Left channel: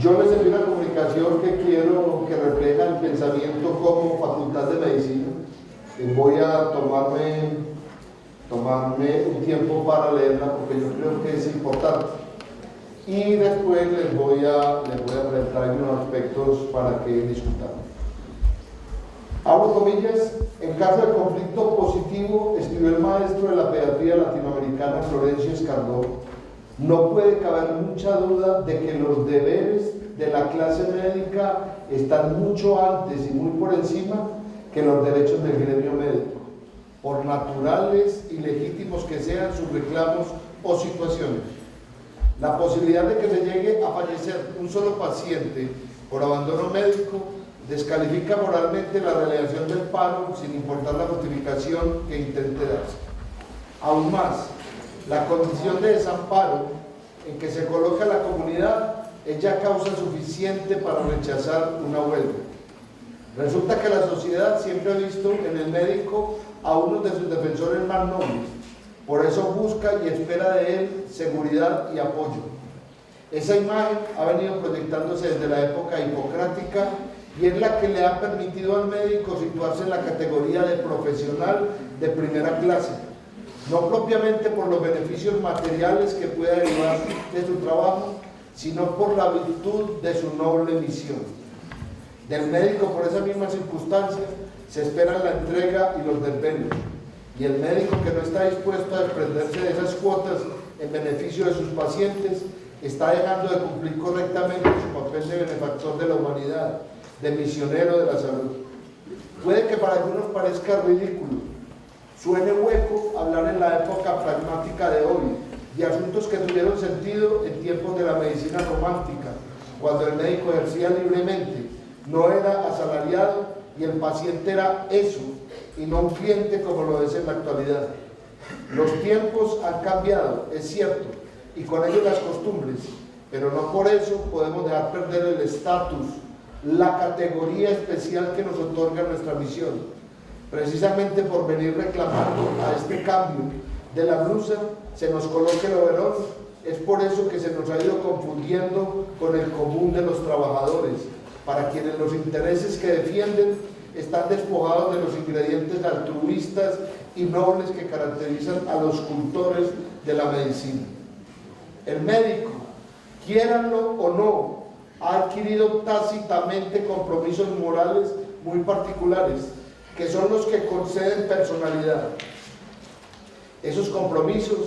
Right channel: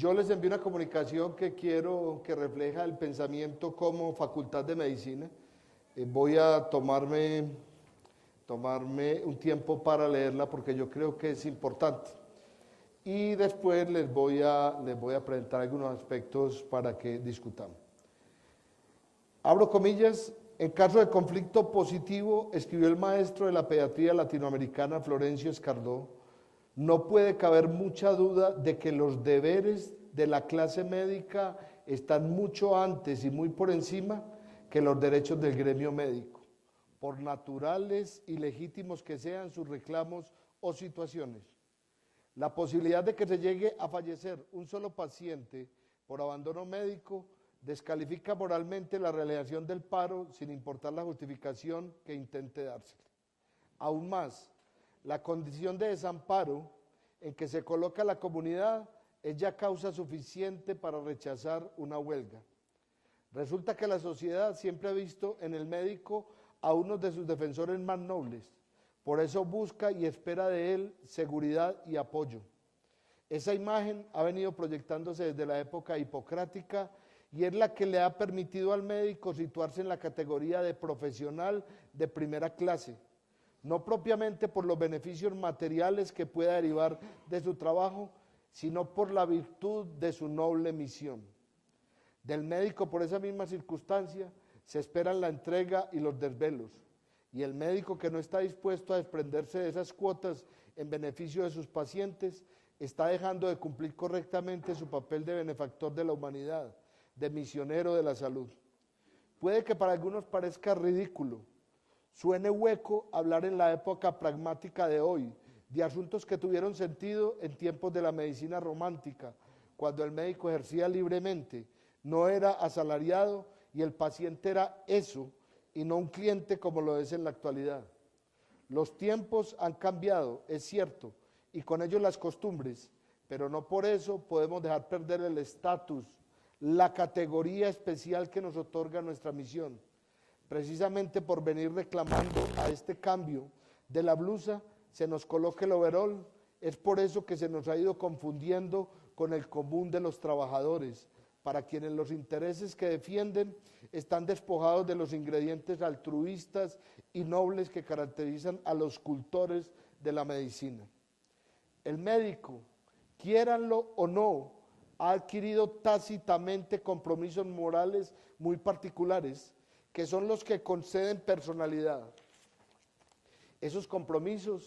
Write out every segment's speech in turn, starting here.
Yo les envío una comunicación que quiero que refleja el pensamiento como Facultad de Medicina. Voy a tomarme un tiempo para leerla porque yo creo que es importante. Y después les voy a presentar algunos aspectos para que discutamos. Abro comillas: en caso de conflicto positivo, escribió el maestro de la pediatría latinoamericana Florencio Escardó, no puede caber mucha duda de que los deberes de la clase médica están mucho antes y muy por encima que los derechos del gremio médico, por naturales y legítimos que sean sus reclamos o situaciones. La posibilidad de que se llegue a fallecer un solo paciente por abandono médico descalifica moralmente la realización del paro sin importar la justificación que intente darse. Aún más, la condición de desamparo en que se coloca la comunidad es ya causa suficiente para rechazar una huelga. Resulta que la sociedad siempre ha visto en el médico a uno de sus defensores más nobles, por eso busca y espera de él seguridad y apoyo. Esa imagen ha venido proyectándose desde la época hipocrática y es la que le ha permitido al médico situarse en la categoría de profesional de primera clase, no propiamente por los beneficios materiales que pueda derivar de su trabajo, sino por la virtud de su noble misión. Del médico, por esa misma circunstancia, se espera la entrega y los desvelos, y el médico que no está dispuesto a desprenderse de esas cuotas en beneficio de sus pacientes está dejando de cumplir correctamente su papel de benefactor de la humanidad, de misionero de la salud. Puede que para algunos parezca ridículo, suene hueco hablar en la época pragmática de hoy de asuntos que tuvieron sentido en tiempos de la medicina romántica, cuando el médico ejercía libremente, no era asalariado y el paciente era eso y no un cliente como lo es en la actualidad. Los tiempos han cambiado, es cierto, y con ellos las costumbres, pero no por eso podemos dejar perder el estatus, la categoría especial que nos otorga nuestra misión. Precisamente por venir reclamando a este cambio de la blusa se nos coloque el overol, es por eso que se nos ha ido confundiendo con el común de los trabajadores, para quienes los intereses que defienden están despojados de los ingredientes altruistas y nobles que caracterizan a los cultores de la medicina. El médico, quiéranlo o no, ha adquirido tácitamente compromisos morales muy particulares, que son los que conceden personalidad. Esos compromisos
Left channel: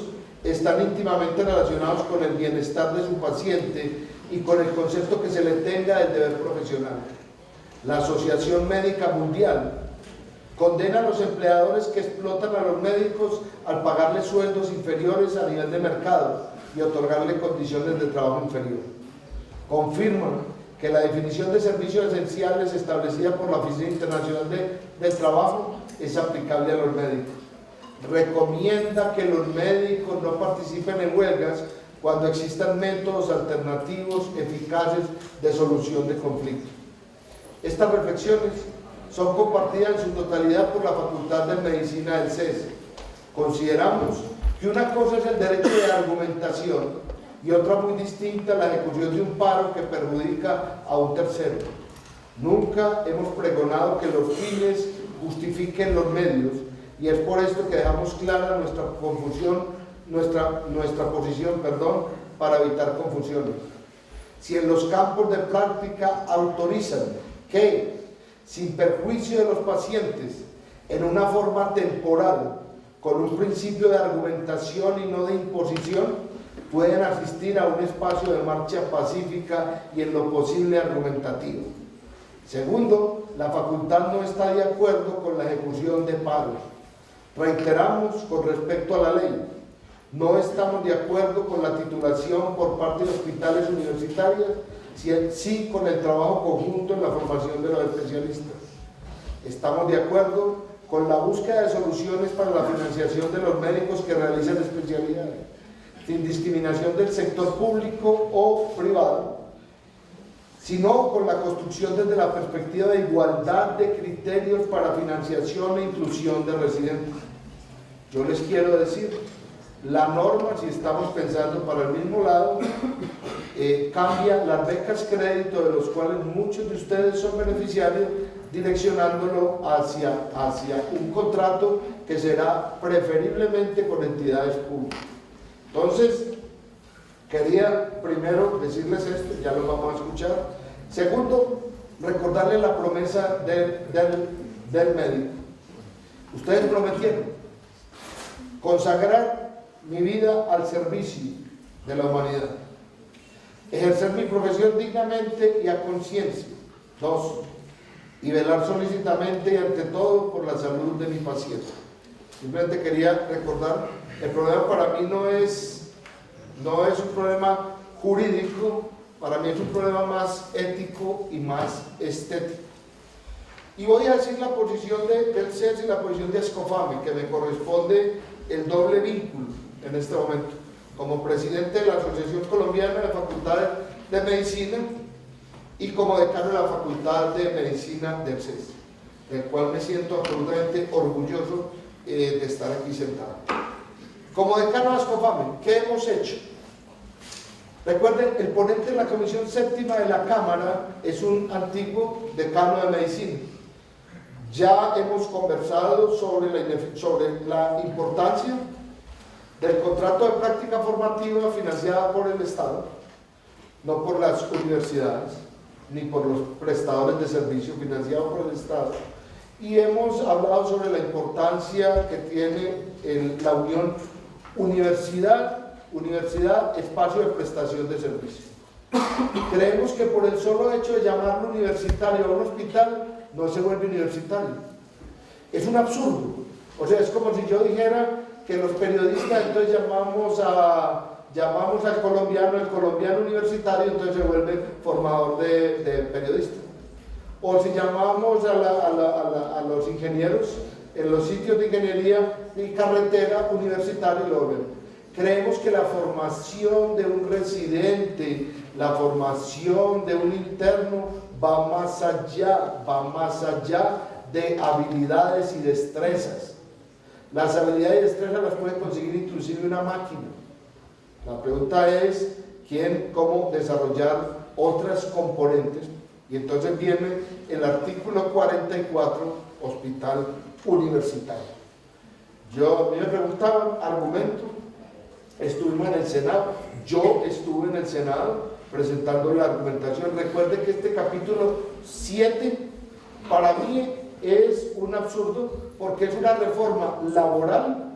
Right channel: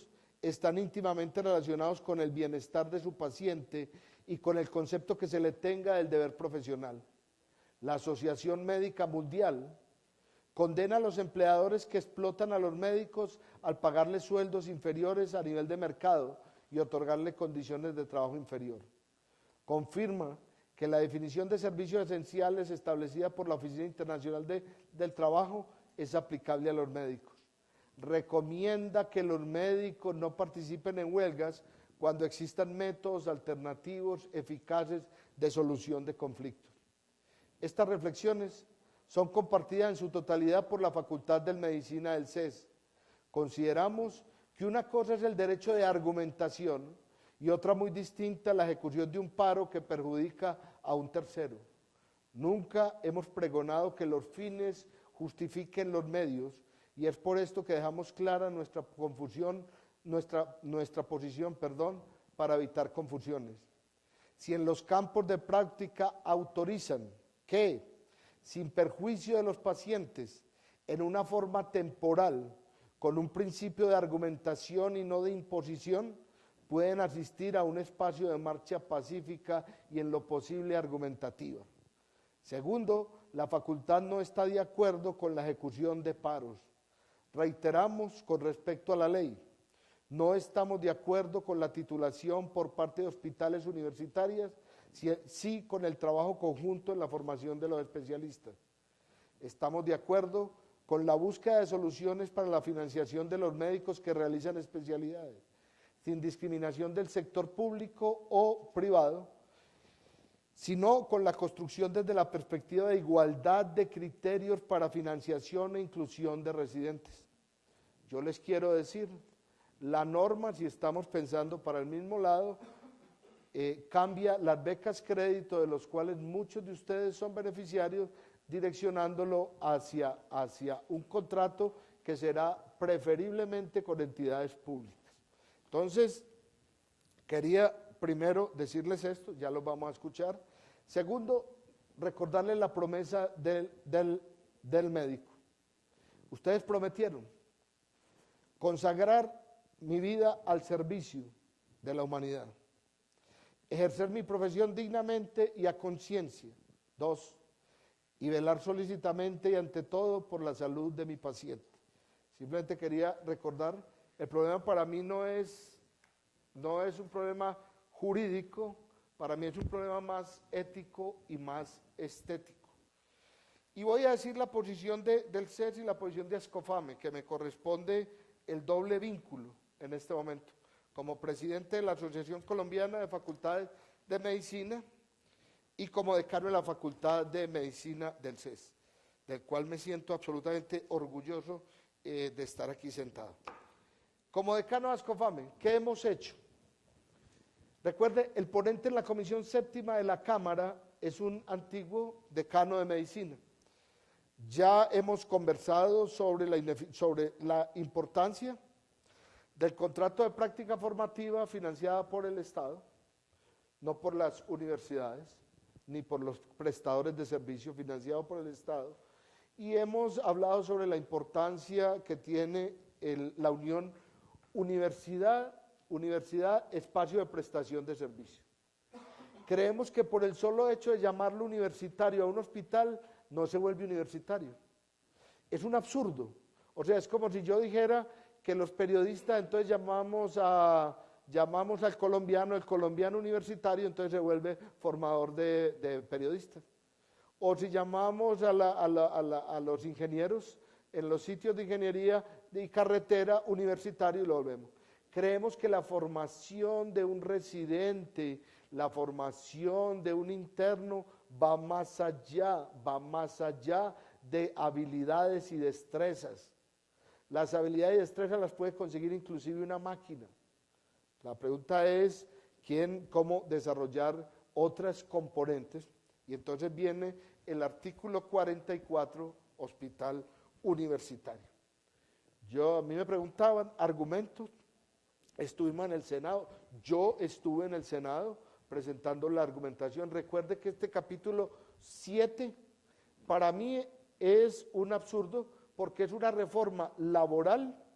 están íntimamente relacionados con el bienestar de su paciente y con el concepto que se le tenga del deber profesional. La Asociación Médica Mundial condena a los empleadores que explotan a los médicos al pagarles sueldos inferiores a nivel de mercado y otorgarle condiciones de trabajo inferior. Confirman que la definición de servicios esenciales establecida por la Oficina Internacional del Trabajo es aplicable a los médicos. Recomienda que los médicos no participen en huelgas cuando existan métodos alternativos eficaces de solución de conflictos. Estas reflexiones son compartidas en su totalidad por la Facultad de Medicina del CES. Consideramos que una cosa es el derecho de argumentación y otra muy distinta la ejecución de un paro que perjudica a un tercero. Nunca hemos pregonado que los fines justifiquen los medios y es por esto que dejamos clara nuestra posición, para evitar confusiones. Si en los campos de práctica autorizan que, sin perjuicio de los pacientes, en una forma temporal, con un principio de argumentación y no de imposición, pueden asistir a un espacio de marcha pacífica y en lo posible argumentativo. Segundo, la facultad no está de acuerdo con la ejecución de paros. Reiteramos con respecto a la ley, no estamos de acuerdo con la titulación por parte de hospitales universitarios, sí con el trabajo conjunto en la formación de los especialistas. Estamos de acuerdo con la búsqueda de soluciones para la financiación de los médicos que realizan especialidades, sin discriminación del sector público o privado, sino con la construcción desde la perspectiva de igualdad de criterios para financiación e inclusión de residentes. Yo les quiero decir La norma, si estamos pensando para el mismo lado, cambia las becas crédito, de los cuales muchos de ustedes son beneficiarios, direccionándolo hacia un contrato que será preferiblemente con entidades públicas. Entonces, quería primero decirles esto, ya lo vamos a escuchar. Segundo, recordarles la promesa del médico. Ustedes prometieron consagrar mi vida al servicio de la humanidad, ejercer mi profesión dignamente y a conciencia. 2, y velar solícitamente y ante todo por la salud de mi paciente. Simplemente quería recordar, el problema para mí no es un problema jurídico, para mí es un problema más ético y más estético. Y voy a decir la posición del CES y la posición de Ascofame, que me corresponde el doble vínculo en este momento, como presidente de la Asociación Colombiana de Facultades de Medicina y como decano de la Facultad de Medicina del CES, del cual me siento absolutamente orgulloso de estar aquí sentado. Como decano de Ascofame, ¿qué hemos hecho? Recuerden, el ponente de la Comisión Séptima de la Cámara es un antiguo decano de Medicina. Ya hemos conversado sobre la importancia del contrato de práctica formativa financiada por el Estado, no por las universidades, ni por los prestadores de servicio financiados por el Estado. Y hemos hablado sobre la importancia que tiene la unión universidad, espacio de prestación de servicio. Creemos que por el solo hecho de llamarlo universitario a un hospital, no se vuelve universitario. Es un absurdo. O sea, es como si yo dijera que los periodistas entonces llamamos al colombiano, el colombiano universitario, entonces se vuelve formador de periodistas. O si llamamos a los ingenieros en los sitios de ingeniería y carretera universitario, lo ven. Creemos que la formación de un residente, la formación de un interno va más allá de habilidades y destrezas. Las habilidades y destrezas las puede conseguir inclusive una máquina. La pregunta es cómo desarrollar otras componentes, y entonces viene el artículo 44, hospital universitario. A mí me preguntaban, argumento, estuvimos en el Senado, yo estuve en el Senado presentando la argumentación. Recuerde que este capítulo 7 para mí es un absurdo, porque es una reforma laboral,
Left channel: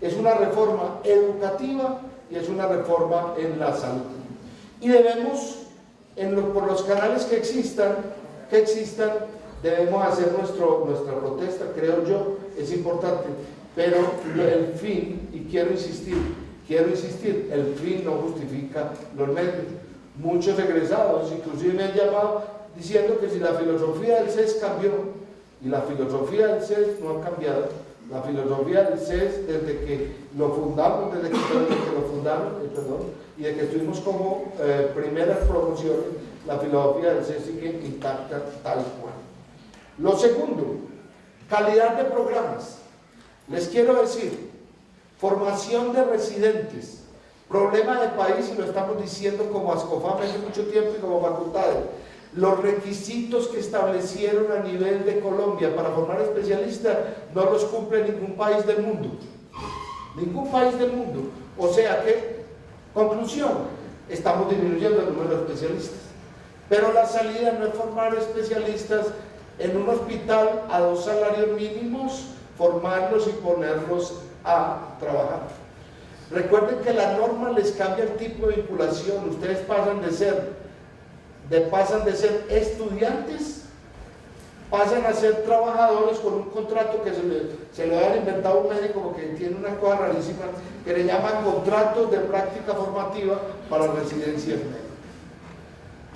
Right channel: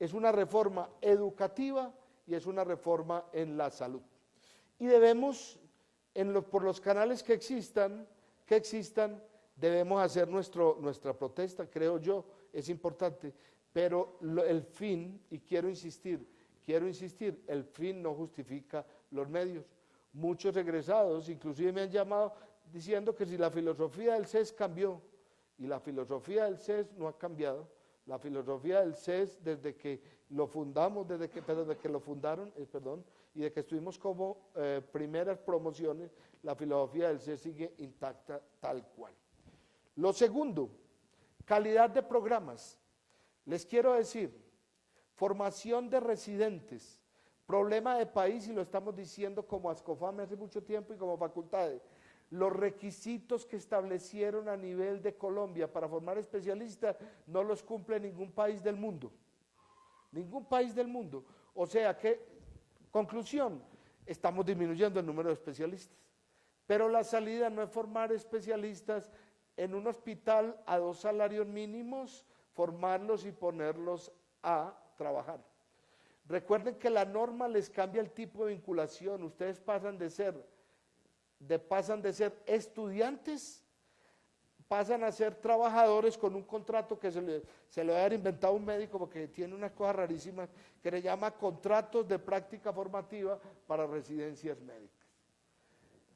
es una reforma educativa y es una reforma en la salud. Y debemos, por los canales que existan, debemos hacer nuestra protesta, creo yo, es importante, pero el fin, y quiero insistir, el fin no justifica los medios. Muchos egresados inclusive me han llamado diciendo que si la filosofía del CES cambió, y la filosofía del CES no ha cambiado. La filosofía del CES desde que lo fundamos, y de que estuvimos como primeras promociones, la filosofía del CES sigue intacta tal cual. Lo segundo, calidad de programas. Les quiero decir, formación de residentes, problema de país, y lo estamos diciendo como Ascofame hace mucho tiempo y como facultades. Los requisitos que establecieron a nivel de Colombia para formar especialistas no los cumple ningún país del mundo. Ningún país del mundo. O sea que, conclusión, estamos disminuyendo el número de especialistas. Pero la salida no es formar especialistas en un hospital a 2 salarios mínimos, formarlos y ponerlos a trabajar. Recuerden que la norma les cambia el tipo de vinculación. Ustedes pasan de ser estudiantes, pasan a ser trabajadores con un contrato que se le habían inventado un médico, porque tiene una cosa rarísima que le llaman contratos de práctica formativa para residencia médica.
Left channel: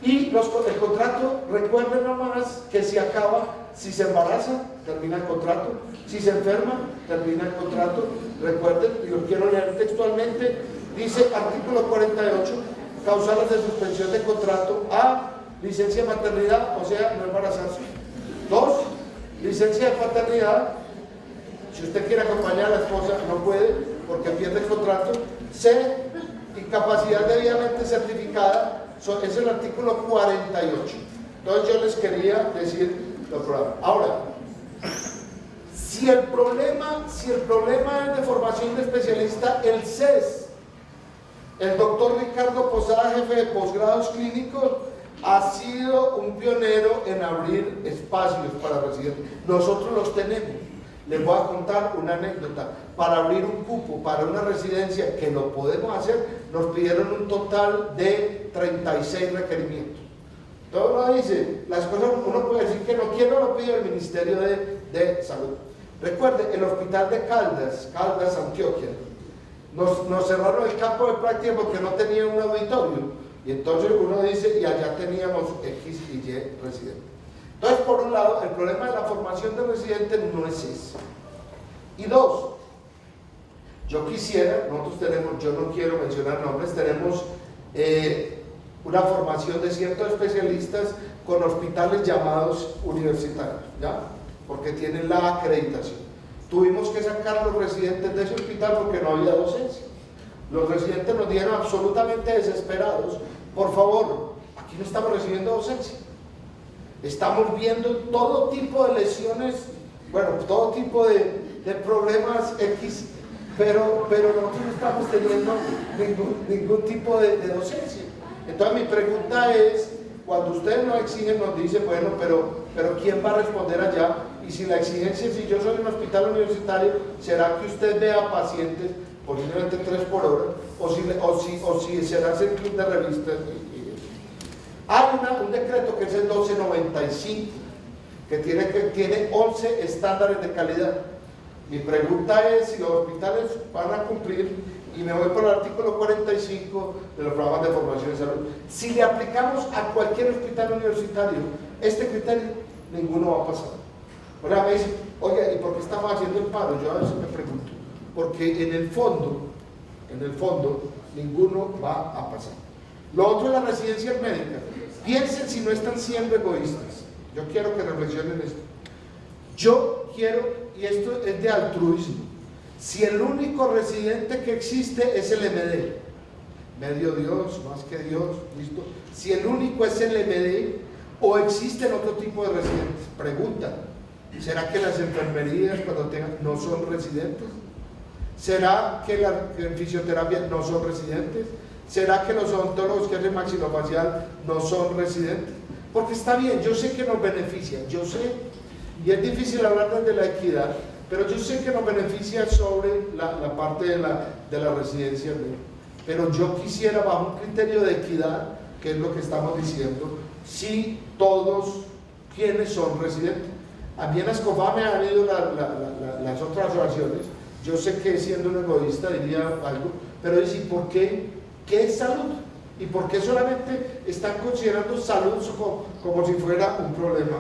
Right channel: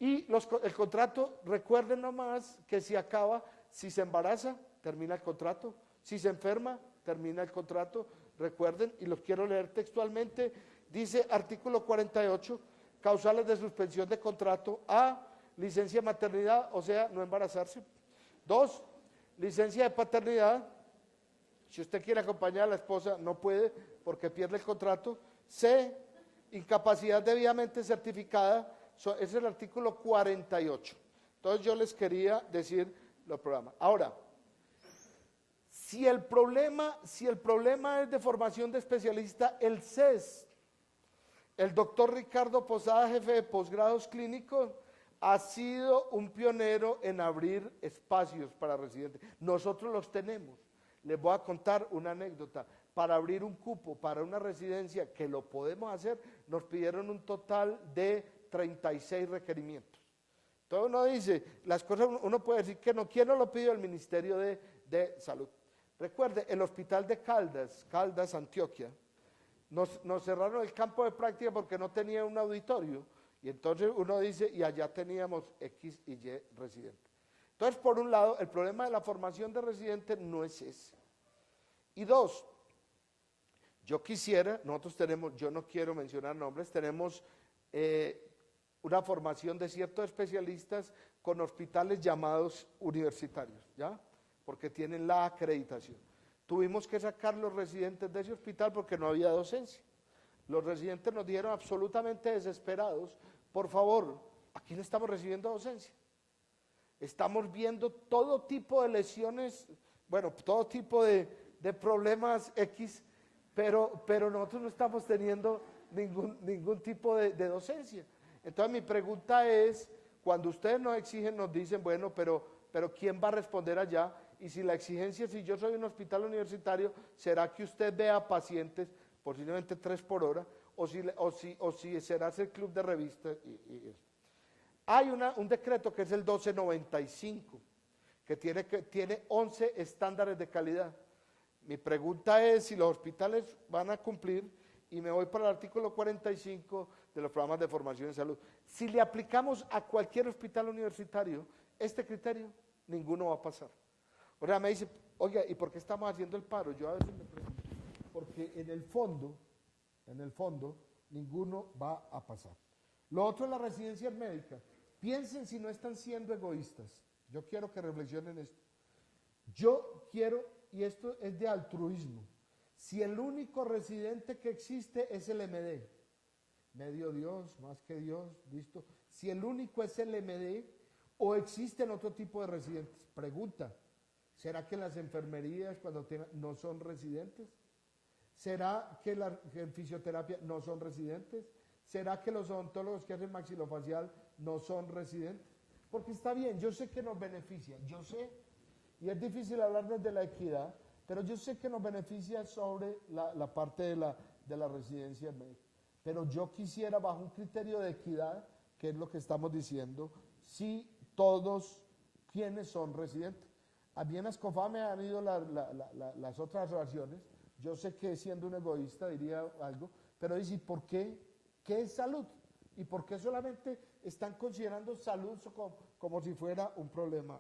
Y el contrato, recuerden nomás que se acaba si se embaraza, termina el contrato, si se enferma, termina el contrato. Recuerden, y lo quiero leer textualmente, dice artículo 48, causales de suspensión de contrato: A, licencia de maternidad, o sea, no embarazarse. 2, licencia de paternidad, si usted quiere acompañar a la esposa, no puede. porque pierde el contrato. C, incapacidad debidamente certificada, es el artículo 48. Entonces yo les quería decir los programas. Ahora, si el problema es de formación de especialista, el CES, el doctor Ricardo Posada, jefe de posgrados clínicos, ha sido un pionero en abrir espacios para residentes. Nosotros los tenemos. Les voy a contar una anécdota. Para abrir un cupo para una residencia, que lo podemos hacer, nos pidieron un total de 36 requerimientos. Entonces uno dice, las cosas, uno puede decir que no quiero, lo pide el Ministerio de Salud. Recuerde, el hospital de Caldas, Antioquia, nos cerraron el campo de práctica porque no tenía un auditorio. Y entonces uno dice, y allá teníamos X y Y residentes. Entonces, por un lado, el problema de la formación de residentes no es ese. Y dos, yo quisiera, nosotros tenemos, yo no quiero mencionar nombres, tenemos una formación de ciertos especialistas con hospitales llamados universitarios, ¿ya? Porque tienen la acreditación. Tuvimos que sacar a los residentes de ese hospital porque no había docencia. Los residentes nos dieron absolutamente desesperados. Por favor, aquí no estamos recibiendo docencia. Estamos viendo todo tipo de lesiones, bueno, todo tipo de problemas X, pero nosotros no estamos teniendo ningún tipo de docencia. Entonces mi pregunta es, cuando ustedes nos exigen, nos dicen, bueno, pero ¿quién va a responder allá? Y si la exigencia, si yo soy un hospital universitario, ¿será que usted vea pacientes posiblemente 3 por hora? O si será el club de revistas. Hay un decreto que es el 1295, que tiene 11 estándares de calidad. Mi pregunta es si los hospitales van a cumplir, y me voy por el artículo 45 de los programas de formación de salud. Si le aplicamos a cualquier hospital universitario este criterio, ninguno va a pasar. Ahora me dicen, oye, ¿y por qué estamos haciendo el paro? Yo a veces me pregunto, porque en el fondo, ninguno va a pasar. Lo otro es la residencia médica. Piensen si no están siendo egoístas. Yo quiero que reflexionen esto. Yo quiero, y esto es de altruismo, si el único residente que existe es el MD, medio Dios, más que Dios, listo. Si el único es el MD, o existen otro tipo de residentes, pregunta, ¿será que las enfermerías cuando tengan no son residentes? ¿Será que en fisioterapia no son residentes? ¿Será que los odontólogos que hacen maxilofacial no son residentes? Porque está bien, yo sé que nos beneficia, yo sé, y es difícil hablar desde la equidad, pero yo sé que nos beneficia sobre la parte de la residencia. Pero yo quisiera, bajo un criterio de equidad, que es lo que estamos diciendo, si todos quienes son residentes. A mí en Escofá me han ido las otras oraciones. Yo sé que siendo un egoísta diría algo, pero es ¿y por qué? ¿Qué es salud? ¿Y por qué solamente están considerando salud como si fuera un problema?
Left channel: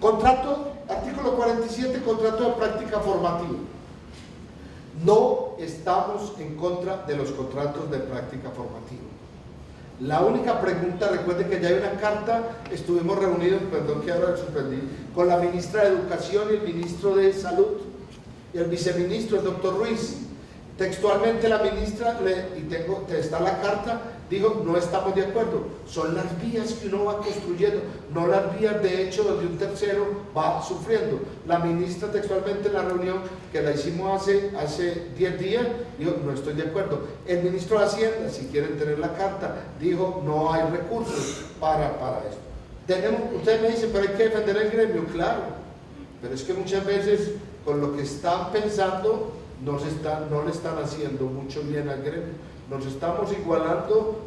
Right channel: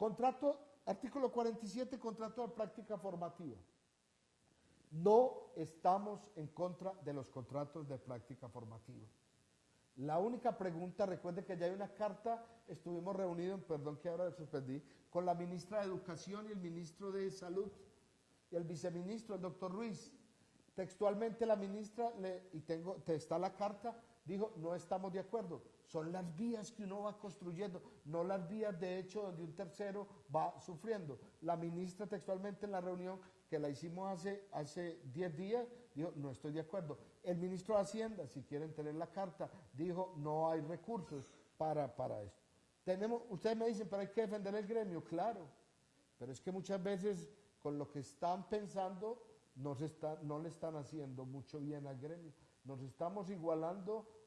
Contrato, artículo 47, contrato de práctica formativa. No estamos en contra de los contratos de práctica formativa. La única pregunta, recuerden que ya hay una carta, estuvimos reunidos, perdón que ahora suspendí, con la ministra de Educación y el ministro de Salud, y el viceministro, el doctor Ruiz. Textualmente la ministra, está la carta, dijo, no estamos de acuerdo, son las vías que uno va construyendo, no las vías de hecho donde un tercero va sufriendo. La ministra textualmente en la reunión que la hicimos hace 10 días, dijo, no estoy de acuerdo. El ministro de Hacienda, si quieren tener la carta, dijo, no hay recursos para esto. Ustedes me dicen, pero hay que defender el gremio, claro, pero es que muchas veces con lo que están pensando no le están haciendo mucho bien al gremio. Nos estamos igualando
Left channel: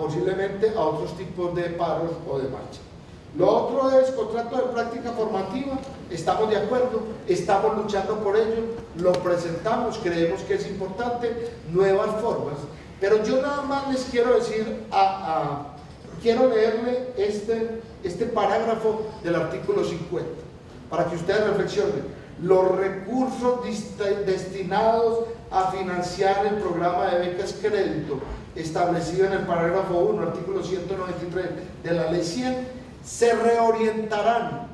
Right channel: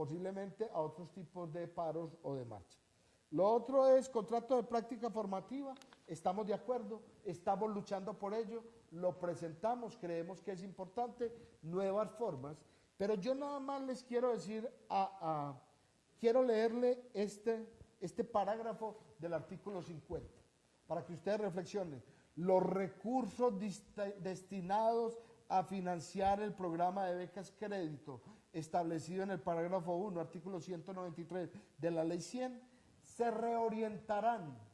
posiblemente a otros tipos de paros o de marcha. Lo otro es contrato de práctica formativa, estamos de acuerdo, estamos luchando por ello, lo presentamos, creemos que es importante, nuevas formas, pero yo nada más les quiero decir, quiero leerle este parágrafo del artículo 50, para que ustedes reflexionen. Los recursos destinados a financiar el programa de becas crédito establecido en el parágrafo 1, artículo 193 de la ley 100, se reorientarán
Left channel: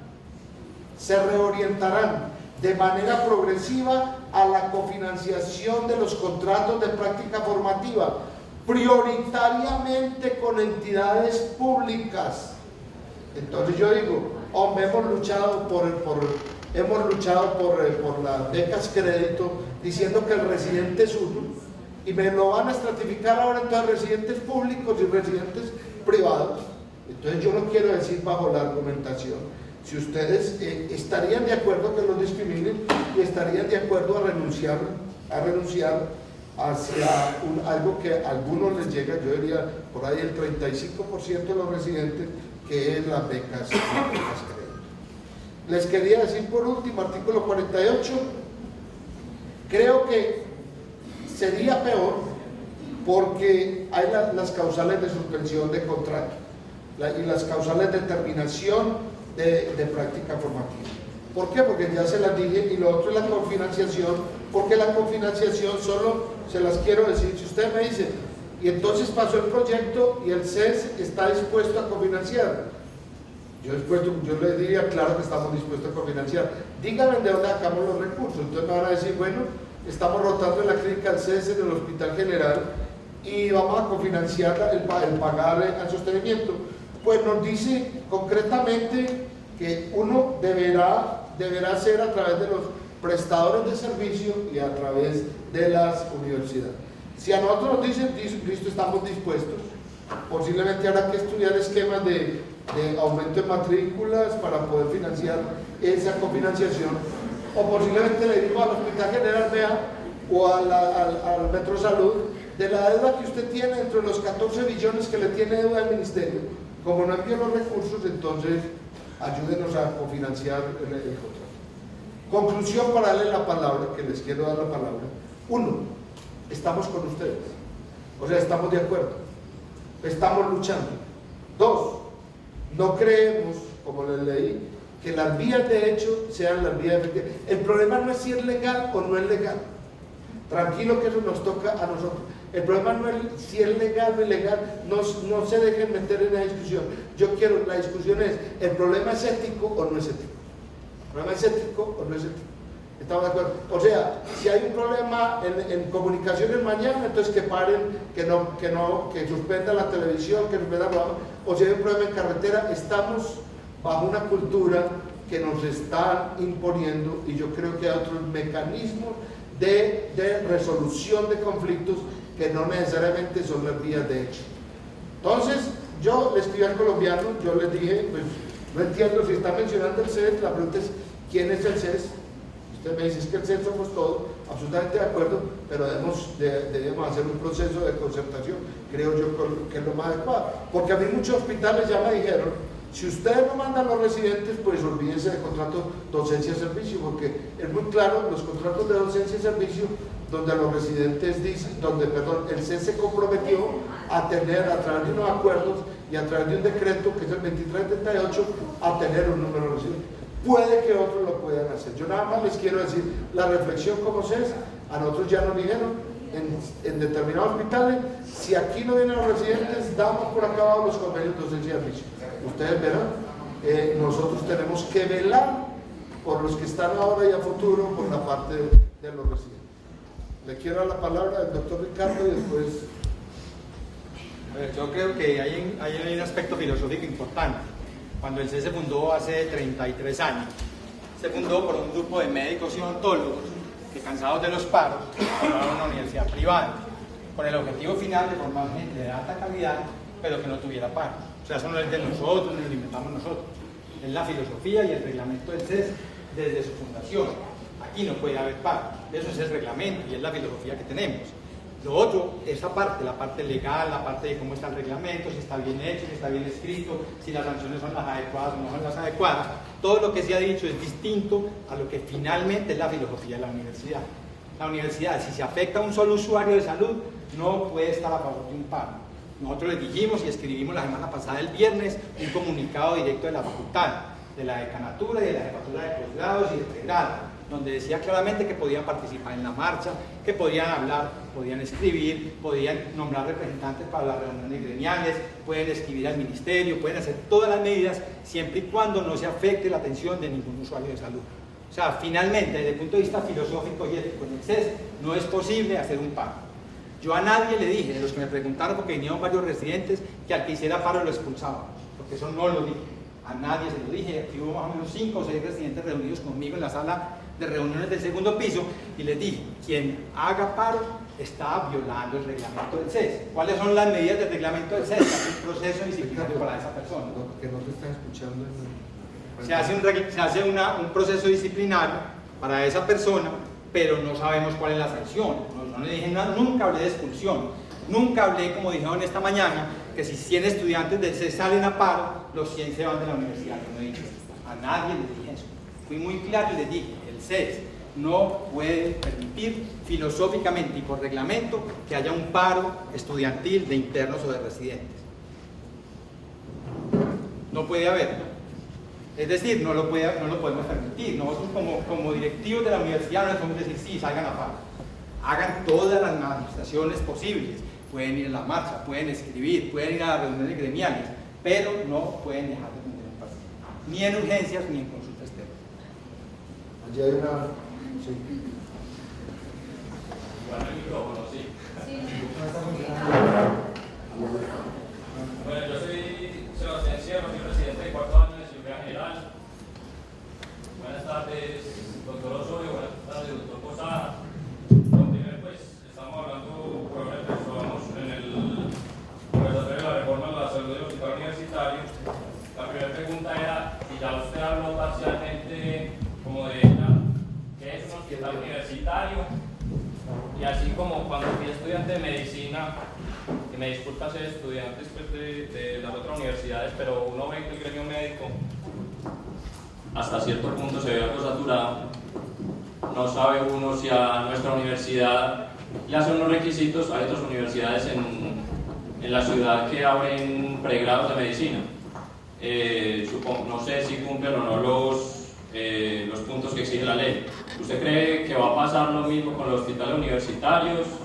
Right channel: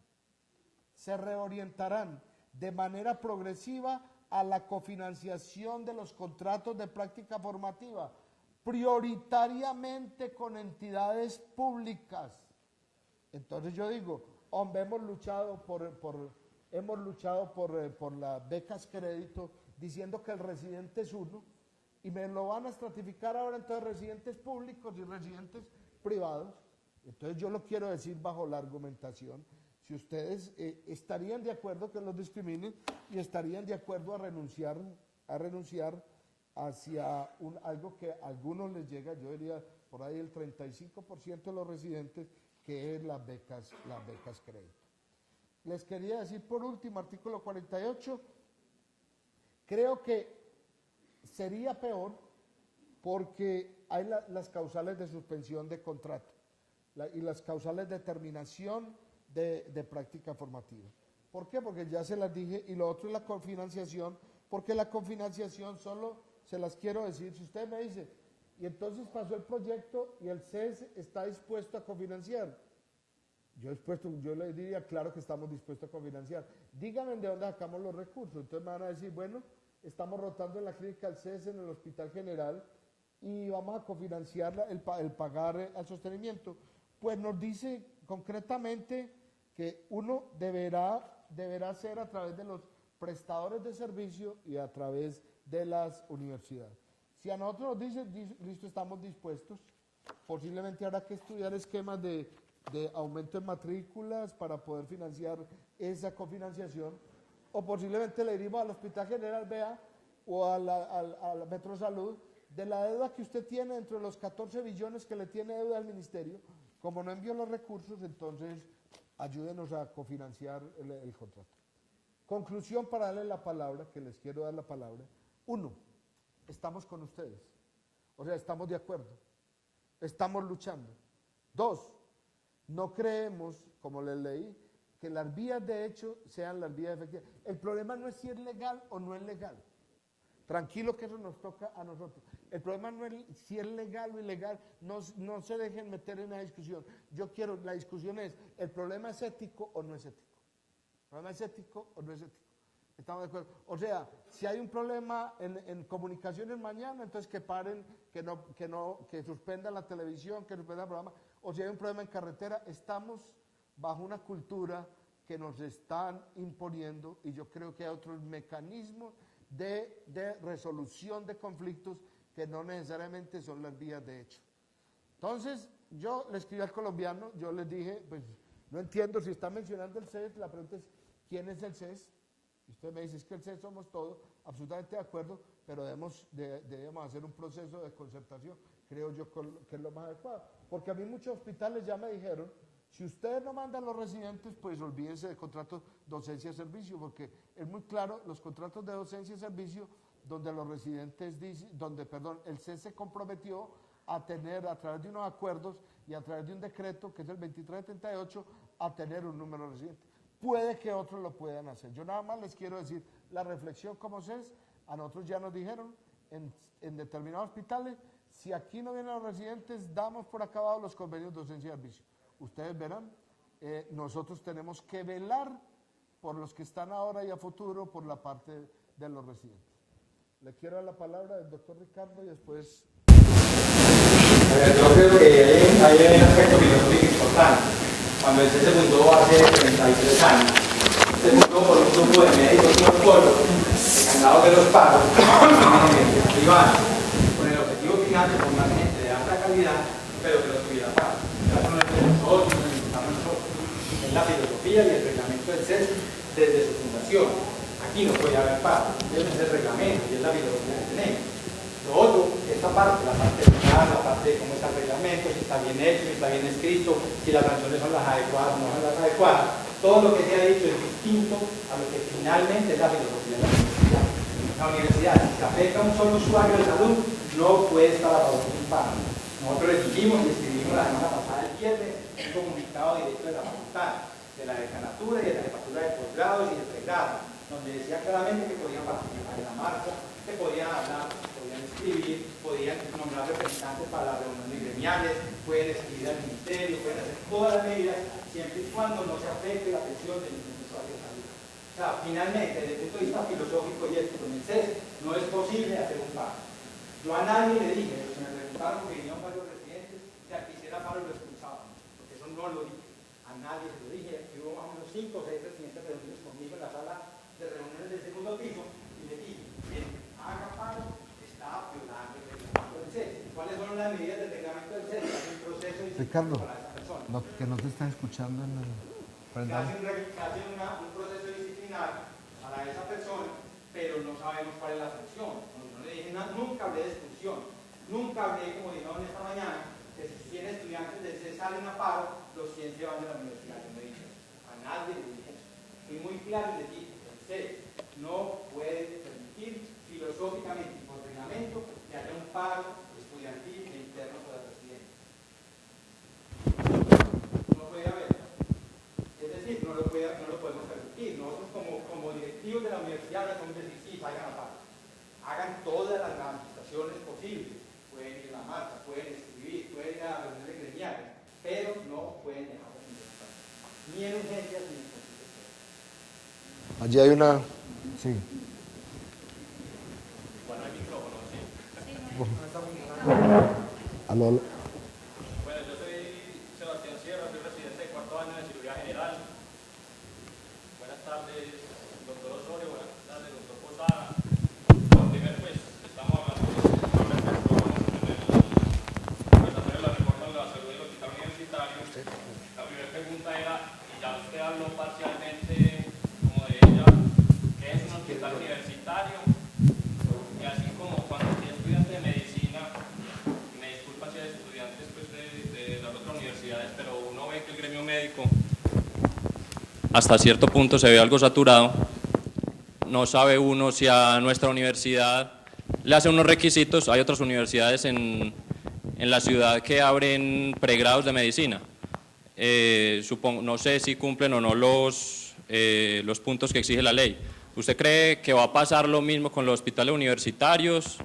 de manera progresiva a la cofinanciación de los contratos de práctica formativa, prioritariamente con entidades públicas. Entonces yo digo, hombre, hemos luchado por las becas crédito, diciendo que el residente es uno, y me lo van a estratificar ahora entre residentes públicos y residentes privados. Entonces yo no quiero decir bajo la argumentación, si ustedes estarían de acuerdo que los discriminen y estarían de acuerdo a renunciar hacia algo que a algunos les llega, yo diría por ahí el 35% de los residentes, que es las becas crédito. Les quería decir por último, artículo 48, creo que sería peor porque hay las causales de suspensión de contrato y las causales de terminación de práctica formativa. ¿Por qué? Porque ya se las dije. Y lo otro es la cofinanciación, porque la cofinanciación solo se las quiero decir. Si usted me dice, y entonces pasó el proyecto y el CES está dispuesto a cofinanciar, yo le diría, claro que estamos dispuestos a cofinanciar. Díganme de dónde sacamos los recursos. Entonces me van a decir, bueno, estamos rotando en la clínica del CES en el Hospital General y vamos a cofinanciar el pagar al sostenimiento. Pues nos dice concretamente que uno deberá ser a través de los prestadores de servicio y a través de las universidades. Si a nosotros nos dicen, listo, estamos dispuestos, posiblemente habrá que estudiar esquemas de aumento de matrículas para poder financiar esa cofinanciación, o posiblemente le digo al Hospital General, vea, o al Metro Salud, de la deuda que usted tiene entre los 14 billones que le tiene deuda al ministerio, como no envío los recursos, entonces ayúdenos a cofinanciar el contrato. Conclusión para darle la palabra, que les quiero dar la palabra. 1, estamos con ustedes, o sea, estamos de acuerdo, estamos luchando. 2, no creemos, como les leí, que las vías de hecho sean las vías efectivas. El problema no es si es legal o no es legal. Tranquilo que eso nos toca a nosotros. El problema no es si es legal o ilegal, no se dejen meter en la discusión. La discusión es, ¿el problema es ético o no es ético? ¿El problema es ético o no es ético? ¿Estamos de acuerdo? O sea, si hay un problema en comunicaciones mañana, entonces que paren, que suspendan la televisión, que suspendan o si hay un problema en carretera, estamos bajo una cultura que nos está imponiendo, y yo creo que hay otros mecanismos de resolución de conflictos que no necesariamente son las vías de hecho. Entonces, yo le escribí al colombiano, yo les dije, pues no entiendo si está mencionando el CES, la pregunta es, ¿quién es el CES? Usted me dice, es que el CES somos todos, absolutamente de acuerdo, pero debemos hacer un proceso de concertación, creo yo que es lo más adecuado, porque a mí muchos hospitales ya me dijeron, si ustedes no mandan los residentes, pues olvídense del contrato docencia-servicio, porque es muy claro, los contratos de docencia-servicio, donde los residentes dicen, el CES se comprometió a tener, a través de unos acuerdos y a través de un decreto, que es el 2338, a tener un número de residentes. Puede que otros lo puedan hacer. Yo nada más les quiero decir, la reflexión como CES, a nosotros ya nos dijeron, en determinados hospitales, si aquí no vienen los residentes, damos por acabados los convenios de docencia-servicio. Ustedes verán, nosotros tenemos que velar por los que están ahora y a futuro, por la parte de los residentes. Le quiero dar la palabra al doctor Ricardo y después... Yo creo que hay un aspecto filosófico importante. Cuando el CES se fundó hace 33 años, se fundó por un grupo de médicos morfólogos, encargados de los pagos, privados, con el objetivo final de formar gente de alta calidad, pero que no tuviera pagos. O sea, eso no es de nosotros, no lo inventamos nosotros. Es la filosofía y el reglamento del CES desde su fundación. Aquí no puede haber pagos, eso es el reglamento y es la filosofía que tenemos. Lo otro, esta parte, la parte legal, la parte de cómo está el reglamento, si está bien hecho, si está bien escrito, si las sanciones son las adecuadas o no son las adecuadas. Todo lo que se ha dicho es distinto a lo que finalmente es la filosofía de la universidad. La universidad, si se afecta a un solo usuario de salud, no puede estar a favor de un pago. Nosotros les dijimos y escribimos la semana pasada, el viernes, un comunicado directo de la facultad, de la decanatura y de la jefatura de posgrados y de pregrado, donde decía claramente que podían participar en la marcha, que podían hablar, podían escribir, podían nombrar representantes para las reuniones gremiales, pueden escribir al ministerio, pueden hacer todas las medidas siempre y cuando no se afecte la atención de ningún usuario de salud. O sea, finalmente, desde el punto de vista filosófico y ético, en el CES no es posible hacer un paro. Yo a nadie le dije, de los que me preguntaron, porque vinieron varios residentes, que al que hiciera paro lo expulsaban, porque eso no lo dije. A nadie se lo dije. Aquí hubo más o menos 5 o 6 residentes reunidos conmigo en la sala de reuniones del segundo piso y les dije, quien haga paro está violando el reglamento del CES. ¿Cuáles son las medidas del reglamento del CES? Hace un proceso disciplinario para esa persona. No, porque no te están escuchando. Se hace un proceso disciplinario para esa persona, pero no sabemos cuál es la sanción. No le dije nada, nunca hablé de expulsión. Nunca hablé, como dijeron esta mañana, que si 100 estudiantes del CES salen a paro, los 100 se van de la universidad. Yo no he dicho eso. A nadie le dije eso. Fui muy claro y les dije, el CES no puede permitir filosóficamente y por reglamento que haya un paro estudiantil de internos o de residentes. No puede haber. Es decir, no lo podemos permitir. Nosotros como directivos de la universidad no les podemos decir, sí, salgan a paro. Hagan todas las manifestaciones posibles. Pueden ir a la marcha, pueden escribir, pueden ir a las reuniones gremiales, pero no pueden dejar de tener un paro. Ni en urgencias ni en consulta externa. Allí hay una... Sí. Bueno, el micrófono, sí. Aló. Bueno, yo soy Sebastián Sierra, soy presidente de cuarto año de cirugía general. Buenas tardes, doctor Osorio, buenas tardes, doctor Posada. Primero, pues, estamos hablando en la conversación de la reforma de la salud del hospital universitario. La primera pregunta era, y ya usted habló parcialmente como de ella, ¿qué es un hospital universitario? Y así como cuando fui estudiante de medicina, y me disculpa ser estudiantes pues, de las otras universidades, pero uno ve que el gremio médico hasta cierto punto se ve algo saturado. No sabe uno si a nuestra universidad le hace unos requisitos. Hay otras universidades en la ciudad que abren pregrados de medicina. No sé si cumplen o no los puntos que exige la ley. ¿Usted cree que va a pasar lo mismo con los hospitales universitarios?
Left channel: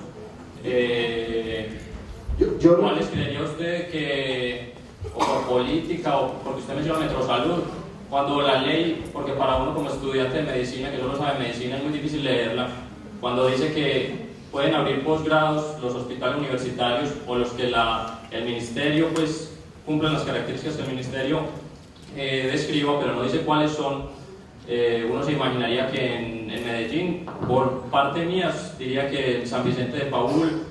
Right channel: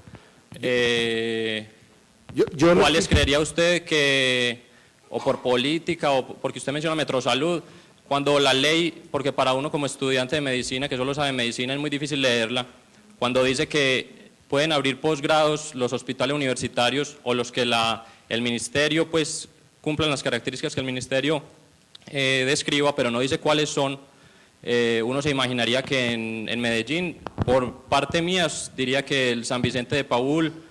¿Cuáles creería usted que, o por política, o porque usted menciona Metrosalud, cuando la ley, porque para uno como estudiante de medicina, que solo sabe medicina, es muy difícil leerla, cuando dice que pueden abrir posgrados los hospitales universitarios o los que el ministerio pues cumplen las características que el ministerio describa, pero no dice cuáles son, uno se imaginaría que en Medellín, por parte mía, diría que el San Vicente de Paúl,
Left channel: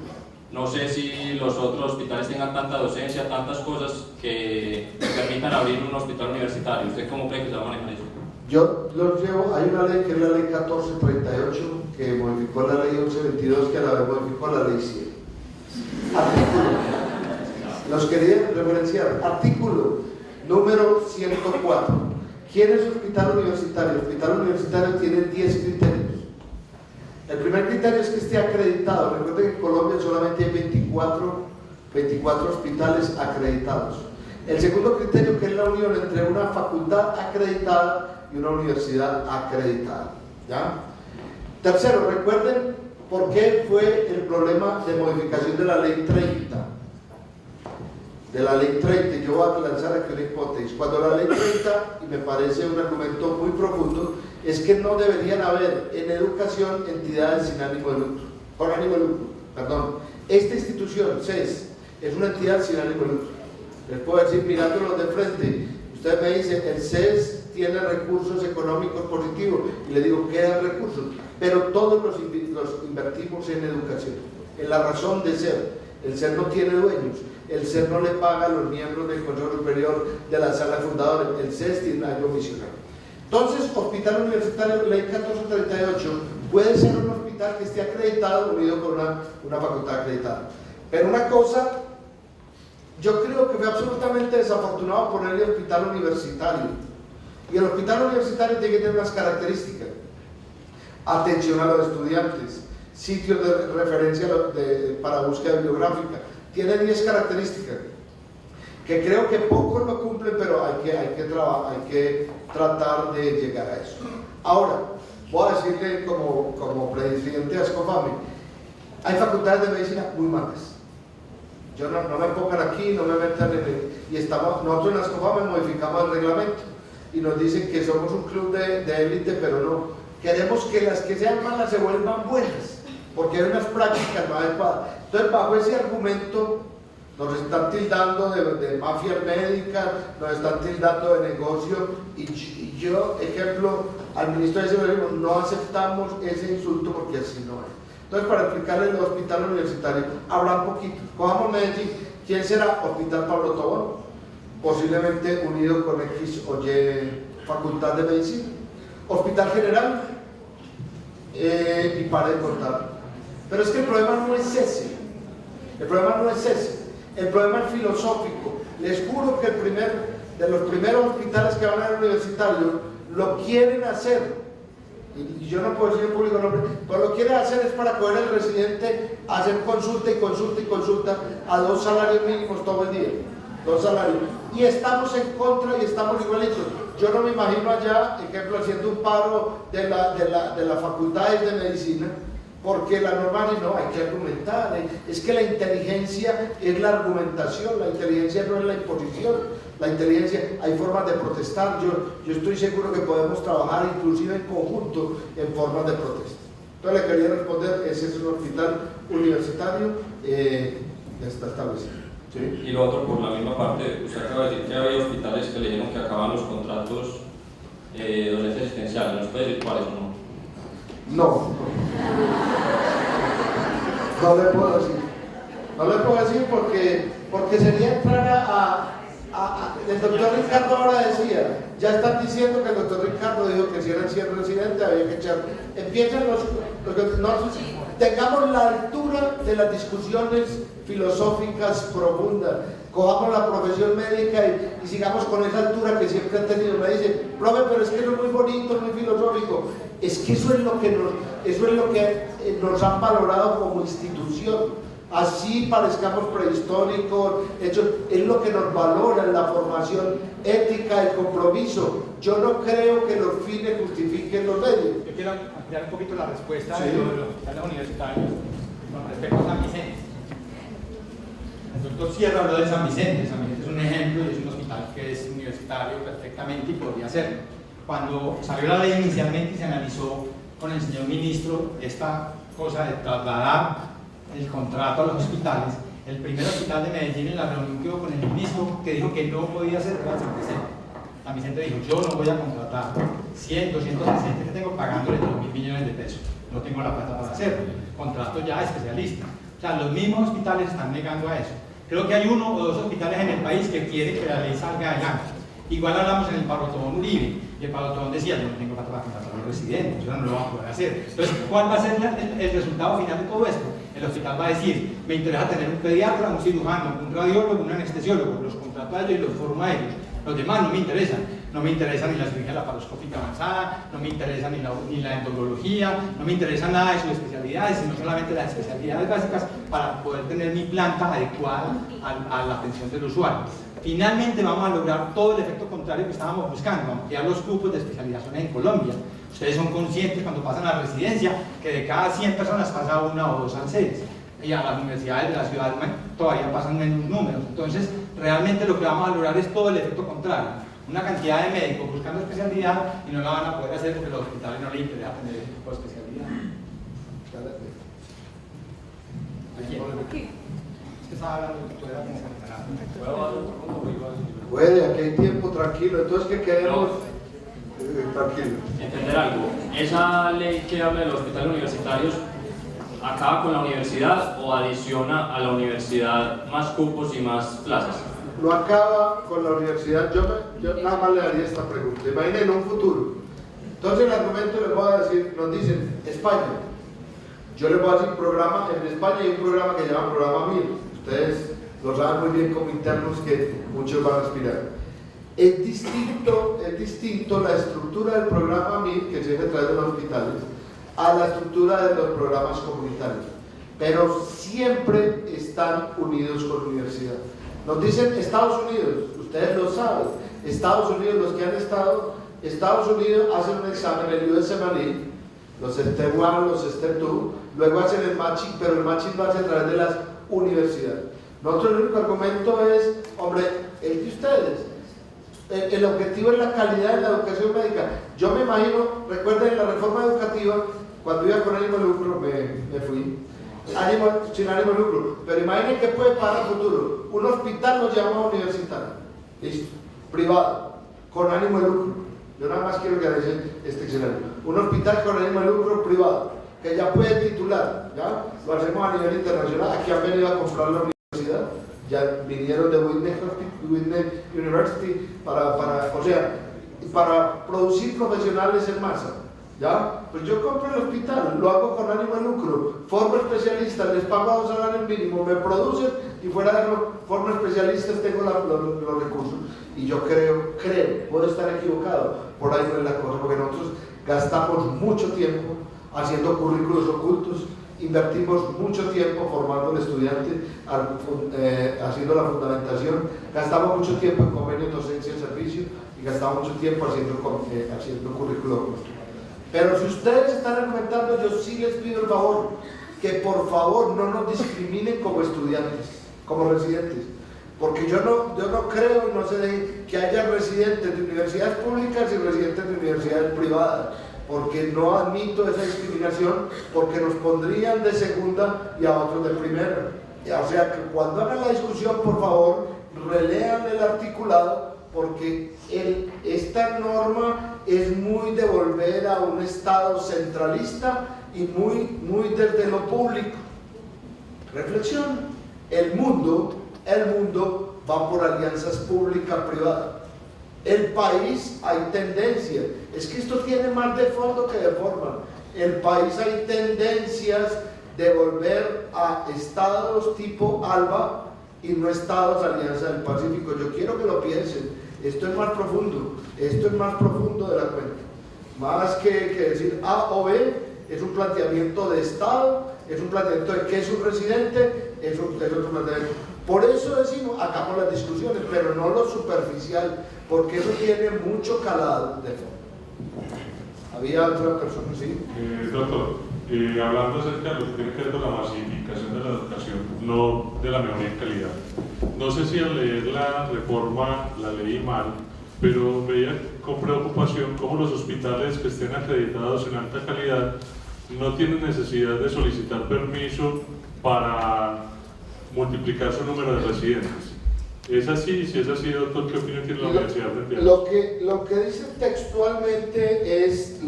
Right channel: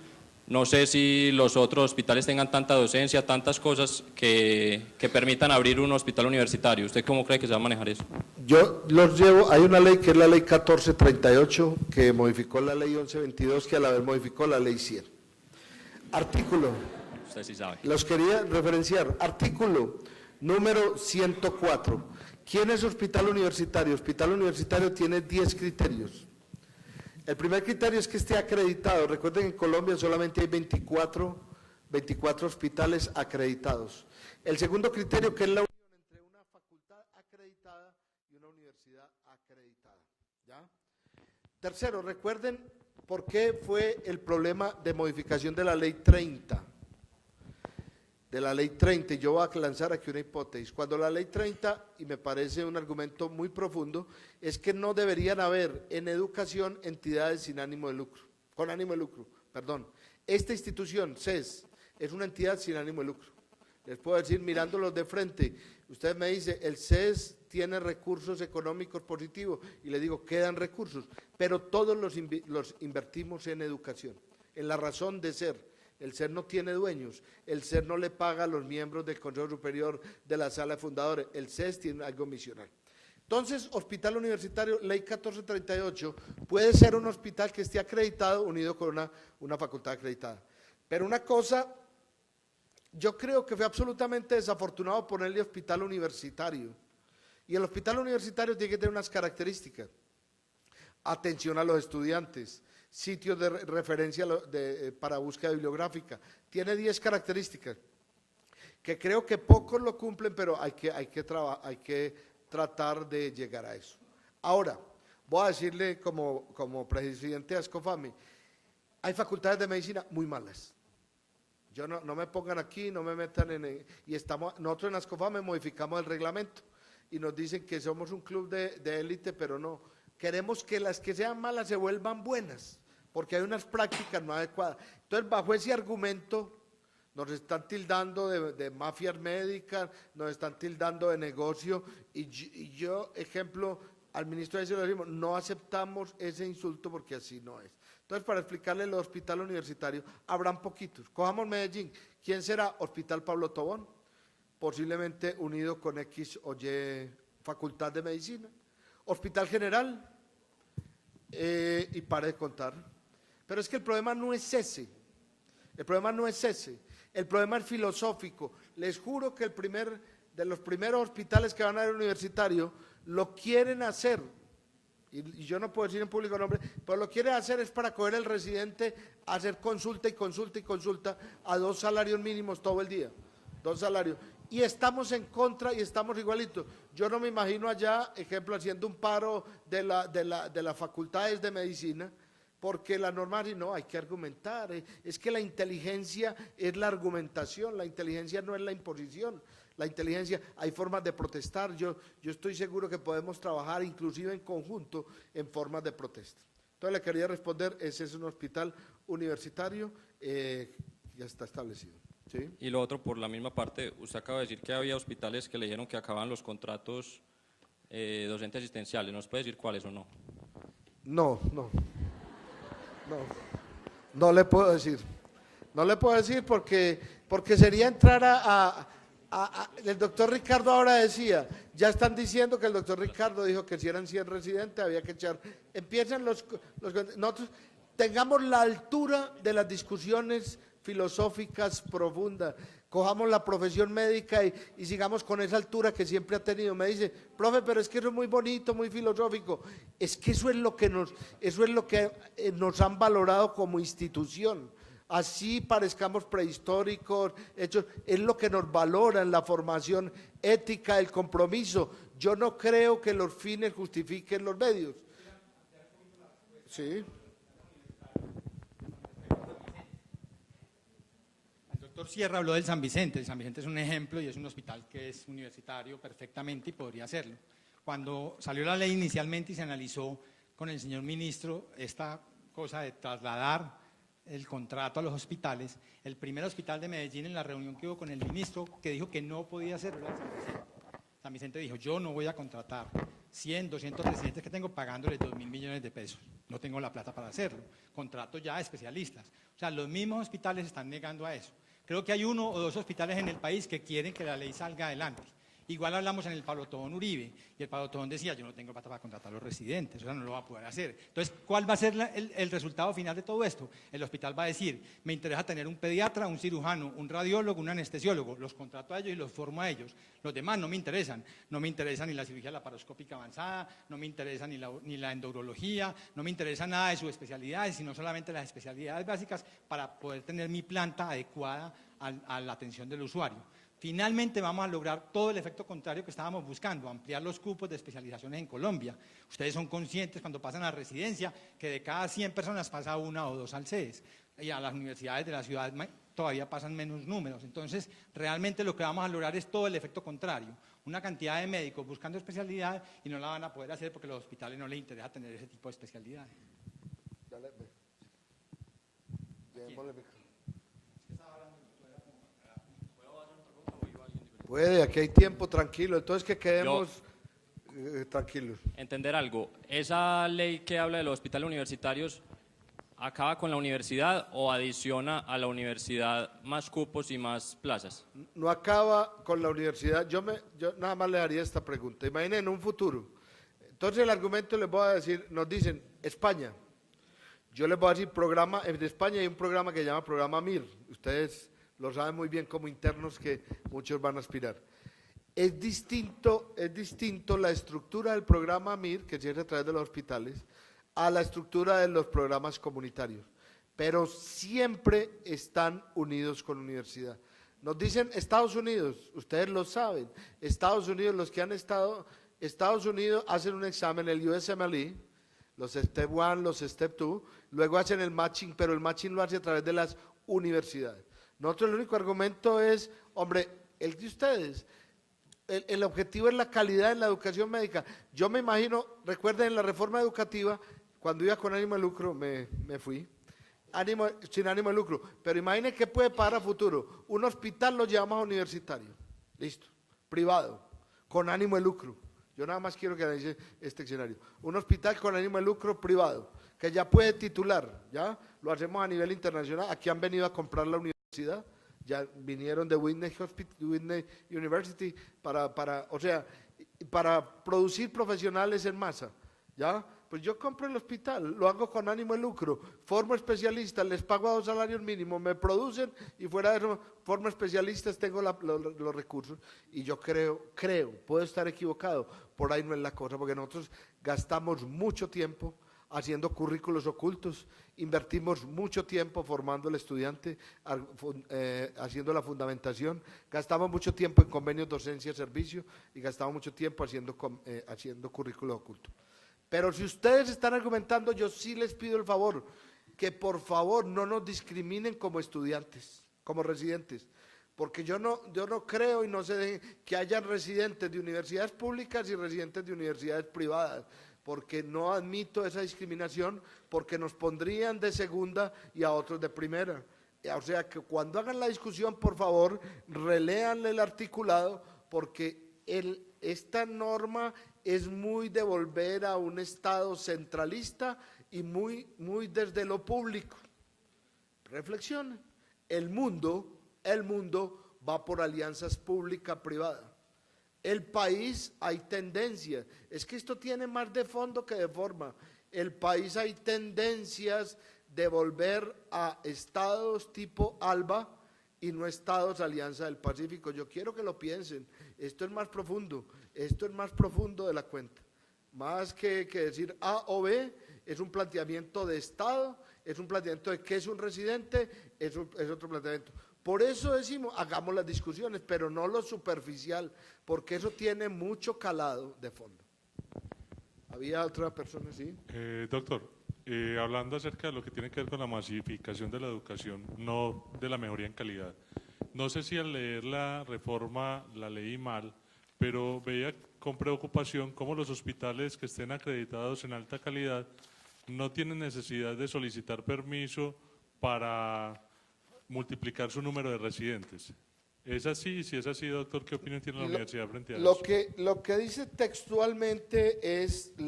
no sé si los otros hospitales tengan tanta docencia, tantas cosas que permitan abrir un hospital universitario. ¿Usted cómo cree que se va a manejar eso? Yo los llevo, hay una ley que es la ley 1438 que modificó la ley 1122 que a la vez modificó la ley 100. Artículo, los quería referenciar, artículo número 104. ¿Quién es hospital universitario? Hospital universitario tiene 10 criterios. El primer criterio es que esté acreditado. Recuerden que en Colombia solamente hay 24 hospitales acreditados. El segundo criterio, que es la unión entre una facultad acreditada y una universidad acreditada. ¿Ya? Tercero, recuerden por qué fue el problema de modificación de la ley 30. De la ley 30, yo voy a lanzar aquí una hipótesis. Cuando la ley 30, y me parece un argumento muy profundo, es que no deberían haber en educación entidades sin ánimo de lucro, con ánimo de lucro, perdón. Esta institución, CES, es una entidad sin ánimo de lucro. Les puedo decir, mirándolos de frente, usted me dice, el CES tiene recursos económicos positivos, y le digo, quedan recursos, pero todos los invertimos en educación, en la razón de ser. El CES no tiene dueños, el CES no le paga a los miembros del Consejo Superior de la Sala de Fundadores, el CES tiene algo misionario. Entonces, hospital universitario, ley 1438, puede ser un hospital que esté acreditado unido con una facultad acreditada. Pero una cosa, yo creo que fue absolutamente desafortunado ponerle hospital universitario. Y el hospital universitario tiene que tener unas características. Atención a los estudiantes, sitios de referencia para búsqueda bibliográfica. Tiene 10 características que creo que pocos lo cumplen, pero hay que tratar de llegar a eso. Ahora, voy a decirle como presidente de Ascofame, hay facultades de medicina muy malas. Yo no me pongan aquí, no me metan nosotros en Ascofame modificamos el reglamento y nos dicen que somos un club de élite, pero no. Queremos que las que sean malas se vuelvan buenas, porque hay unas prácticas más adecuadas. Entonces, bajo ese argumento, nos están tildando de mafias médicas, nos están tildando de negocio, y yo, ejemplo, al ministro de Seguridad, no aceptamos ese insulto porque así no es. Entonces, para explicarle el hospital universitario, habla un poquito. Cojamos Medellín. ¿Quién será? Hospital Pablo Tobón, posiblemente unido con X o Y facultad de medicina. Hospital General, y para de contar. Pero es que el problema no es ese. El problema no es ese. El problema es filosófico. Les juro que de los primeros hospitales que van al universitario lo quieren hacer. Y yo no puedo decir en público nombre, pero lo quieren hacer es para coger al residente, hacer consulta y consulta y consulta a 2 salarios mínimos todo el día. 2 salarios. Y estamos en contra y estamos igualitos. Yo no me imagino allá, ejemplo, haciendo un paro de las facultades de medicina, porque la norma dice, no, hay que argumentar. Es que la inteligencia es la argumentación, la inteligencia no es la imposición. La inteligencia, hay formas de protestar. Yo estoy seguro que podemos trabajar inclusive en conjunto en formas de protesta. Entonces le quería responder, ese es un hospital universitario que está establecido. ¿Sí? Y lo otro, por la misma parte, usted acaba de decir que había hospitales que le dijeron que acaban los contratos docentes asistenciales. ¿Nos puede decir cuáles o no? No le puedo decir. No le puedo decir porque sería entrar el doctor Ricardo ahora decía, ya están diciendo que el doctor Ricardo dijo que si eran 100 residentes había que echar. Empiezan tengamos la altura de las discusiones filosóficas profundas, cojamos la profesión médica y sigamos con esa altura que siempre han tenido. Me dicen, profe, pero es que eso es muy bonito, muy filosófico. Es que eso es lo que nos han valorado como institución. Así parezcamos prehistóricos, es lo que nos valora en la formación ética, el compromiso. Yo no creo que los fines justifiquen los medios. Yo quiero ampliar un poquito la respuesta Sí. de los hospitales universitarios con respecto a San Vicente. El doctor Sierra habló de San Vicente. San Vicente es un ejemplo y es un hospital que es universitario perfectamente y podría serlo. Cuando salió la ley inicialmente y se analizó con el señor ministro esta cosa de trasladar el contrato a los hospitales, el primer hospital de Medellín en la reunión que hubo con el ministro que dijo que no podía ser era San Vicente. San Vicente dijo, yo no voy a contratar 100, 200 residentes que tengo pagándole 2.000 millones de pesos, no tengo la plata para hacerlo, contrato ya especialista. O sea, los mismos hospitales están negando a eso. Creo que hay 1 o 2 hospitales en el país que quieren que la ley salga adelante. Igual hablamos en el Pablo Tobón Uribe, y el Pablo Tobón decía, yo no tengo plata para contratar a los residentes, o sea, no lo vamos a poder hacer. Entonces, ¿cuál va a ser el resultado final de todo esto? El hospital va a decir, me interesa tener un pediatra, un cirujano, un radiólogo, un anestesiólogo, los contrato a ellos y los formo a ellos. Los demás no me interesan. No me interesa ni la cirugía laparoscópica avanzada, no me interesa ni la endodología, no me interesa nada de sus especialidades, sino solamente las especialidades básicas para poder tener mi planta adecuada a la atención del usuario. Finalmente vamos a lograr todo el efecto contrario que estábamos buscando, ampliar los cupos de especializaciones en Colombia. Ustedes son conscientes cuando pasan a la residencia que de cada 100 personas pasa 1 o 2 al CES, y a las universidades de la ciudad todavía pasan menos números. Entonces, realmente lo que vamos a lograr es todo el efecto contrario. Una cantidad de médicos buscando especialidad y no la van a poder hacer porque los hospitales no les interesa tener ese tipo de especialidad. Es que estaba hablando de Puede, aquí hay tiempo, tranquilo. Entonces, ¿qué queremos? Tranquilo. Entender algo. Esa ley que habla de los hospitales universitarios acaba con la universidad o adiciona a la universidad más cupos y más plazas. No acaba con la universidad. Yo nada más le haría esta pregunta. Imaginen en un futuro. Entonces el argumento le puedo decir, nos dicen España. Yo les voy a decir programa. En España hay un programa que se llama Programa MIR. Ustedes lo saben muy bien como internos que muchos van a aspirar. Es distinto la estructura del programa MIR, que se hace a través de los hospitales, a la estructura de los programas comunitarios. Pero siempre están unidos con la universidad. Nos dicen Estados Unidos, ustedes lo saben, Estados Unidos, los que han estado, Estados Unidos hacen un examen, el USMLE, los STEP 1, los STEP 2, luego hacen el matching, pero el matching lo hace a través de las universidades. Nosotros el único argumento es, hombre, el de ustedes. el objetivo es la calidad de la educación médica. Yo me imagino, recuerden la reforma educativa, cuando iba con ánimo de lucro, me fui, sin ánimo de lucro, pero imaginen qué puede pasar al futuro. Un hospital nos llama universitario, listo, privado, con ánimo de lucro. Yo nada más quiero que vean este escenario. Un hospital con ánimo de lucro privado, que ya puede titular, ¿ya? Lo hacemos a nivel internacional. Aquí han venido a comprar la universidad, ya vinieron de Whitney University para producir profesionales en masa, ¿ya? Pues yo compro el hospital, lo hago con ánimo de lucro, formo especialistas, les pago a un salario mínimo, me producen y fuera de eso, formo especialistas, tengo los recursos. Y yo creo, puedo estar equivocado, por ahí no es la cosa, porque nosotros gastamos mucho tiempo haciendo currículos ocultos, invertimos mucho tiempo formando al estudiante, haciendo la fundamentación, gastamos mucho tiempo en convenios docencia y servicio y gastamos mucho tiempo haciendo currículo oculto. Pero si ustedes están argumentando, yo sí les pido el favor, que por favor no nos discriminen como estudiantes, como residentes. Porque yo no creo y no sé que haya residentes de universidades públicas y residentes de universidades privadas, porque no admito esa discriminación, porque nos pondrían de segunda y a otros de primera. O sea, que cuando hagan la discusión, por favor, relean el articulado, porque esta norma es muy de volver a un Estado centralista y muy desde lo público. Reflexión, el mundo va por alianzas pública-privada. El país hay tendencias, es que esto tiene más de fondo que de forma. El país hay tendencias de volver a estados tipo ALBA y no estados Alianza del Pacífico. Yo quiero que lo piensen, esto es más profundo de la cuenta. Más que decir A o B, es un planteamiento de Estado, es un planteamiento de qué es un residente, es otro planteamiento. Por eso decimos, hagamos las discusiones, pero no lo superficial, porque eso tiene mucho calado de fondo. Había otra persona, ¿sí? Doctor, hablando acerca de lo que tiene que ver con la masificación de la educación, no de la mejoría en calidad. No sé si al leer la reforma la leí mal, pero veía con preocupación cómo los hospitales que estén acreditados en alta calidad no tienen necesidad de solicitar permiso para multiplicar su número de residentes. ¿Es así? Si es así, doctor, ¿qué opinión tiene la universidad frente a eso? Lo que dice textualmente es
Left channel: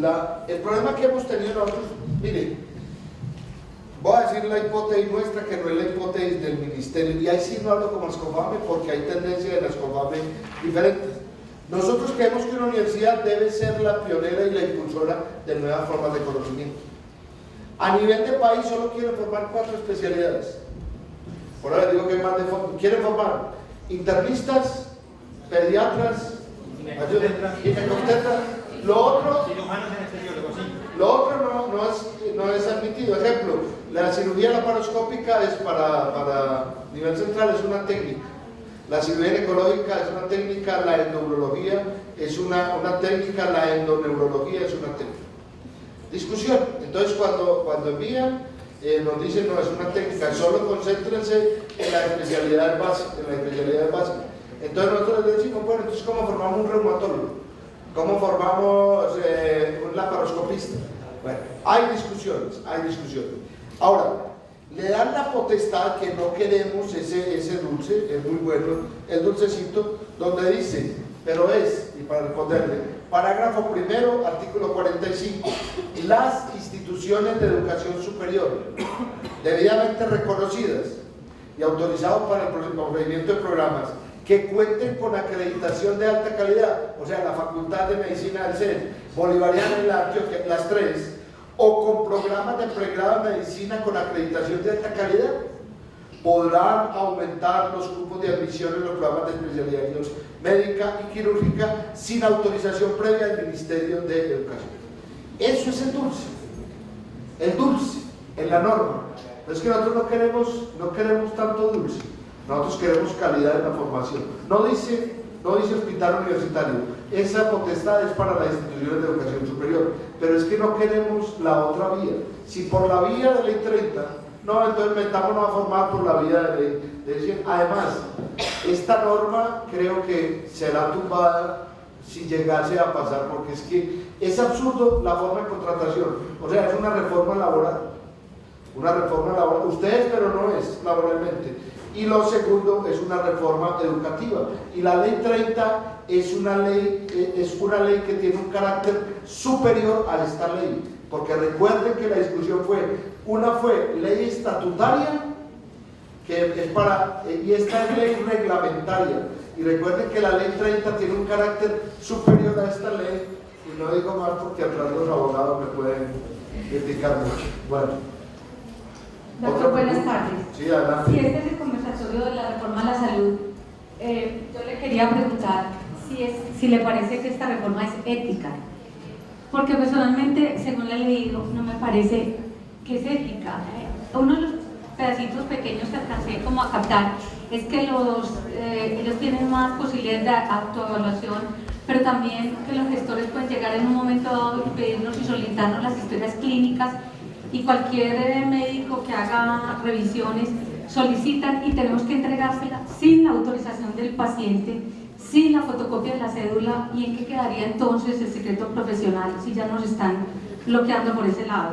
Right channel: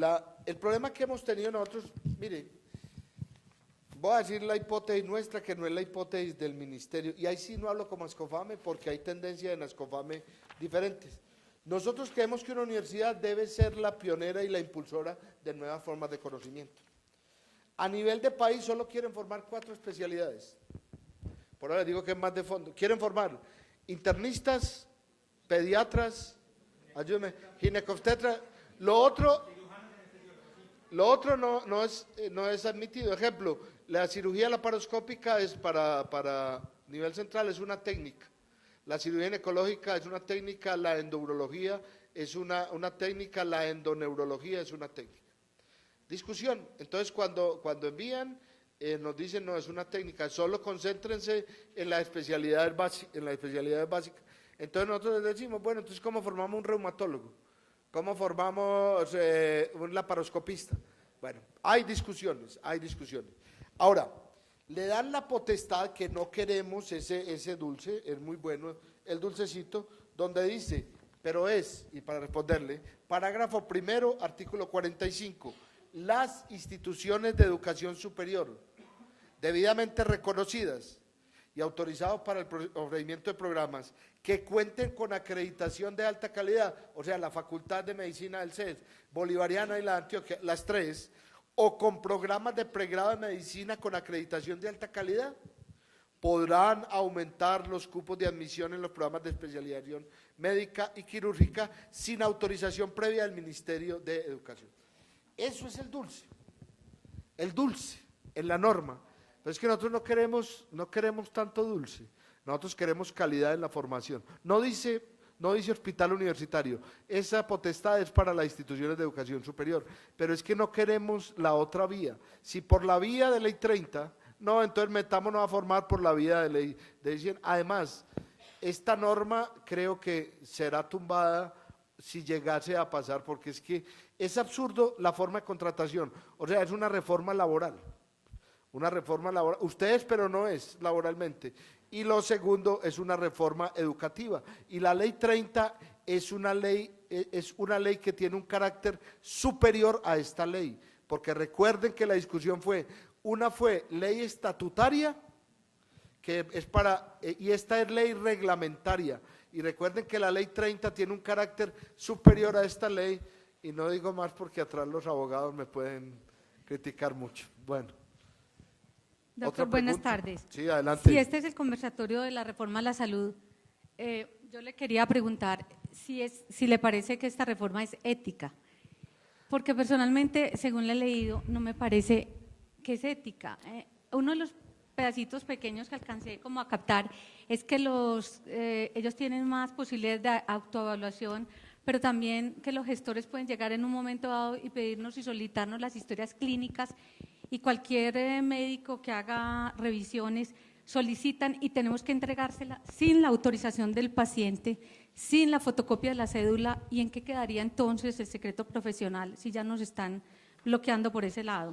el problema que hemos tenido nosotros. Miren, voy a decir la hipótesis nuestra, que no es la hipótesis del ministerio, y ahí sí no hablo como Ascofame, porque hay tendencias de la Ascofame diferentes. Nosotros creemos que una universidad debe ser la pionera y la impulsora de nuevas formas de conocimiento. A nivel de país solo quieren formar 4 especialidades. Por ahora digo que es más de fondo. Quieren formar internistas, pediatras, ginecobstetras. Lo otro no es admitido. Ejemplo, la cirugía laparoscópica es para nivel central, es una técnica. La cirugía ginecológica es una técnica, la endourología es una técnica, la endoneurología es una técnica. Discusión. Entonces cuando envían, nos dicen no es una técnica, solo concéntrense en la especialidad básica, Entonces nosotros les decimos, bueno, entonces ¿cómo formamos un reumatólogo? ¿Cómo formamos un laparoscopista? Bueno, hay discusiones. Ahora, le dan la potestad, que no queremos ese dulce, es muy bueno, el dulcecito, donde dice, pero y para responderle, parágrafo primero, artículo 45, las instituciones de educación superior, debidamente reconocidas y autorizados para el procedimiento de programas, que cuenten con acreditación de alta calidad, o sea, la Facultad de Medicina del CEN, Bolivariana y la Antioquia, las 3, o con programas de pregrado de medicina con acreditación de alta calidad, podrán aumentar los cupos de admisión en los programas de especialidad médica y quirúrgica sin autorización previa del Ministerio de Educación. Eso es el dulce en la norma. Pero es que nosotros no queremos tanto dulce, nosotros queremos calidad en la formación. No dice hospital universitario, esa potestad es para las instituciones de educación superior, pero es que no queremos la otra vía. Si por la vía de ley 30 no, entonces metámonos a formar por la vía de ley. Decir, además, esta norma creo que será tumbada si llegase a pasar, porque es que es absurdo la forma de contratación. O sea, es una reforma laboral. Una reforma laboral. Ustedes, pero no es laboralmente. Y lo segundo es una reforma educativa. Y la ley 30 es una ley que tiene un carácter superior a esta ley. Porque recuerden que la discusión fue ley estatutaria, que es y esta es ley reglamentaria. Y recuerden que la ley 30 tiene un carácter superior a esta ley, y no digo más porque atrás los abogados me pueden criticar mucho. Bueno. Doctor, buenas tardes. Sí, adelante. Si este es el conversatorio de la reforma a la salud, yo le quería preguntar si le parece que esta reforma es ética. Porque personalmente, según la he leído, no me parece que es ética. Uno de los pedacitos pequeños que alcancé como a captar es que ellos tienen más posibilidades de autoevaluación, pero también que los gestores pueden llegar en un momento dado y pedirnos y solicitarnos las historias clínicas, y cualquier médico que haga revisiones solicitan y tenemos que entregársela sin la autorización del paciente, sin la fotocopia de la cédula. ¿Y en qué quedaría entonces el secreto profesional si ya nos están bloqueando por ese lado?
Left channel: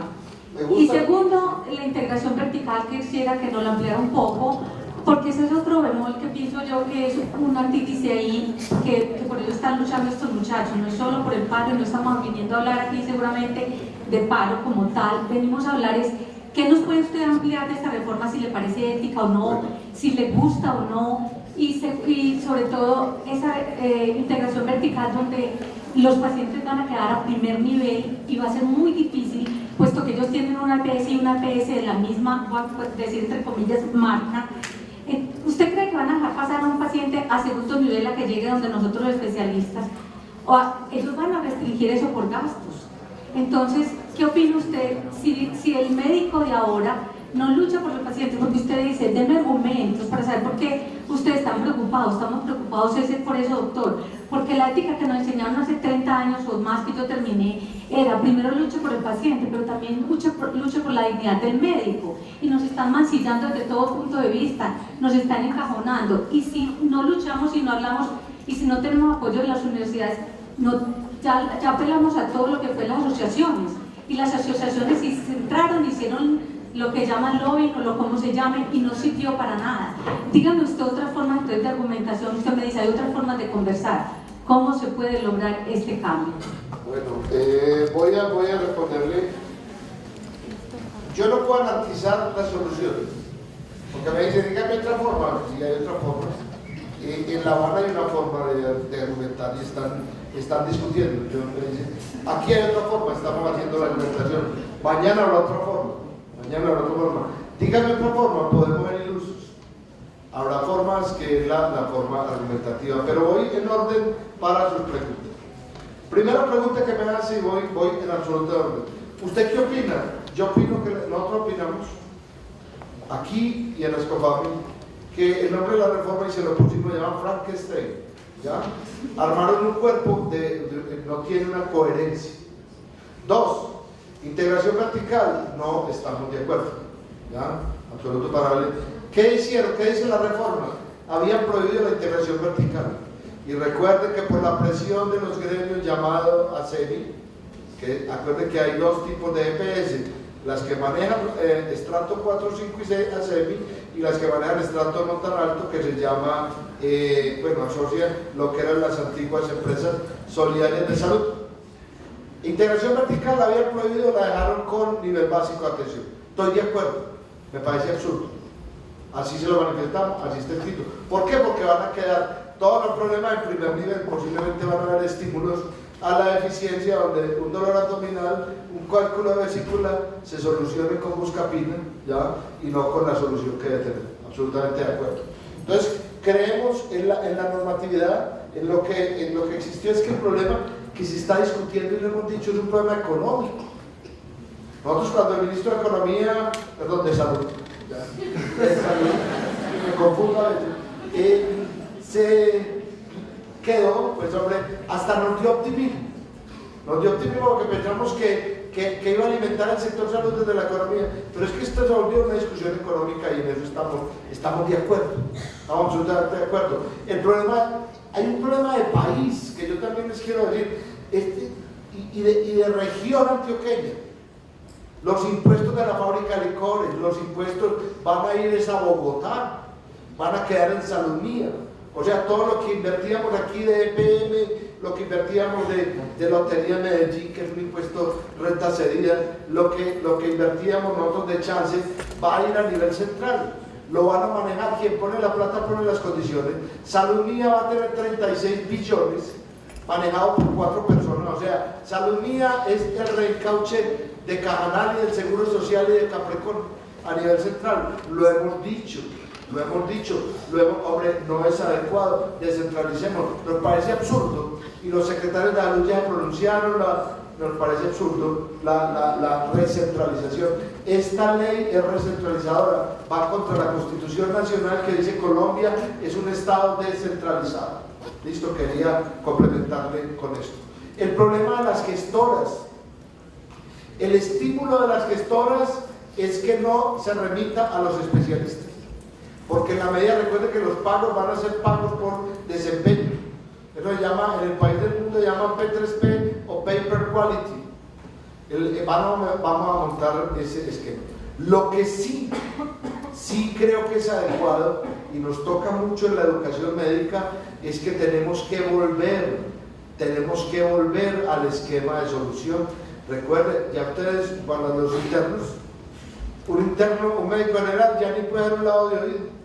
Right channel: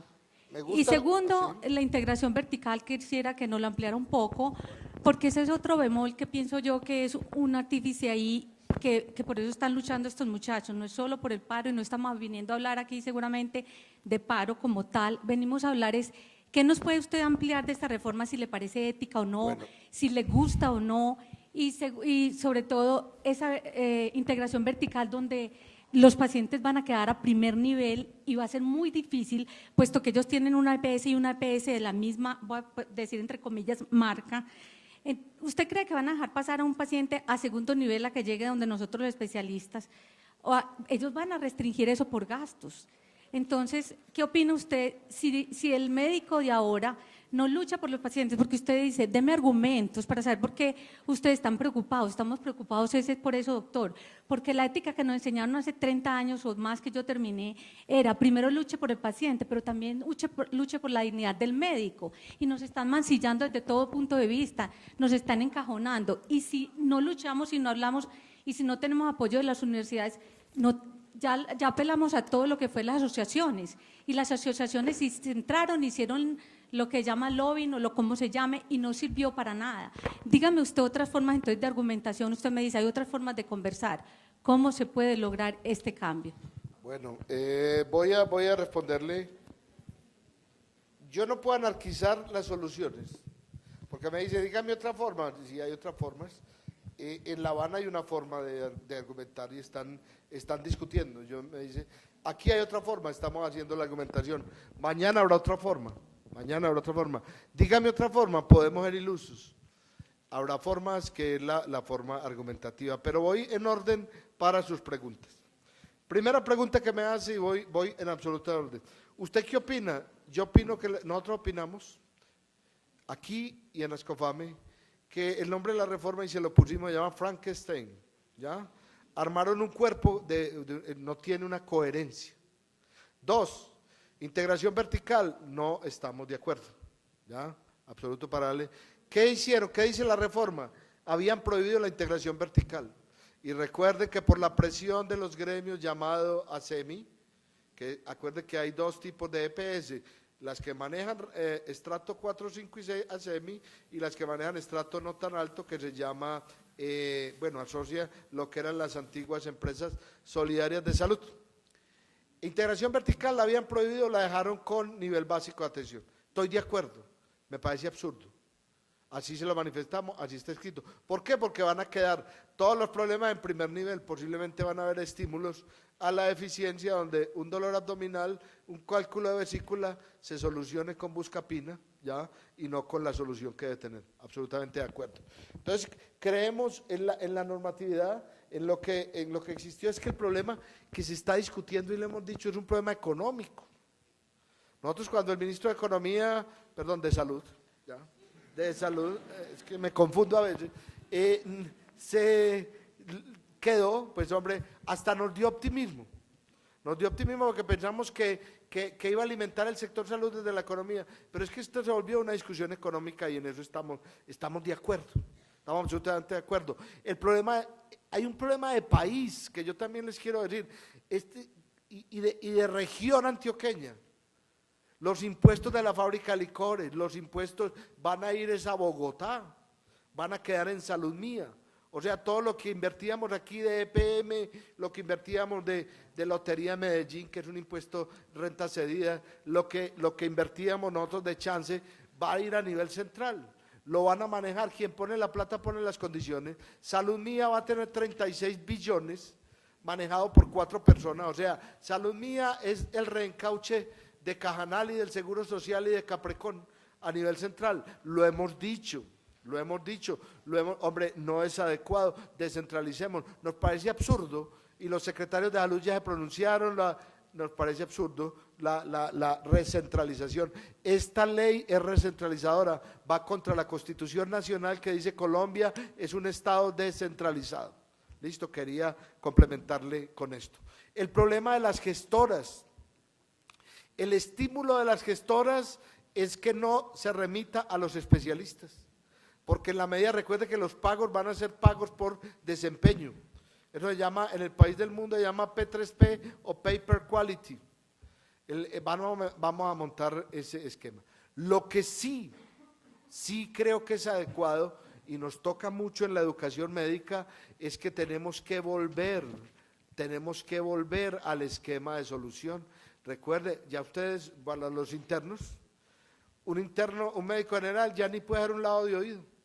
Y segundo, la integración vertical, que quisiera que nos la ampliara un poco, porque ese es otro bemol que pienso yo que es una artífice ahí, que por ello están luchando estos muchachos. No es solo por el paro, y no estamos viniendo a hablar aquí seguramente de paro como tal, venimos a hablar es qué nos puede usted ampliar de esta reforma, si le parece ética o no, si le gusta o no, y sobre todo esa integración vertical donde los pacientes van a quedar a primer nivel y va a ser muy difícil, puesto que ellos tienen una EPS y una EPS de la misma, voy a decir entre comillas, marca. ¿Usted cree que van a dejar pasar a un paciente a segundo nivel a que llegue donde nosotros los especialistas? ¿O ellos van a restringir eso por gastos? Entonces, ¿qué opina usted si el médico de ahora no lucha por los pacientes? Porque usted dice, deme argumentos para saber por qué ustedes están preocupados. Estamos preocupados por eso, doctor. Porque la ética que nos enseñaron hace 30 años o más que yo terminé era primero luche por el paciente, pero también luche por la dignidad del médico. Y nos están mancillando desde todo punto de vista, nos están encajonando. Y si no luchamos, si no hablamos y si no tenemos apoyo de las universidades, ya apelamos a todo lo que fue las asociaciones, y las asociaciones se entraron, hicieron lo que llaman lobbying o lo como se llame, y no sirvió para nada. Dígame usted otras formas entonces de argumentación. Usted me dice, hay otras formas de conversar. ¿Cómo se puede lograr este cambio? Bueno, voy a responderle. Yo no puedo anarquizar las soluciones, porque me dice, dígame otra forma. Si hay otra forma, en La Habana hay una forma de argumentar y están discutiendo. Yo me dice, aquí hay otra forma, estamos haciendo la argumentación. Mañana habrá otra forma. Dígame otra forma, podemos ser ilusos. Habrá formas que es la forma argumentativa, pero voy en orden para sus preguntas. Primera pregunta que me hace y voy en absoluto orden. ¿Usted qué opina? Yo opino que nosotros opinamos aquí y en la Escofami que el nombre de la reforma, y se lo pusimos, se llama Frankenstein, ¿ya? Armaron un cuerpo no tiene una coherencia. Dos, integración vertical, no estamos de acuerdo, ¿ya? Absoluto paralelo. ¿Qué hicieron? ¿Qué dice la reforma? Habían prohibido la integración vertical. Y recuerden que por la presión de los gremios llamado ASEMI, que acuerden que hay dos tipos de EPS, las que manejan estrato 4, 5 y 6 ASEMI, y las que manejan estrato no tan alto, que se llama, asocia lo que eran las antiguas empresas solidarias de salud. Integración vertical la habían prohibido, la dejaron con nivel básico de atención. Estoy de acuerdo, me parece absurdo. Así se lo manifestamos, así está escrito. ¿Por qué? Porque van a quedar todos los problemas en primer nivel, posiblemente van a haber estímulos a la eficiencia, donde un dolor abdominal, un cálculo de vesícula se solucione con buscapina, ¿ya? Y no con la solución que debe tener. Absolutamente de acuerdo. Entonces, creemos en la normatividad, en lo que existió. Es que el problema que se está discutiendo, y lo hemos dicho, es un problema económico. Nosotros, cuando el ministro de Economía, de Salud, me confundo a veces, se quedó, pues hombre, hasta nos dio optimismo porque pensamos que que iba a alimentar el sector salud desde la economía, pero es que esto se volvió una discusión económica y en eso estamos de acuerdo, estamos absolutamente de acuerdo. El problema, hay un problema de país que yo también les quiero decir, y de región antioqueña. Los impuestos de la fábrica de licores, los impuestos van a ir a Bogotá, van a quedar en Salud Mía. O sea, todo lo que invertíamos aquí de EPM, lo que invertíamos de Lotería Medellín, que es un impuesto renta cedida, lo que invertíamos nosotros de chance, va a ir a nivel central. Lo van a manejar, quien pone la plata pone las condiciones. Salud Mía va a tener 36 billones manejado por 4 personas. O sea, Salud Mía es el reencauche de Cajanal y del Seguro Social y de Capricornio a nivel central. Lo hemos dicho, hombre, no es adecuado, descentralicemos. Nos parece absurdo, y los secretarios de salud ya pronunciaron, nos parece absurdo la recentralización. Esta ley es recentralizadora, va contra la Constitución Nacional que dice Colombia es un estado descentralizado. Listo, quería complementarle con esto. El problema de las gestoras, el estímulo de las gestoras es que no se remita a los especialistas, porque en la medida, recuerde que los pagos van a ser pagos por desempeño. Eso se llama, en el país del mundo se llama P3P o Pay Per Quality. Vamos a montar ese esquema. Lo que sí creo que es adecuado y nos toca mucho en la educación médica es que tenemos que volver al esquema de solución. Recuerden, ya ustedes, cuando los internos, un médico general ya ni puede dar un lado de oído.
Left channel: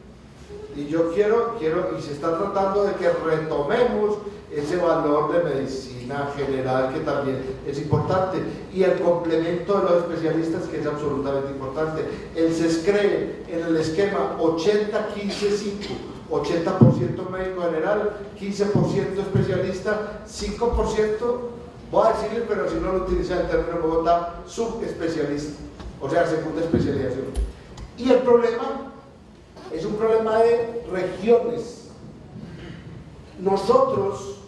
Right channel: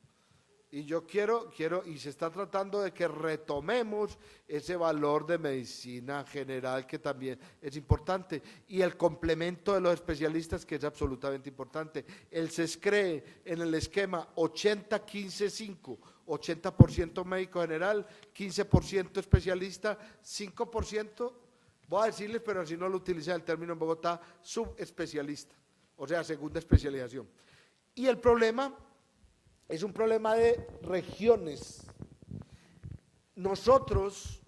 Y yo quiero, y se está tratando de que retomemos ese valor de medicina general que también es importante, y el complemento de los especialistas, que es absolutamente importante. El CESCRE en el esquema 80-15-5, 80% médico general, 15% especialista, 5%, voy a decirle, pero si no lo utiliza el término en Bogotá, subespecialista, o sea, segunda especialización. Y el problema es un problema de regiones. Nosotros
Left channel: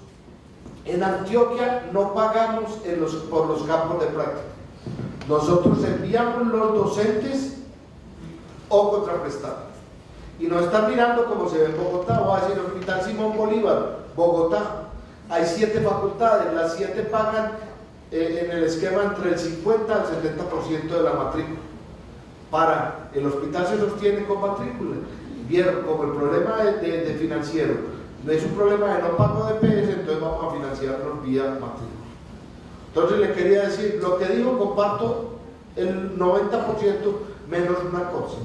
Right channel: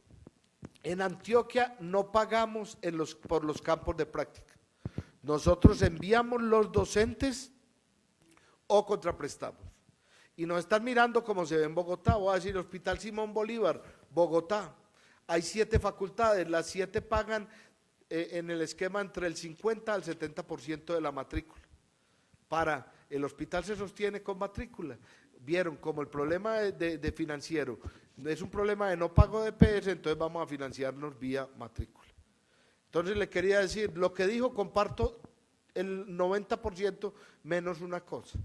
en Antioquia no pagamos por los campos de práctica. Nosotros enviamos los docentes o contraprestados. Y nos están mirando como se ve en Bogotá. Voy a decir, el Hospital Simón Bolívar, Bogotá. Hay 7 facultades, las 7 pagan en el esquema entre el 50 al 70% de la matrícula. El hospital se sostiene con matrícula. Vieron como el problema de financiero es un problema de no pago de PS, entonces vamos a financiarnos vía matrícula. Entonces le quería decir, lo que digo comparto el 90% menos una cosa,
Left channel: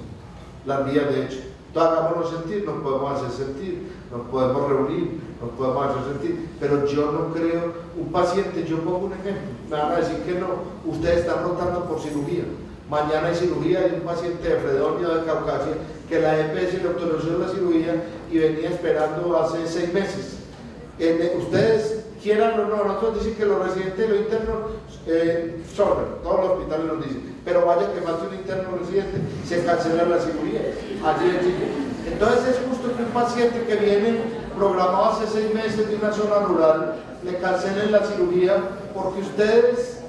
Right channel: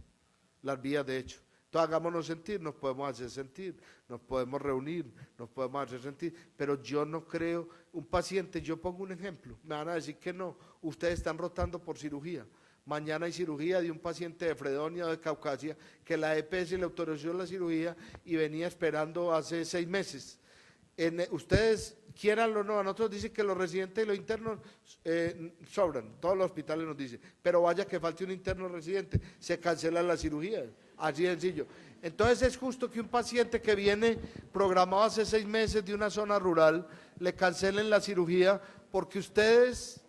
las vías de hecho. Entonces hagámonos sentir, nos podemos hacer sentir, nos podemos reunir, nos podemos hacer sentir, pero yo no creo, un paciente, yo pongo un ejemplo, me van a decir que no, ustedes están rotando por cirugía, mañana hay cirugía de un paciente de Fredonia de Caucasia que la EPS le autorizó la cirugía y venía esperando hace 6 meses. Ustedes quieran o no, nosotros dicen que los residentes y los internos sobran, todos los hospitales nos dicen, pero vaya que falte un interno o residente, se cancela la cirugía, así de chico. Entonces es justo que un paciente que viene programado hace 6 meses de una zona rural, le cancelen la cirugía porque ustedes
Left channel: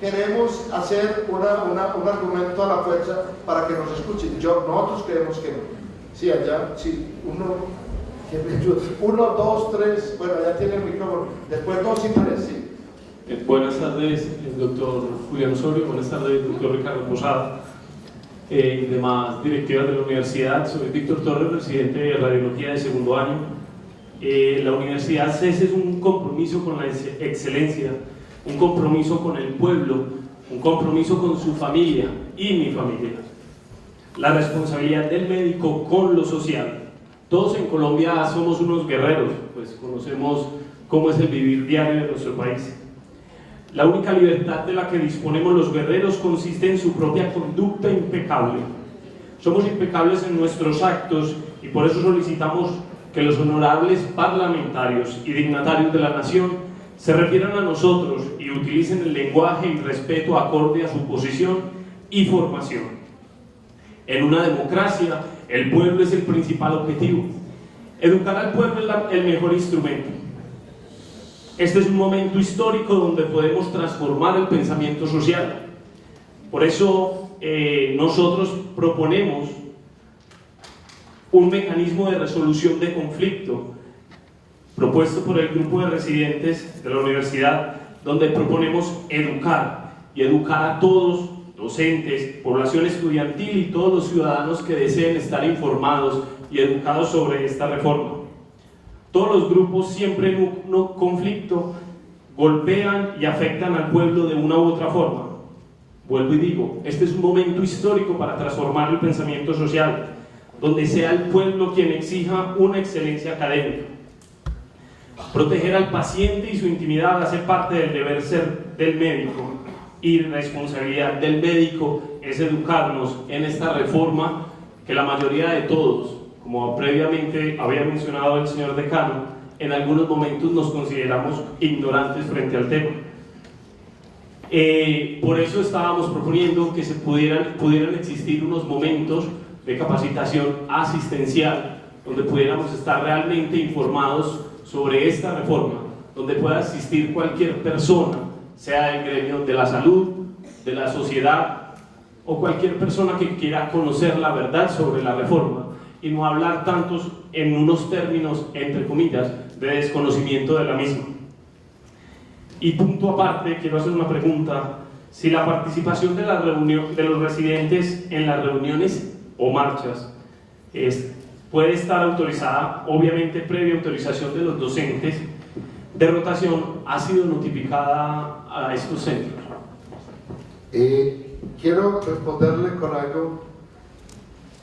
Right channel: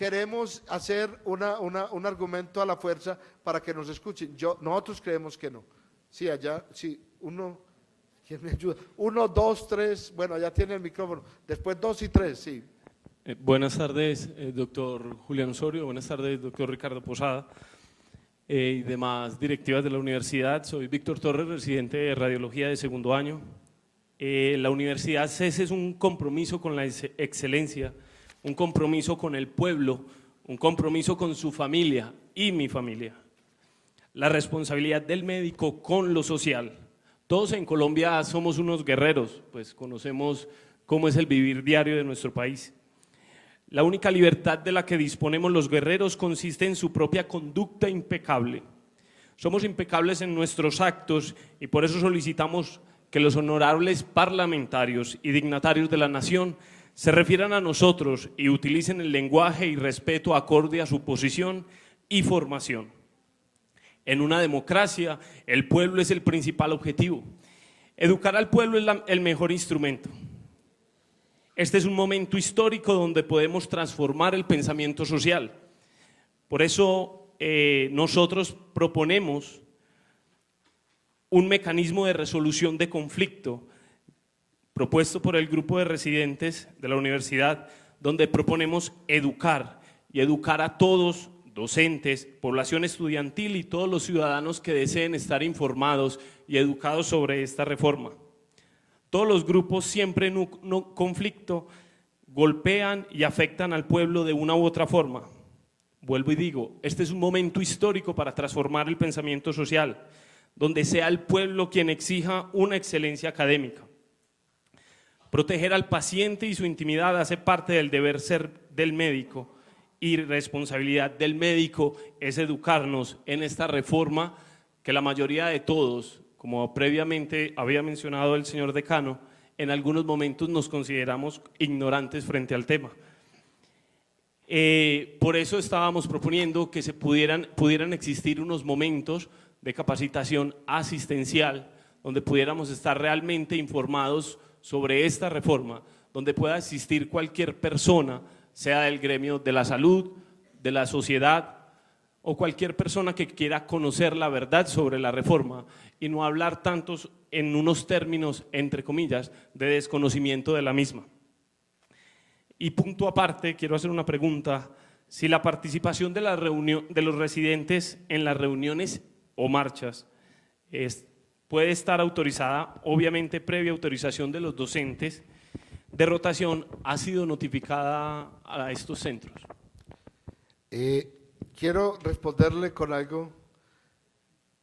queremos hacer un argumento a la fuerza para que nos escuchen. Nosotros creemos que no. Sí, allá, sí, 1, 2, 3, bueno, ya tiene el micrófono, después 2 y 3, sí. Buenas tardes, doctor Julián Osorio, buenas tardes, doctor Ricardo Posada y demás directivas de la universidad. Soy Víctor Torres, presidente de Radiología de segundo año. La Universidad CES es un compromiso con la excelencia, un compromiso con el pueblo, un compromiso con su familia y mi familia. La responsabilidad del médico con lo social. Todos en Colombia somos unos guerreros, pues conocemos cómo es el vivir diario de nuestro país. La única libertad de la que disponemos los guerreros consiste en su propia conducta impecable. Somos impecables en nuestros actos y por eso solicitamos que los honorables parlamentarios y dignatarios de la nación se refieran a nosotros y utilicen el lenguaje y respeto acorde a su posición y formación. En una democracia, el pueblo es el principal objetivo. Educar al pueblo es el mejor instrumento. Este es un momento histórico donde podemos transformar el pensamiento social. Por eso nosotros proponemos un mecanismo de resolución de conflicto propuesto por el grupo de residentes de la universidad, donde proponemos educar a todos, docentes, población estudiantil y todos los ciudadanos que deseen estar informados y educados sobre esta reforma. Todos los grupos siempre en un conflicto golpean y afectan al pueblo de una u otra forma. Vuelvo y digo, este es un momento histórico para transformar el pensamiento social, donde sea el pueblo quien exija una excelencia académica. Proteger al paciente y su intimidad hace parte del deber ser del médico, y responsabilidad del médico es educarnos en esta reforma que la mayoría de todos, como previamente había mencionado el señor decano, en algunos momentos nos consideramos ignorantes frente al tema. Por eso estábamos proponiendo que se pudieran existir unos momentos de capacitación asistencial, donde pudiéramos estar realmente informados sobre esta reforma, donde pueda asistir cualquier persona, sea del gremio de la salud, de la sociedad, o cualquier persona que quiera conocer la verdad sobre la reforma, y no hablar tantos en unos términos, entre comillas, de desconocimiento de la misma. Y punto aparte, quiero hacer una pregunta: si la participación de los residentes en las reuniones o marchas puede estar autorizada, obviamente previa autorización de los docentes de rotación, ¿ha sido notificada a estos centros? Quiero responderle con algo.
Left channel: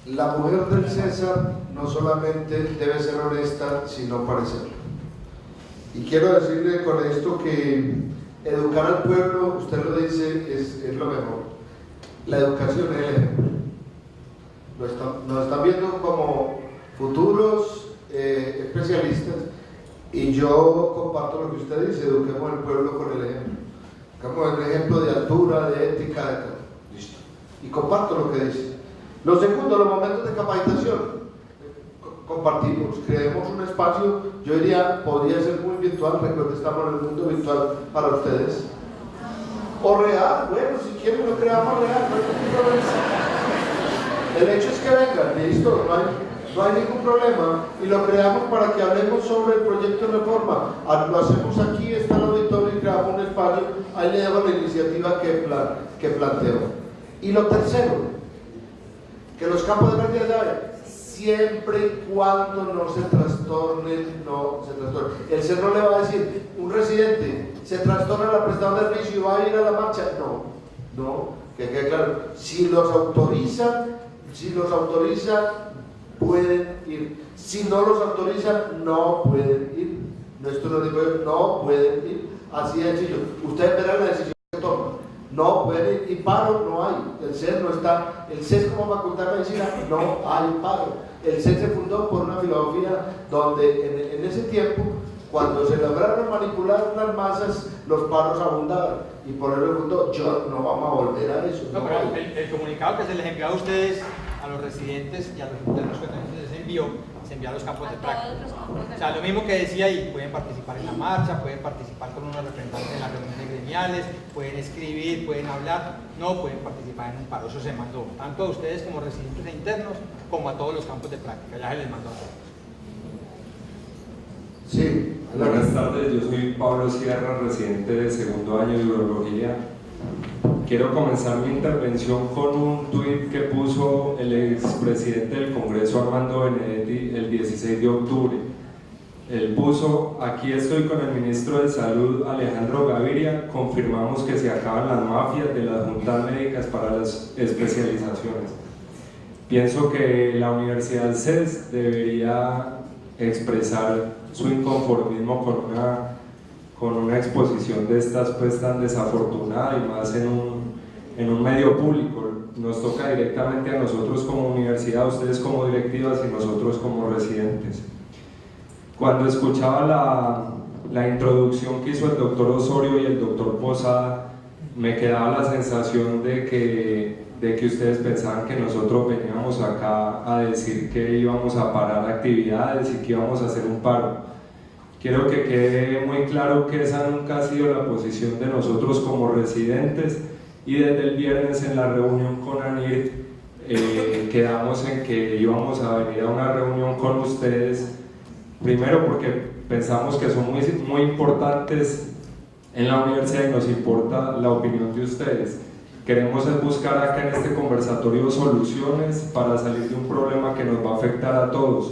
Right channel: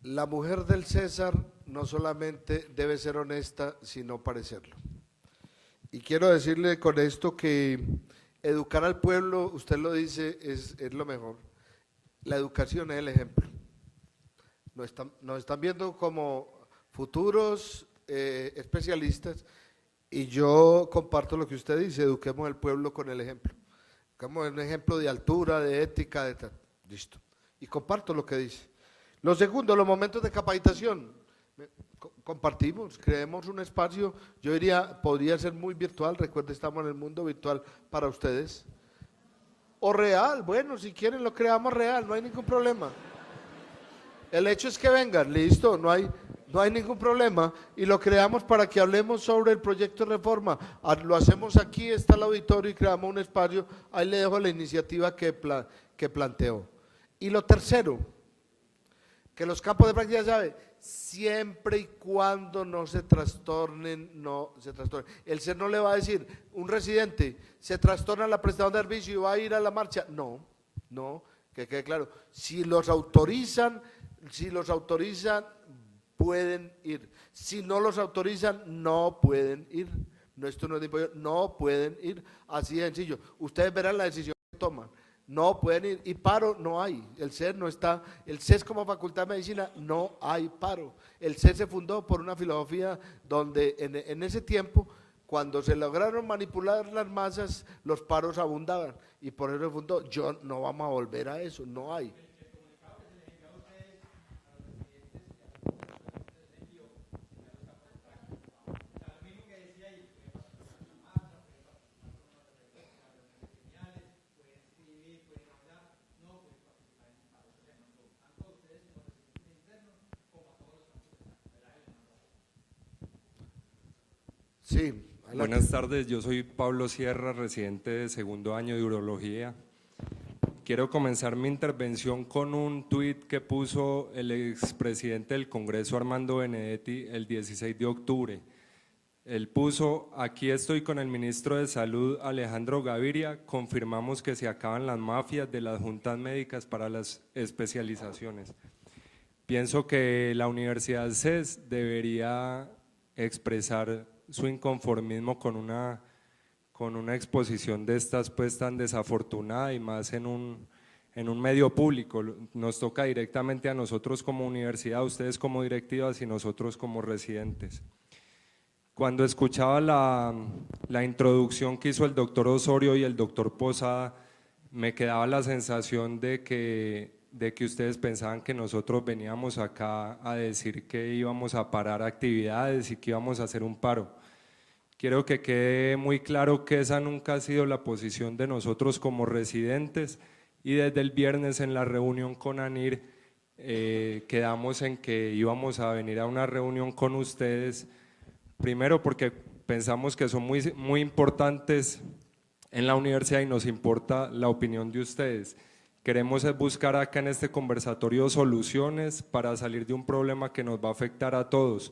La mujer del César no solamente debe ser honesta, sino parecerlo. Y quiero decirle con esto que educar al pueblo, usted lo dice, es lo mejor. La educación es el ejemplo. Nos están viendo como futuros especialistas, y yo comparto lo que usted dice: eduquemos al pueblo con el ejemplo. Eduquemos el ejemplo de altura, de ética, de... Listo. Y comparto lo que dice. Lo segundo, los momentos de capacitación. Compartimos, creemos un espacio, yo diría, podría ser muy virtual, recuerden, estamos en el mundo virtual para ustedes. O real, bueno, si quieren lo creamos real, no hay ningún problema. El hecho es que vengan, listo, no hay ningún problema, y lo creamos para que hablemos sobre el proyecto de reforma. Lo hacemos aquí, está el auditorio, y creamos un espacio, ahí le damos la iniciativa que planteo. Y lo tercero, que los campos de práctica, ¿saben? Siempre y cuando no se trastornen. El CES no le va a decir, un residente se trastorna la prestación de servicio y va a ir a la marcha. No, que quede claro. Si los autoriza, pueden ir. Si no los autoriza, no pueden ir. Esto lo digo yo, no pueden ir. Así de sencillo. Ustedes verán la decisión que toman. No pueden ir, y paro no hay. El CES no está. El CES como facultad de medicina no hay paro. El CES se fundó por una filosofía donde en ese tiempo, cuando se lograron manipular las masas, los paros abundaban. Y por eso fundó. No vamos a volver a eso. No, pero el comunicado que se les envió a ustedes, a los residentes y a los internos que también se envió a los campos de práctica. O sea, lo mismo que decía ahí: pueden participar en la marcha, pueden participar con unos representantes en las reuniones gremiales, pueden escribir, pueden hablar, no pueden participar en un paro. Eso se mandó tanto a ustedes como residentes e internos, como a todos los campos de práctica. Ya se les mandó a todos. Sí. Buenas tardes, yo soy Pablo Sierra, residente de segundo año de urología. Quiero comenzar mi intervención con un tuit que puso el expresidente del Congreso, Armando Benedetti, el 16 de octubre. Él puso: aquí estoy con el ministro de Salud, Alejandro Gaviria, confirmamos que se acaban las mafias de las juntas médicas para las especializaciones. Pienso que la Universidad CES debería expresar su inconformismo con una exposición de estas pues tan desafortunada, y más en un medio público. Nos toca directamente a nosotros como universidad, ustedes como directivas y nosotros como residentes. Cuando escuchaba la introducción que hizo el doctor Osorio y el doctor Posada, me quedaba la sensación de que ustedes pensaban que nosotros veníamos acá a decir que íbamos a parar actividades y que íbamos a hacer un paro. Quiero que quede muy claro que esa nunca ha sido la posición de nosotros como residentes, y desde el viernes en la reunión con ANIR quedamos en que íbamos a venir a una reunión con ustedes, primero porque pensamos que son muy importantes en la universidad y nos importa la opinión de ustedes. Queremos buscar acá en este conversatorio soluciones para salir de un problema que nos va a afectar a todos,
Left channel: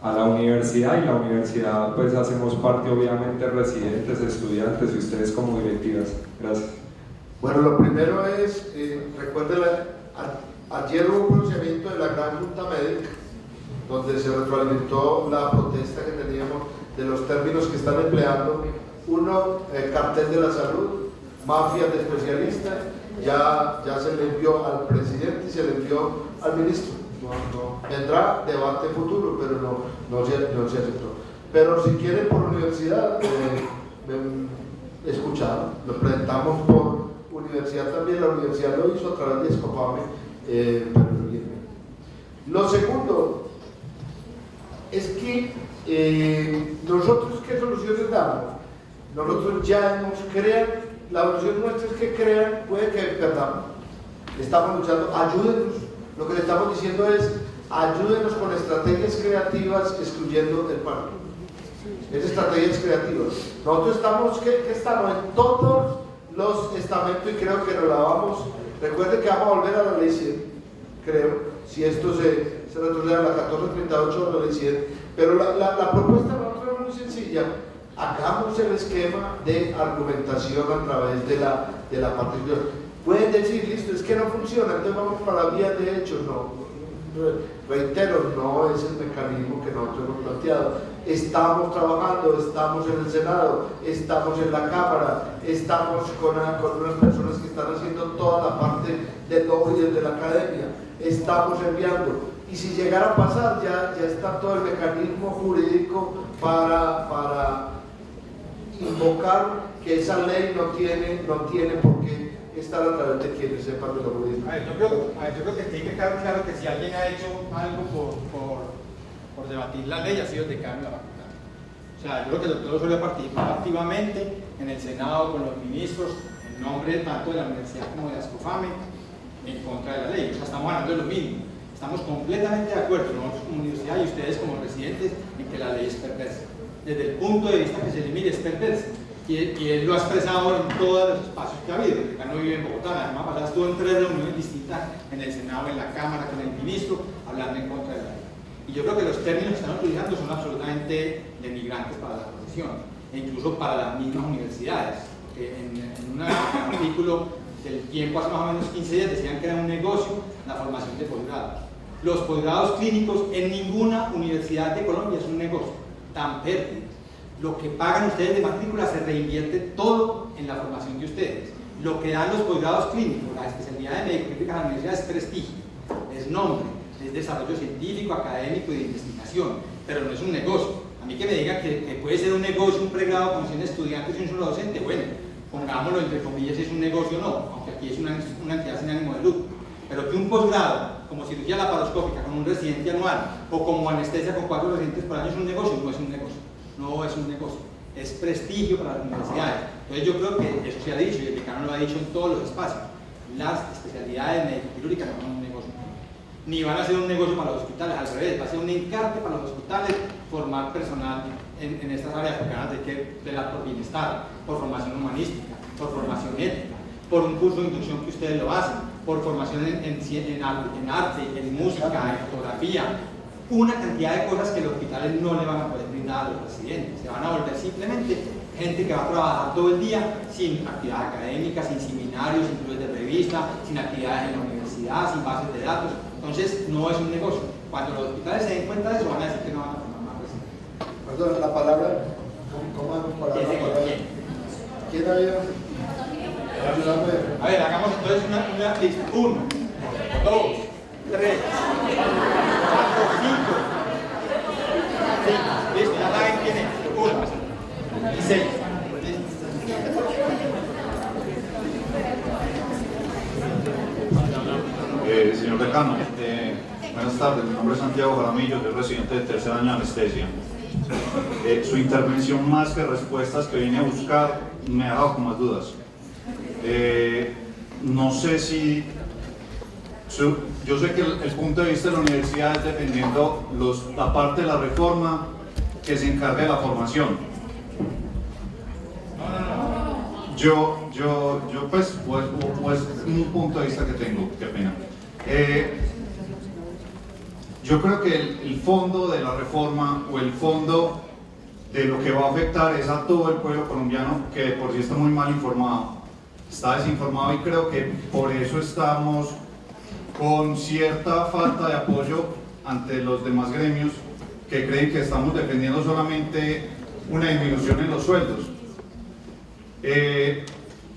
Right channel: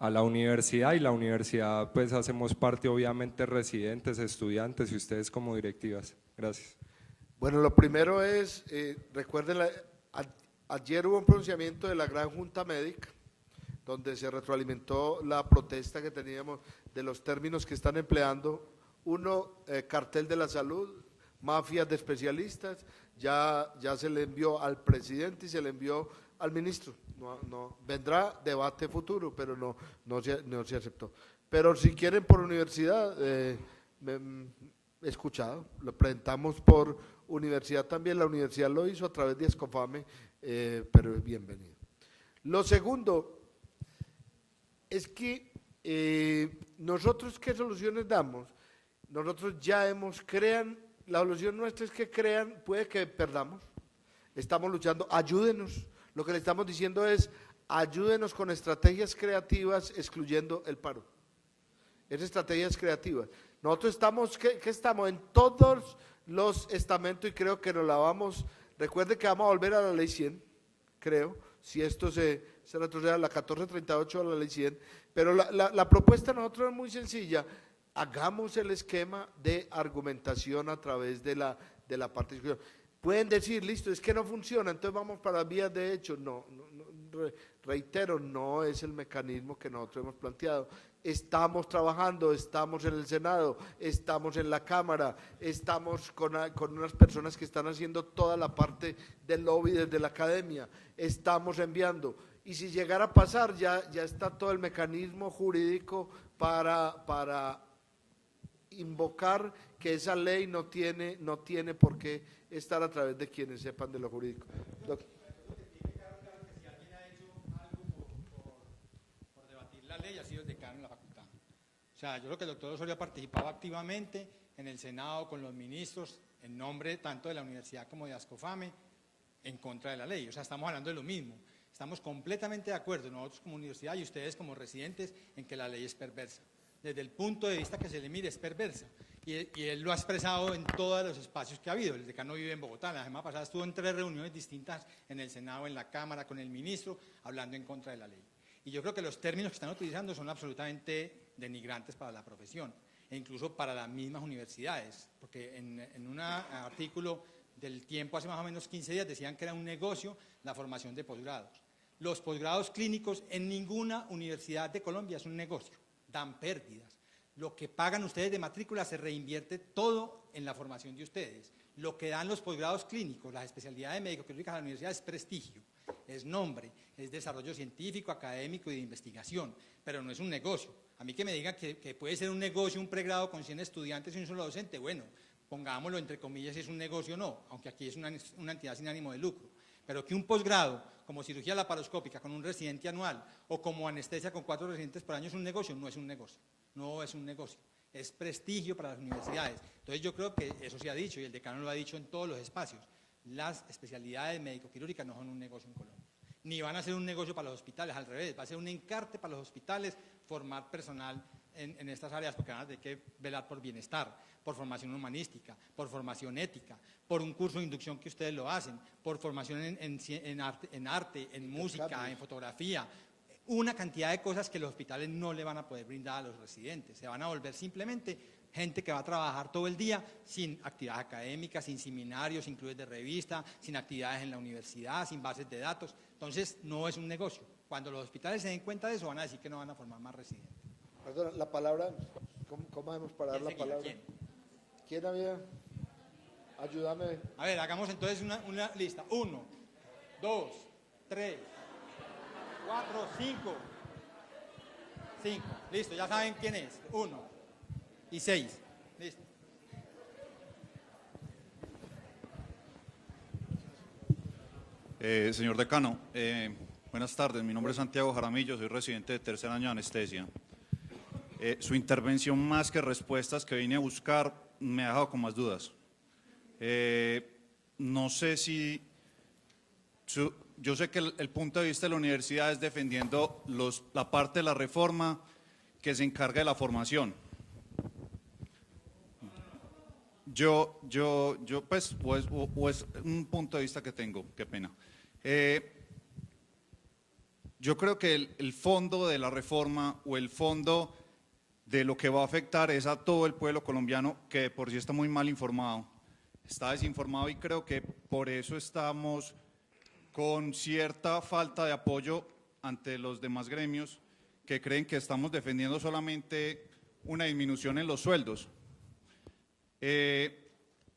a la universidad, y la universidad pues hacemos parte obviamente residentes, estudiantes y ustedes como directivas. Gracias. Bueno, lo primero es, recuerden, ayer hubo un pronunciamiento de la Gran Junta Médica donde se retroalimentó la protesta que teníamos de los términos que están empleando. Uno, cartel de la salud, mafias de especialistas, ya se le envió al presidente y se le envió al ministro. Vendrá debate futuro, pero no se aceptó. Pero si quieren por universidad, escucharon, lo presentamos por universidad también, la universidad lo hizo a través de Escofame, pero bien. Lo segundo es que nosotros, ¿qué soluciones damos? Nosotros ya nos crean, la solución nuestra es que crean, puede que perdamos, estamos luchando, ayúdenos, lo que le estamos diciendo es ayúdenos con estrategias creativas excluyendo el paro. Es estrategias creativas. Nosotros estamos, ¿qué estamos? En todos los estamentos y creo que nos la vamos, recuerden que vamos a volver a la ley 100, creo, si esto se retrocede a la 1438 de la ley 100, pero la propuesta de nosotros es muy sencilla. Hagamos el esquema de argumentación a través de la participación. Pueden decir, listo, es que no funciona, entonces vamos para la vía de hecho. No, reitero, no es el mecanismo que nosotros hemos planteado. Estamos trabajando, estamos en el Senado, estamos en la Cámara, estamos con unas personas que están haciendo toda la parte del lobby desde la academia, estamos enviando. Y si llegara a pasar, ya está todo el mecanismo jurídico para invocar que esa ley no tiene por qué estar a través de quienes sepan de lo jurídico. Yo creo que tiene que quedar claro que si alguien ha hecho algo por debatir la ley, ha sido el decano de la facultad. O sea, yo creo que el doctor Osorio ha participado activamente en el Senado con los ministros, en nombre tanto de la universidad como de Ascofame, en contra de la ley. O sea, estamos hablando de lo mismo. Estamos completamente de acuerdo, nosotros como universidad y ustedes como residentes, en que la ley es perversa. Desde el punto de vista que se elimine, es perversa. Y él lo ha expresado en todos los espacios que ha habido. El decano vive en Bogotá, la semana pasada estuvo en 3 reuniones distintas, en el Senado, en la Cámara, con el ministro, hablando en contra de la ley. Y yo creo que los términos que están utilizando son absolutamente denigrantes para la profesión, e incluso para las mismas universidades. Porque en un artículo del tiempo, hace más o menos 15 días, decían que era un negocio la formación de posgrados. Los posgrados clínicos en ninguna universidad de Colombia es un negocio, tan pérdidas. Lo que pagan ustedes de matrícula se reinvierte todo en la formación de ustedes. Lo que dan los posgrados clínicos, la especialidad de médico clínica de la universidad es prestigio, es nombre, es desarrollo científico, académico y de investigación, pero no es un negocio. A mí que me digan que puede ser un negocio, un pregrado con 100 estudiantes y un solo docente, bueno, pongámoslo entre comillas si es un negocio o no, aunque aquí es una entidad sin ánimo de lucro. Pero que un posgrado, como cirugía laparoscópica con un residente anual o como anestesia con 4 residentes por año es un negocio, no es un negocio. No es un negocio, es prestigio para las universidades. Entonces yo creo que eso se ha dicho y el decano lo ha dicho en todos los espacios. Las especialidades médico-quirúrgicas no son un negocio, ni van a ser un negocio para los hospitales, al revés, va a ser un encarte para los hospitales formar personal en estas áreas porque van a tener que velar por bienestar, por formación humanística, por formación ética, por un curso de inducción que ustedes lo hacen, por formación en arte, en música, en fotografía, una cantidad de cosas que los hospitales no le van a poder brindar a los residentes. Se van a volver simplemente gente que va a trabajar todo el día sin actividades académicas, sin seminarios, sin clubes de revista, sin actividades en la universidad, sin bases de datos. Entonces no es un negocio. Cuando los hospitales se den cuenta de eso van a decir que no van a formar más residentes. Perdón, la palabra, ¿quién había? A ver, hagamos entonces una lista. 1, 2, 3, 4, 5. Listo, ya saben quién es. 1 y 6. Señor decano, buenas tardes, mi nombre es Santiago Jaramillo, soy residente de 3er año de anestesia. Su intervención, más que respuestas que vine a buscar, me ha dejado con más dudas. no sé si... Yo sé que el punto de vista de la universidad es defendiendo la parte de la reforma que se encarga de la formación. Yo pues un punto de vista que tengo, qué pena. Yo creo que el fondo de la reforma o el fondo de lo que va a afectar es a todo el pueblo colombiano, que por sí está muy mal informado, está desinformado, y creo que por eso estamos con cierta falta de apoyo ante los demás gremios que creen que estamos defendiendo solamente una disminución en los sueldos.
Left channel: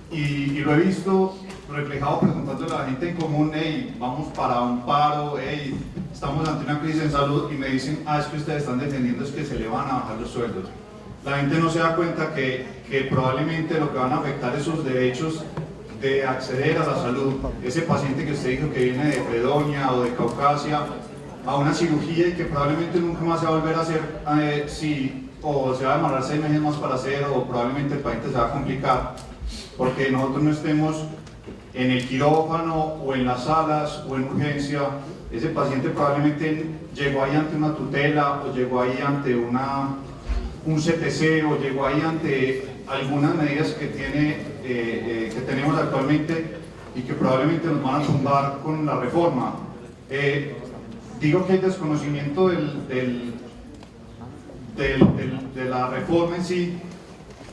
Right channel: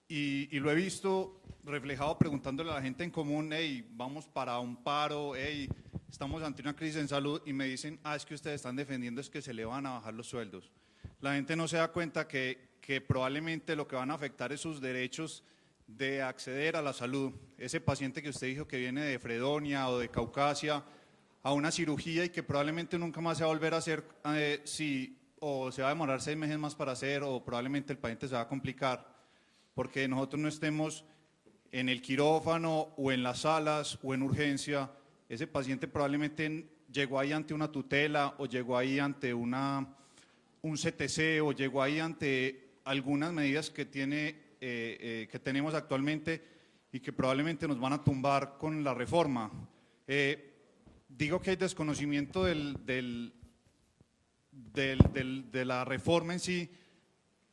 Y lo he visto reflejado preguntándole a la gente en común: hey, vamos para un paro, hey, estamos ante una crisis en salud, y me dicen: es que ustedes están defendiendo es que se le van a bajar los sueldos. La gente no se da cuenta que probablemente lo que van a afectar es sus derechos de acceder a la salud. Ese paciente que usted dijo que viene de Fredonia o de Caucasia a una cirugía y que probablemente nunca más se va a volver a hacer, o se va a demorar 6 meses más para hacer, o probablemente el paciente se va a complicar porque nosotros no estemos en el quirófano o en las salas o en urgencia. Ese paciente probablemente llegó ahí ante una tutela, o llegó ahí ante un CTC, o llegó ahí ante algunas medidas que tenemos actualmente y que probablemente nos van a tumbar con la reforma. Digo que hay desconocimiento de la reforma en sí,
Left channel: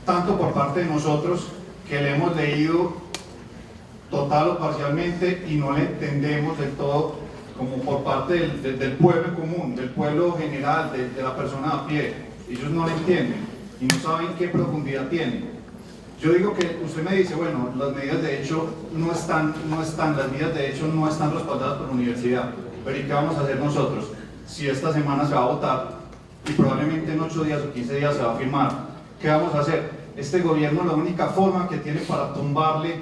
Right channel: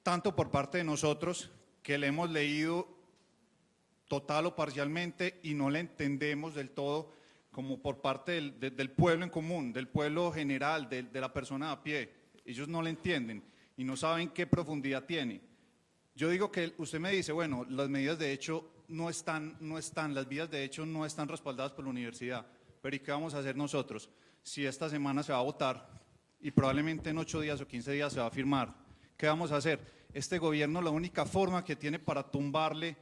tanto por parte de nosotros, que le hemos leído total o parcialmente y no le entendemos del todo, como por parte del pueblo en común, del pueblo general, de la persona a pie. Ellos no lo entienden y no saben qué profundidad tiene. Yo digo que usted me dice: bueno, las medidas de hecho no están, las medidas de hecho no están respaldadas por la universidad, pero ¿y qué vamos a hacer nosotros? Si esta semana se va a votar y probablemente en 8 días o 15 días se va a firmar, ¿qué vamos a hacer? Este gobierno, la única forma que tiene para tumbarle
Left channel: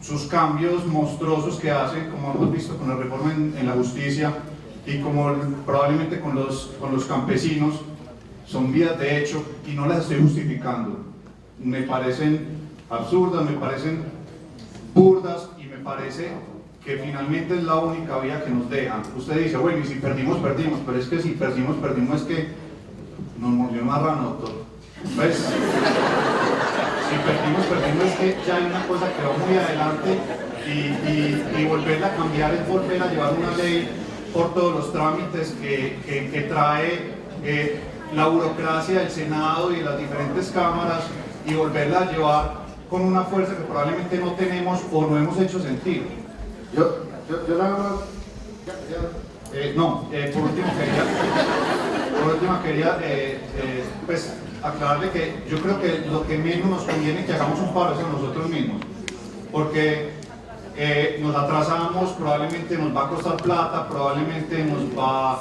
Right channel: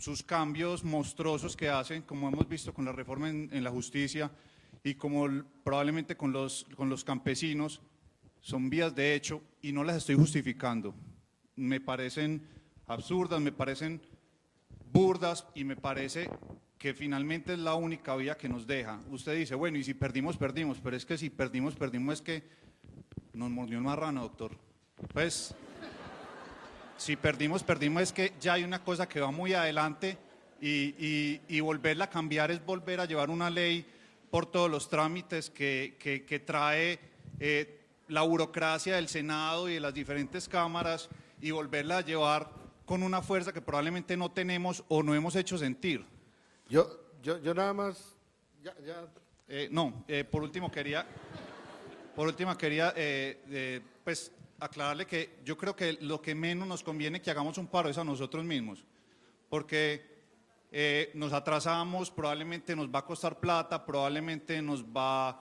sus cambios monstruosos que hace, como hemos visto con la reforma en la justicia y como probablemente con los campesinos, son vías de hecho, y no las estoy justificando. Me parecen absurdas, me parecen burdas, y me parece que finalmente es la única vía que nos dejan. Usted dice: bueno, y si perdimos, perdimos, pero es que si perdimos, es que nos murió un marrano, doctor. Pues, si perdimos, es que ya hay una cosa que va muy adelante, y volverla a cambiar es volver a llevar una ley por todos los trámites que trae la burocracia del Senado y de las diferentes cámaras, y volverla a llevar con una fuerza que probablemente no tenemos o no hemos hecho sentir. Yo nada más... Por último quería pues, aclararle que yo creo que lo que menos nos conviene que hagamos un paro es a nosotros mismos, porque nos atrasamos, probablemente nos va a costar plata, probablemente nos va a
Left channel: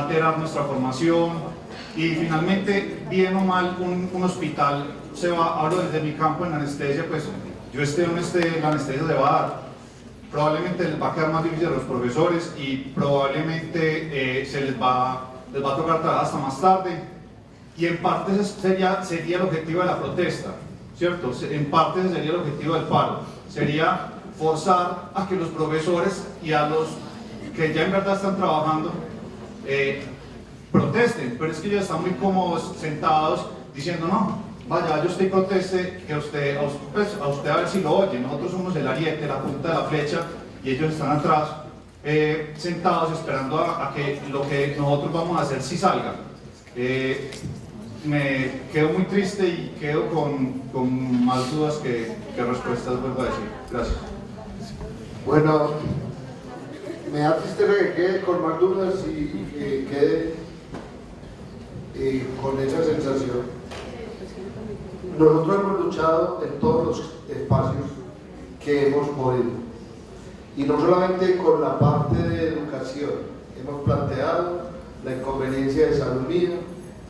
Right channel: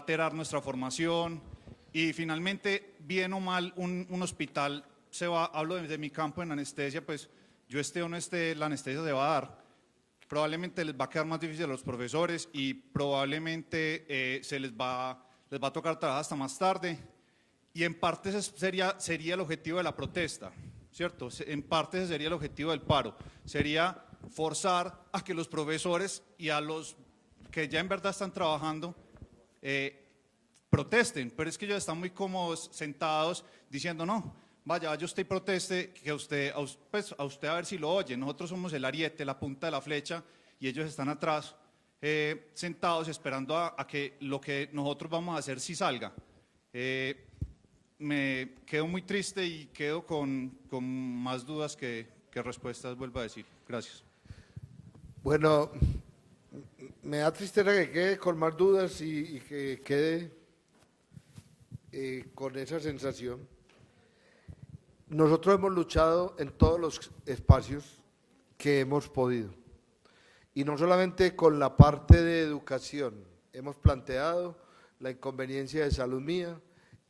alterar nuestra formación, y finalmente, bien o mal, un hospital hablo desde mi campo en anestesia, pues yo esté o no esté, la anestesia se va a dar. Probablemente les va a quedar más difícil a los profesores, y probablemente se les va a tocar trabajar hasta más tarde, y en parte sería el objetivo de la protesta, ¿cierto? En parte sería el objetivo del paro, sería forzar a que los profesores y a los que ya en verdad están trabajando protesten, pero es que ellos están muy cómodos sentados diciendo: no, vaya, yo estoy proteste, que a usted a ver si lo oye, nosotros somos el ariete, la punta de la flecha, y ellos están atrás sentados esperando a que lo que nosotros vamos a hacer sí salga. Me quedo muy triste y quedo con más dudas que respuestas, vuelvo a decir. Gracias. Bueno, me da tristeza que quede con más dudas y que quede con esa sensación. Nosotros hemos luchado en todos los espacios que hemos podido, y no solamente con la parte de educación. Hemos planteado la inconveniencia de salud mía,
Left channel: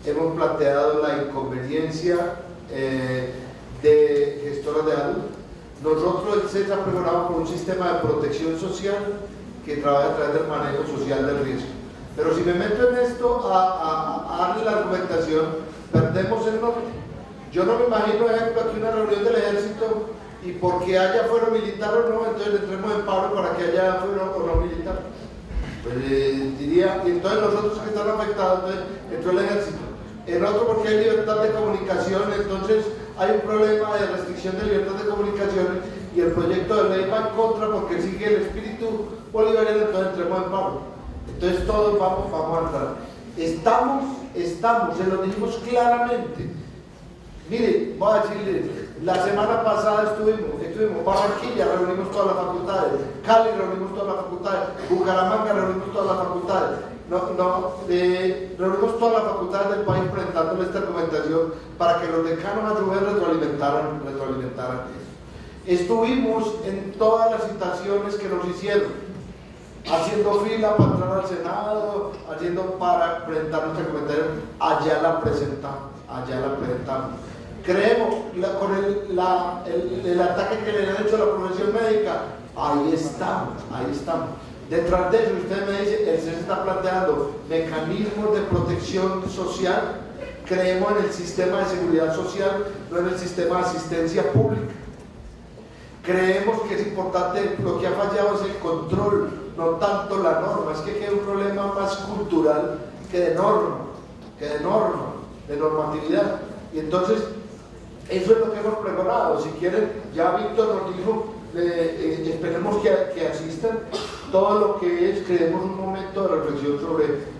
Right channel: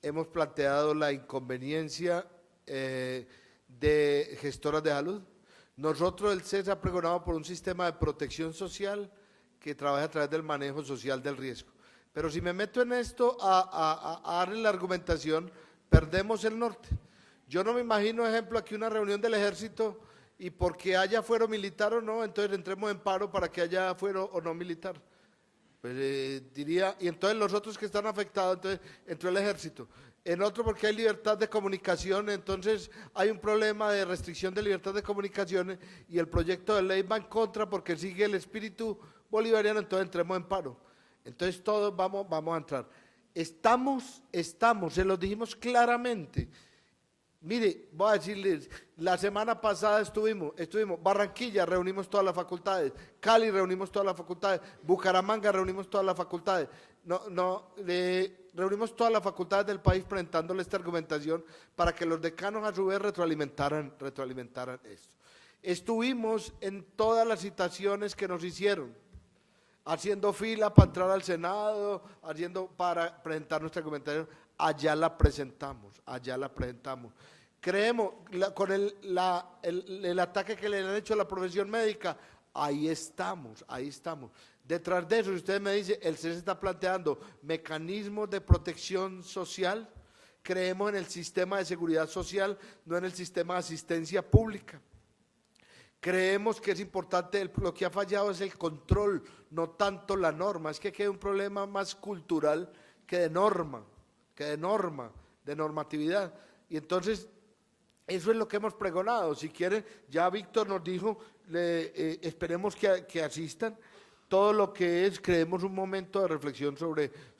hemos planteado la inconveniencia de gestoras de salud. Nosotros, el CESA, pregonamos por un sistema de protección social que trabaja a través del manejo social del riesgo. Pero si me meto en esto a darle la argumentación, perdemos el norte. Yo no me imagino, por ejemplo, aquí una reunión del ejército y porque haya fuero militar o no, entonces entremos en paro para que haya fuero o no militar. Pues, diría, y entonces los otros que están afectados, entonces entró el ejército. En otro porque hay libertad de comunicación, entonces hay un problema de restricción de libertad de comunicaciones y el proyecto de ley va en contra porque sigue el espíritu bolivariano, entonces entremos en paro. Entonces todos vamos a entrar. Estamos, se lo dijimos claramente. Mire, voy a decirles, la semana pasada estuvimos Barranquilla, reunimos todas las facultades, Cali reunimos todas las facultades, Bucaramanga reunimos todas las facultades, reunimos todas las facultades del país presentando esta argumentación para que los decanos a su vez retroalimentaran eso. Estuvimos en todas las citaciones que nos hicieron, haciendo fila para entrar al Senado, para presentar nuestra argumentación, allá la presentamos. Creemos, con el ataque que le han hecho a la profesión médica, ahí estamos. Detrás de eso, usted me dice, el CES está planteando mecanismos de protección social. Creemos en el sistema de seguridad social, no en el sistema de asistencia pública. Creemos que es importante, lo que ha fallado es el control, no tanto la norma. Es que queda un problema más cultural que de normatividad. Y entonces, eso es lo que hemos pregonado. Si quieren, ya Víctor nos dijo, esperemos que asistan. Todo lo que es, creemos un momento de reflexión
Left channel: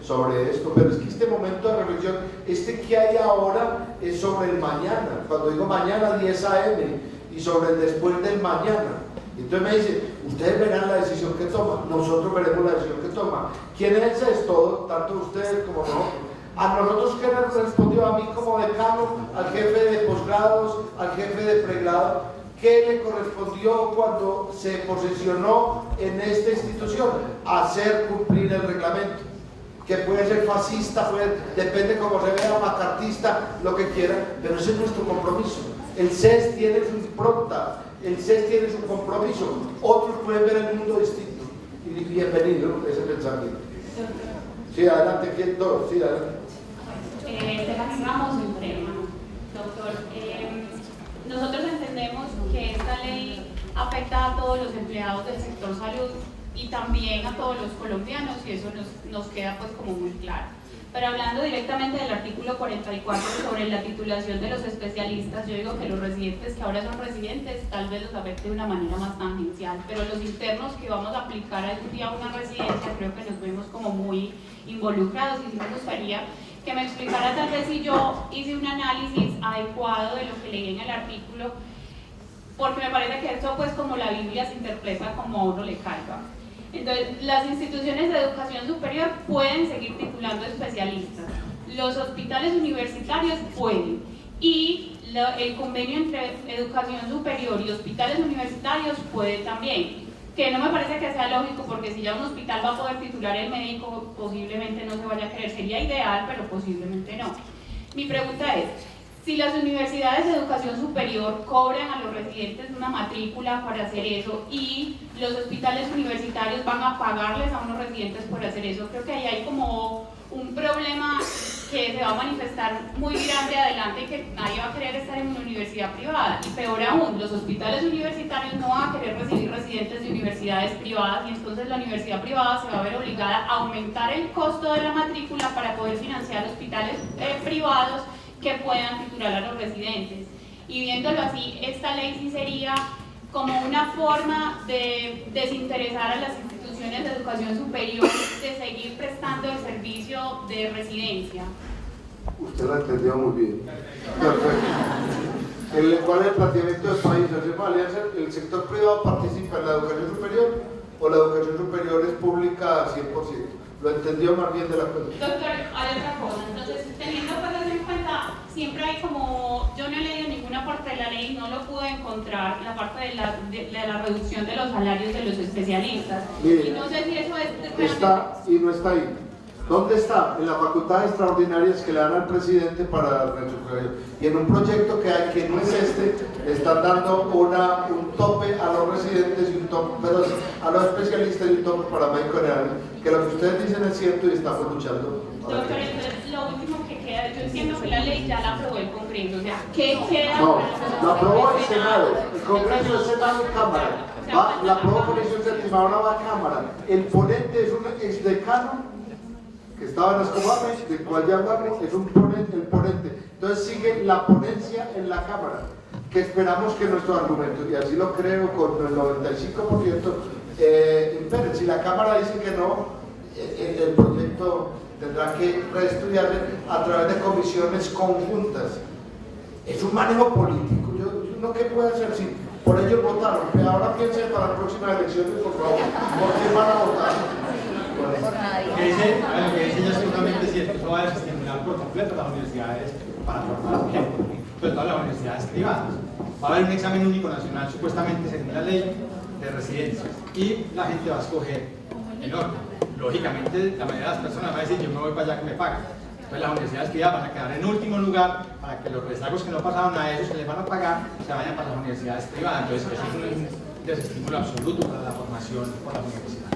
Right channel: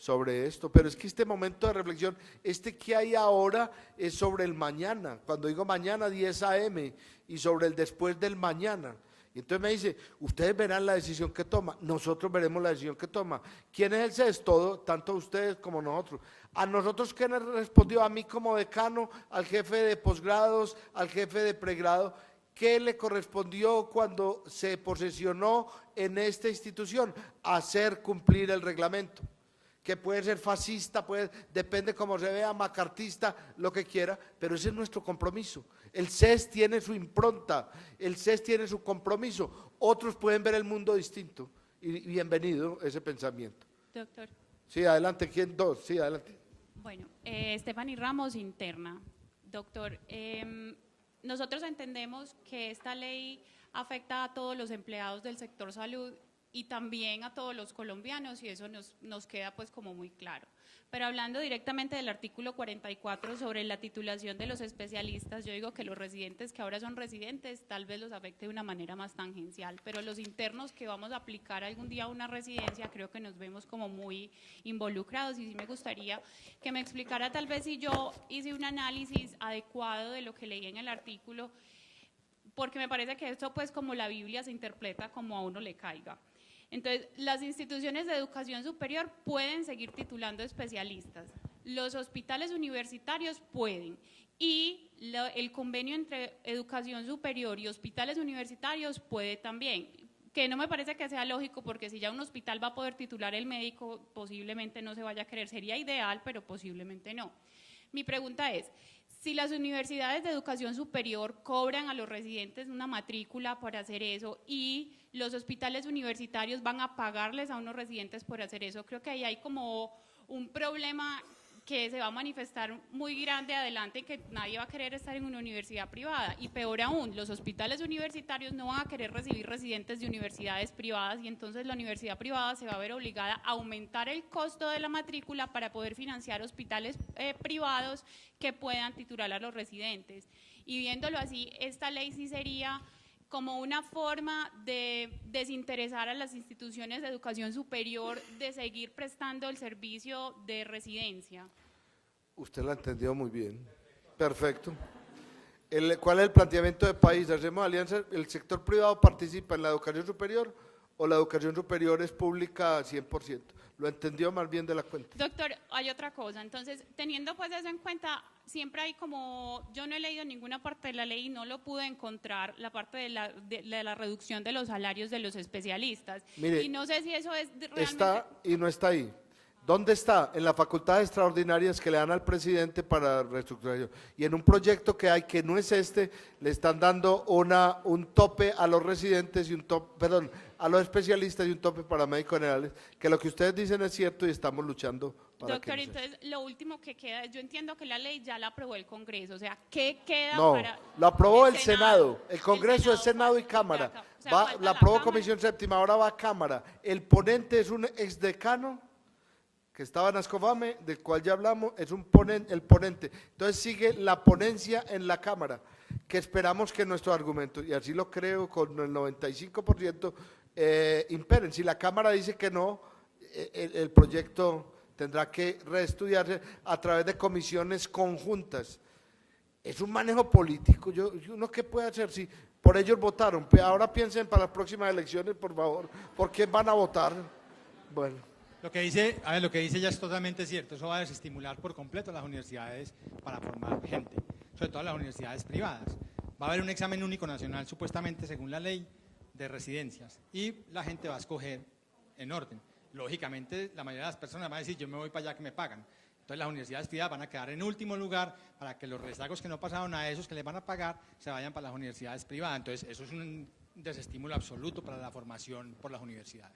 sobre esto, pero es que este momento de reflexión, que hay ahora, es sobre el mañana. Cuando digo mañana, 10 AM, y sobre el después del mañana. Y entonces me dice, ustedes verán la decisión que toman, nosotros veremos la decisión que toman. ¿Quién es todo? Tanto ustedes como nosotros. A nosotros, ¿qué nos respondió? A mí como decano, al jefe de posgrados, al jefe de pregrado, ¿qué le correspondió cuando se posesionó en esta institución? Hacer cumplir el reglamento, que puede ser fascista, depende cómo se vea, macartista, lo que quiera, pero ese es nuestro compromiso. El CES tiene su impronta, el CES tiene su compromiso, otros pueden ver el mundo distinto, y bienvenido ese pensamiento. Sí, adelante, ¿quién? Sí, adelante. Tematizamos un tema, doctor. Nosotros entendemos que esta ley afecta a todos los empleados del sector salud y también a todos los colombianos, y eso nos queda pues como muy claro. Pero hablando directamente del artículo 44 sobre la titulación de los especialistas, yo digo que los residentes que ahora son residentes tal vez los afecte de una manera más tangencial, pero los internos que vamos a aplicar algún día a una residencia creo que nos vemos como muy involucrados, y sí me gustaría que me explicara tal vez si yo hice un análisis adecuado de lo que leí en el artículo, porque me parece que esto pues como la Biblia se interpreta como a uno le caiga. Entonces, las instituciones de educación superior pueden seguir titulando especialistas, los hospitales universitarios pueden, y el convenio entre educación superior y hospitales universitarios puede también, que no me parece que sea lógico, porque si ya un hospital va a poder titular el médico, posiblemente no se vaya a querer, sería ideal, pero posiblemente no. Mi pregunta es, si las universidades de educación superior cobran a los residentes una matrícula para hacer eso y los hospitales universitarios van a pagarles a unos residentes por hacer eso, creo que ahí hay como un problema que se va a manifestar muy grande adelante, y que nadie va a querer estar en una universidad privada. Y peor aún, los hospitales universitarios no van a querer recibir residentes de universidades privadas, y entonces la universidad privada se va a ver obligada a aumentar el costo de la matrícula para poder financiar hospitales privados que puedan titular a los residentes. Y viéndolo así, esta ley sí sería como una forma de desinteresar a las instituciones de educación superior de seguir prestando el servicio de residencia. Usted lo entendió muy bien. Perfecto. ¿Cuál es el planteamiento del país? ¿Hacemos alianza? ¿El sector privado participa en la educación superior o la educación superior es pública al 100%? Lo entendió más bien de la cuenta. Doctor, hay otra cosa. Entonces, teniendo cosas en cuenta, siempre hay como, yo no he leído ninguna parte de la ley, no lo pude encontrar, la parte de la reducción de los salarios de los especialistas. Mire, y no sé si eso es... Está y no está ahí. ¿Dónde está? En las facultades extraordinarias que le dan al presidente para reestructurar. Y en un proyecto que hay, que no es le están dando un tope a los residentes y un tope, perdón, a los especialistas y un tope para médicos generales. Que lo que ustedes dicen es cierto y estamos luchando. Doctor, entonces lo último que queda, yo entiendo que la ley ya la aprobó el Congreso, o sea, ¿qué queda No, para la aprobó el Senado, el Congreso es Senado y Cámara. La aprobó Comisión Séptima, ahora va a Cámara. El ponente es un exdecano que estaba en las Comames, del cual ya hablamos, es un ponente, el ponente. Entonces sigue la ponencia en la Cámara, que esperamos que nuestros argumentos, y así lo creo con el 95%, imperen. Si la Cámara dice que no, el proyecto tendrá que reestudiarse a través de comisiones conjuntas. Es un manejo político. ¿Uno qué puede hacer? Si por ellos votaron, pero ahora piensen para las próximas elecciones, por favor, ¿por qué van a votar? Lo que dice ella es totalmente cierto. Eso va a desestimular por completo las universidades para formar gente, sobre todo las universidades privadas. Va a haber un examen único nacional, supuestamente según la ley de residencias, y la gente va a escoger el orden. Lógicamente, la mayoría de las personas va a decir: yo me voy para allá que me paguen. Entonces, las universidades privadas van a quedar en último lugar para que los rezagos que no pasaron a esos que les van a pagar se vayan para las universidades privadas. Entonces, eso es un desestímulo absoluto para la formación por la universidad.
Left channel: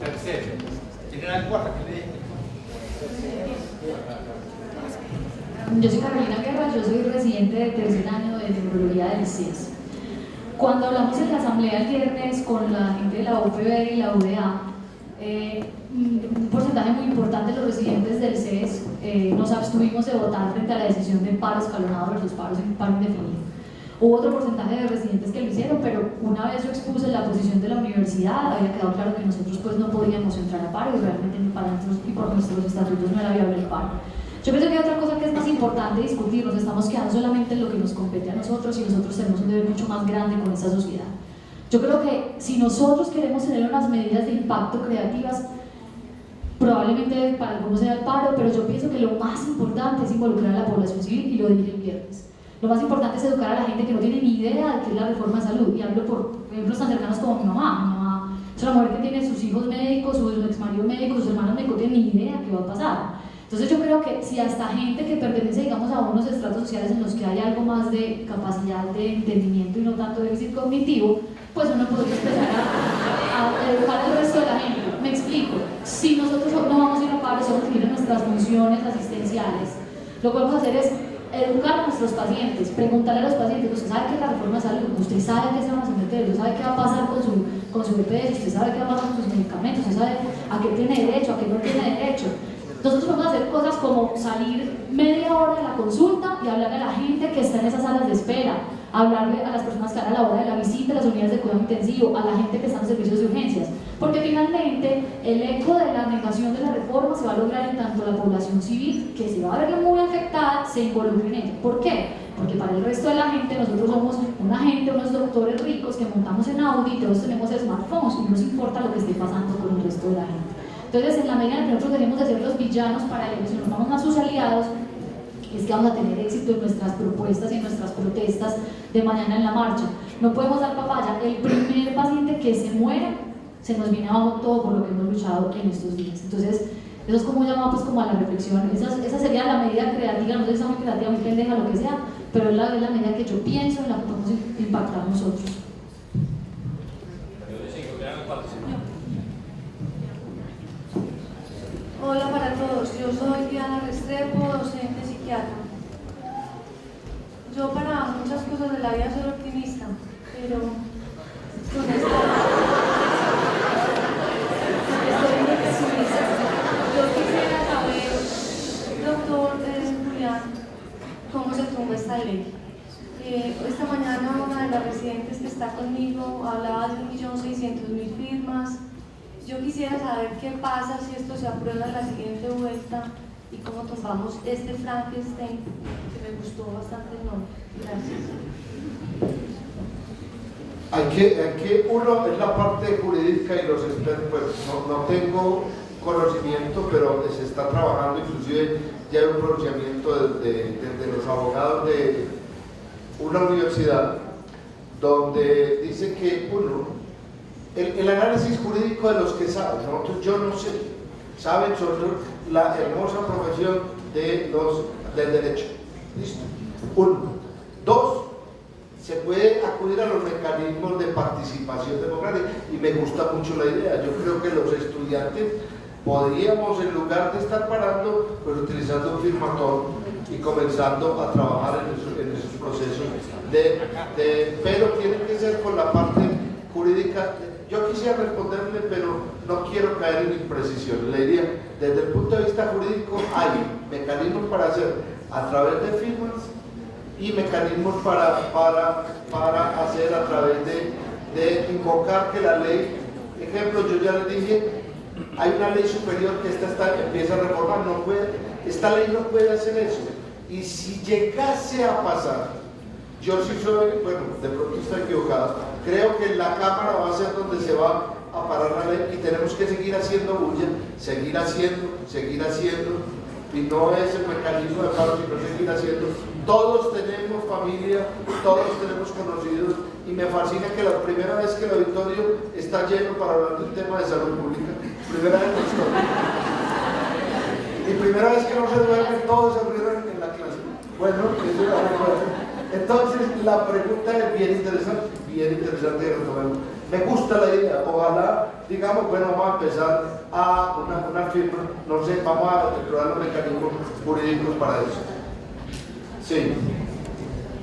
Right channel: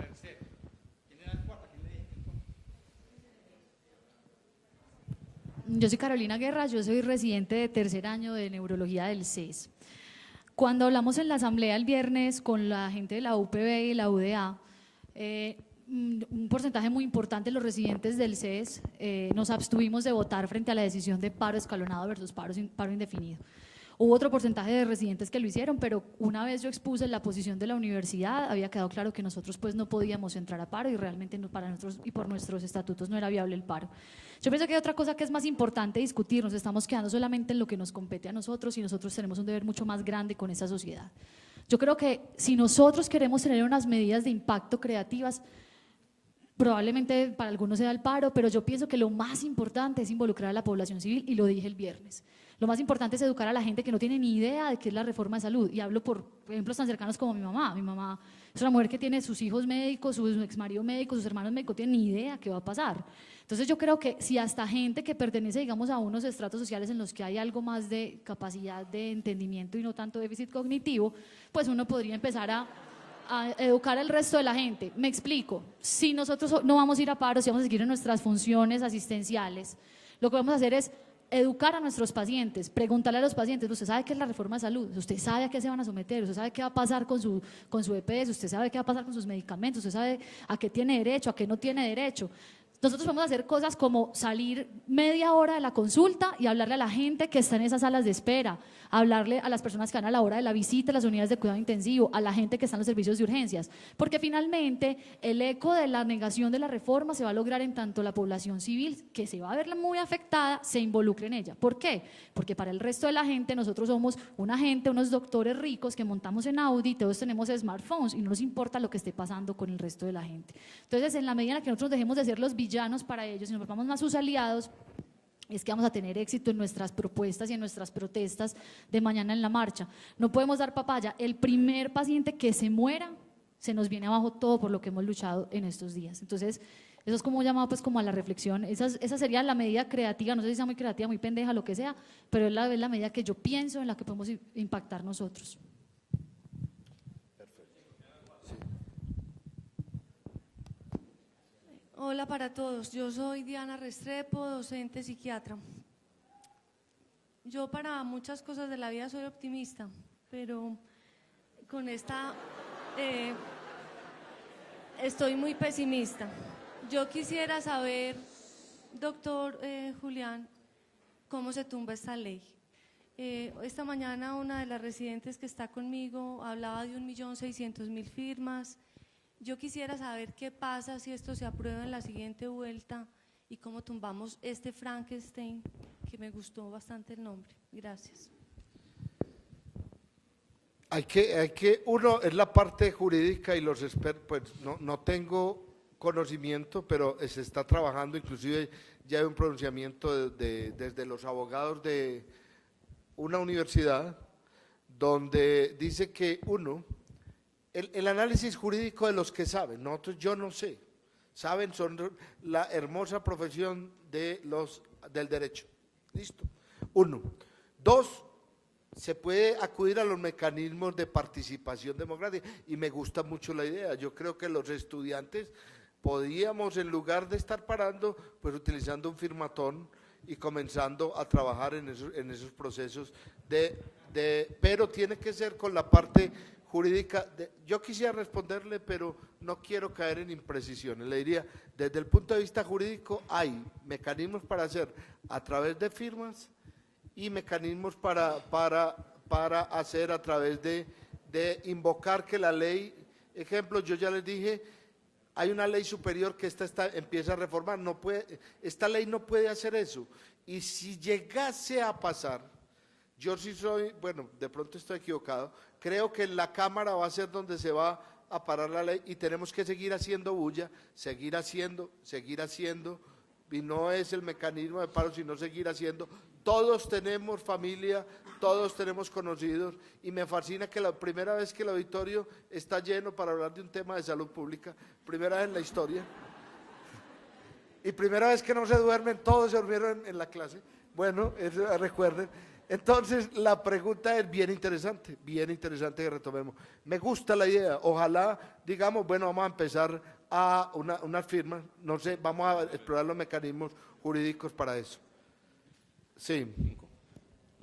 Tercero, ¿tienen algo cuarto que le dije? Yo soy Carolina Guerra, yo soy residente de tercer año de neurología del CES. Cuando hablamos en la asamblea el viernes con la gente de la UPB y la UDA, un porcentaje muy importante de los residentes del CES nos abstuvimos de votar frente a la decisión de paro escalonado versus paro indefinido. Hubo otro porcentaje de residentes que lo hicieron, pero una vez yo expuse la posición de la universidad, había quedado claro que nosotros pues no podíamos entrar a paro y realmente para nosotros y por nuestros estatutos no era viable el paro. Yo pienso que hay otra cosa que es más importante discutir, nos estamos quedando solamente en lo que nos compete a nosotros y nosotros tenemos un deber mucho más grande con esta sociedad. Yo creo que si nosotros queremos tener unas medidas de impacto creativas, probablemente para algunos sea el paro, pero yo pienso que lo más importante es involucrar a la población civil, y lo dije el viernes. Lo más importante es educar a la gente que no tiene ni idea de qué es la reforma de salud, y hablo por ejemplos tan cercanos como mi mamá. Mi mamá es una mujer que tiene sus hijos médicos, su exmarido médico, sus hermanos médicos, no tiene ni idea qué va a pasar. Entonces yo creo que si hasta gente que pertenece, digamos, a unos estratos sociales en los que hay algo más de capacidad de entendimiento y no tanto de déficit cognitivo, pues uno podría empezar a educar al resto de la gente. Me explico, si nosotros no vamos a ir a paro, si vamos a seguir en nuestras funciones asistenciales, lo que vamos a hacer es educar a nuestros pacientes, preguntarle a los pacientes: ¿usted sabe qué es la reforma de salud? ¿Usted sabe qué se van a someter? ¿Usted sabe qué va a pasar con su EPS? ¿Usted sabe qué va a pasar con sus medicamentos? ¿Usted sabe a qué tiene derecho, a qué no tiene derecho? Nosotros podemos hacer cosas como salir media hora de la consulta y hablarle a la gente que está en esas salas de espera, hablarle a las personas que van a la hora de la visita, a las unidades de cuidado intensivo, a la gente que está en los servicios de urgencias, porque finalmente el eco de la negación de la reforma se va a lograr en tanto la población civil, que se va a ver muy afectada, se involucre en ella. ¿Por qué? Porque para el resto de la gente nosotros somos una gente, unos doctores ricos que montamos en Audi, todos tenemos smartphones y no nos importa lo que esté pasando con el resto de la gente. Entonces, en la medida en que nosotros dejemos de ser los villanos para ellos y nos vamos a sus aliados, es que vamos a tener éxito en nuestras propuestas y en nuestras protestas de mañana en la marcha. No podemos dar papaya. El primer paciente que se muere, se nos viene abajo todo por lo que hemos luchado en estos días. Entonces, eso es como un llamado pues, como a la reflexión. Esa sería la medida creativa, no sé si es muy creativa, muy pendeja, lo que sea, pero es la medida que yo pienso en la que podemos impactar nosotros. Hola para todos, yo soy Diana Restrepo, docente psiquiatra. Yo para muchas cosas de la vida soy optimista, pero con esto estoy muy pesimista. Yo quisiera saber, doctor Julián, cómo se tumba esta ley. Esta mañana una de las residentes que está conmigo hablaba de 1.600.000 firmas. Yo quisiera saber qué pasa si esto se aprueba en la siguiente vuelta y cómo tumbamos este Frankenstein que me gustó bastante el nombre. Gracias. Uno es la parte jurídica y los expertos, pues no tengo conocimiento, pero se está trabajando, inclusive ya hay un pronunciamiento de los abogados de una universidad donde dice que uno, el análisis jurídico de los que saben, nosotros yo no sé, saben sobre la hermosa profesión del derecho. ¿Listo? Uno. Dos, se puede acudir a los mecanismos de participación democrática y me gusta mucho la idea. Yo creo que los estudiantes podríamos, en lugar de estar parando, pues utilizando un firmatón y comenzando a trabajar en esos procesos pero tiene que ser con la parte jurídica. Yo quisiera responderle, pero no quiero caer en imprecisiones. Le diría, desde el punto de vista jurídico hay mecanismos para hacer a través de firmas y mecanismos para hacer a través de invocar que la ley, ejemplo, yo ya les dije, hay una ley superior que empieza a reformar, esta ley no puede hacer eso. Y si llegase a pasar, yo sí soy, bueno, de pronto estoy equivocado, creo que la Cámara va a ser donde se va a parar la ley y tenemos que seguir haciendo bulla, seguir haciendo, y no es el mecanismo de paro, sino seguir haciendo. Todos tenemos familia, todos tenemos conocidos, y me fascina que la primera vez que el auditorio está lleno para hablar del tema de salud pública, primera vez en la historia. Y primera vez que no se duermen, todos se rieron en la clase. Bueno, eso lo recuerdo. Entonces, la pregunta es bien interesante y retomemos. Me gusta la idea, ojalá, digamos, bueno, vamos a empezar a una firma, no sé, vamos a explorar los mecanismos jurídicos para eso. Sí.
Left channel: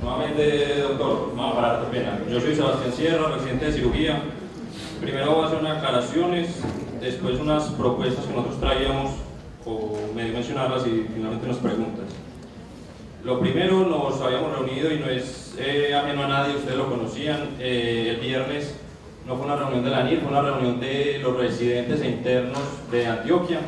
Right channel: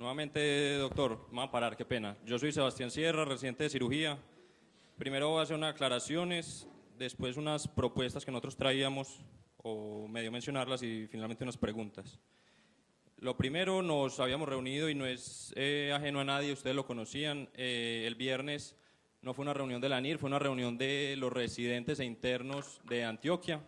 Nuevamente, doctor, no, para qué pena. Yo soy Sebastián Sierra, residente de cirugía. Primero voy a hacer unas aclaraciones, después unas propuestas que nosotros traíamos, o medio mencionarlas y finalmente unas preguntas. Lo primero, nos habíamos reunido y no es ajeno a nadie, ustedes lo conocían, el viernes no fue una reunión de la ANIR, fue una reunión de los residentes e internos de Antioquia.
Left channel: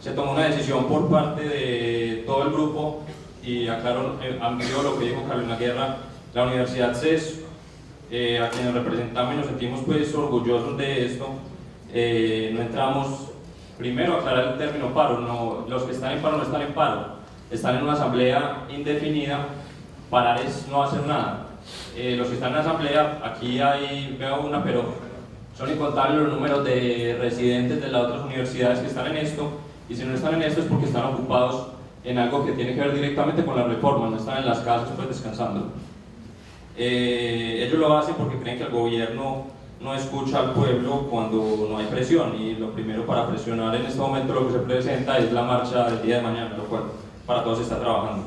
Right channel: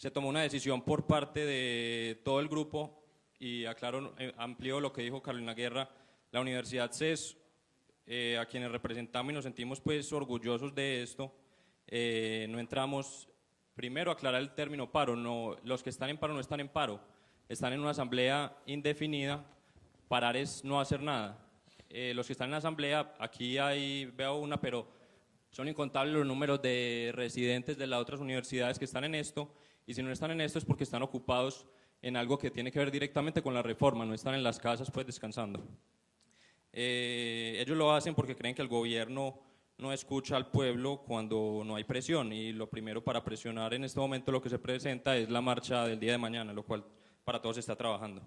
Se tomó una decisión por parte de todo el grupo y aclaro, amplió lo que dijo Carolina Guerra, la Universidad CES, a quienes representamos y nos sentimos pues orgullosos de esto. No entramos, primero aclarar el término paro, no, los que están en paro no están en paro, están en una asamblea indefinida, parar es no hacer nada. Los que están en la asamblea, aquí veo una, pero son incontables los números de residentes de las otras universidades que están en esto, y si no están en esto es porque están ocupados en algo que tiene que ver directamente con la reforma, no están en las casas pues descansando. Ellos lo hacen porque creen que el gobierno no escucha al pueblo cuando no hay presión, y lo primero para presionar en este momento lo que se presenta es la marcha del día de mañana, lo cual para todos se está trabajando.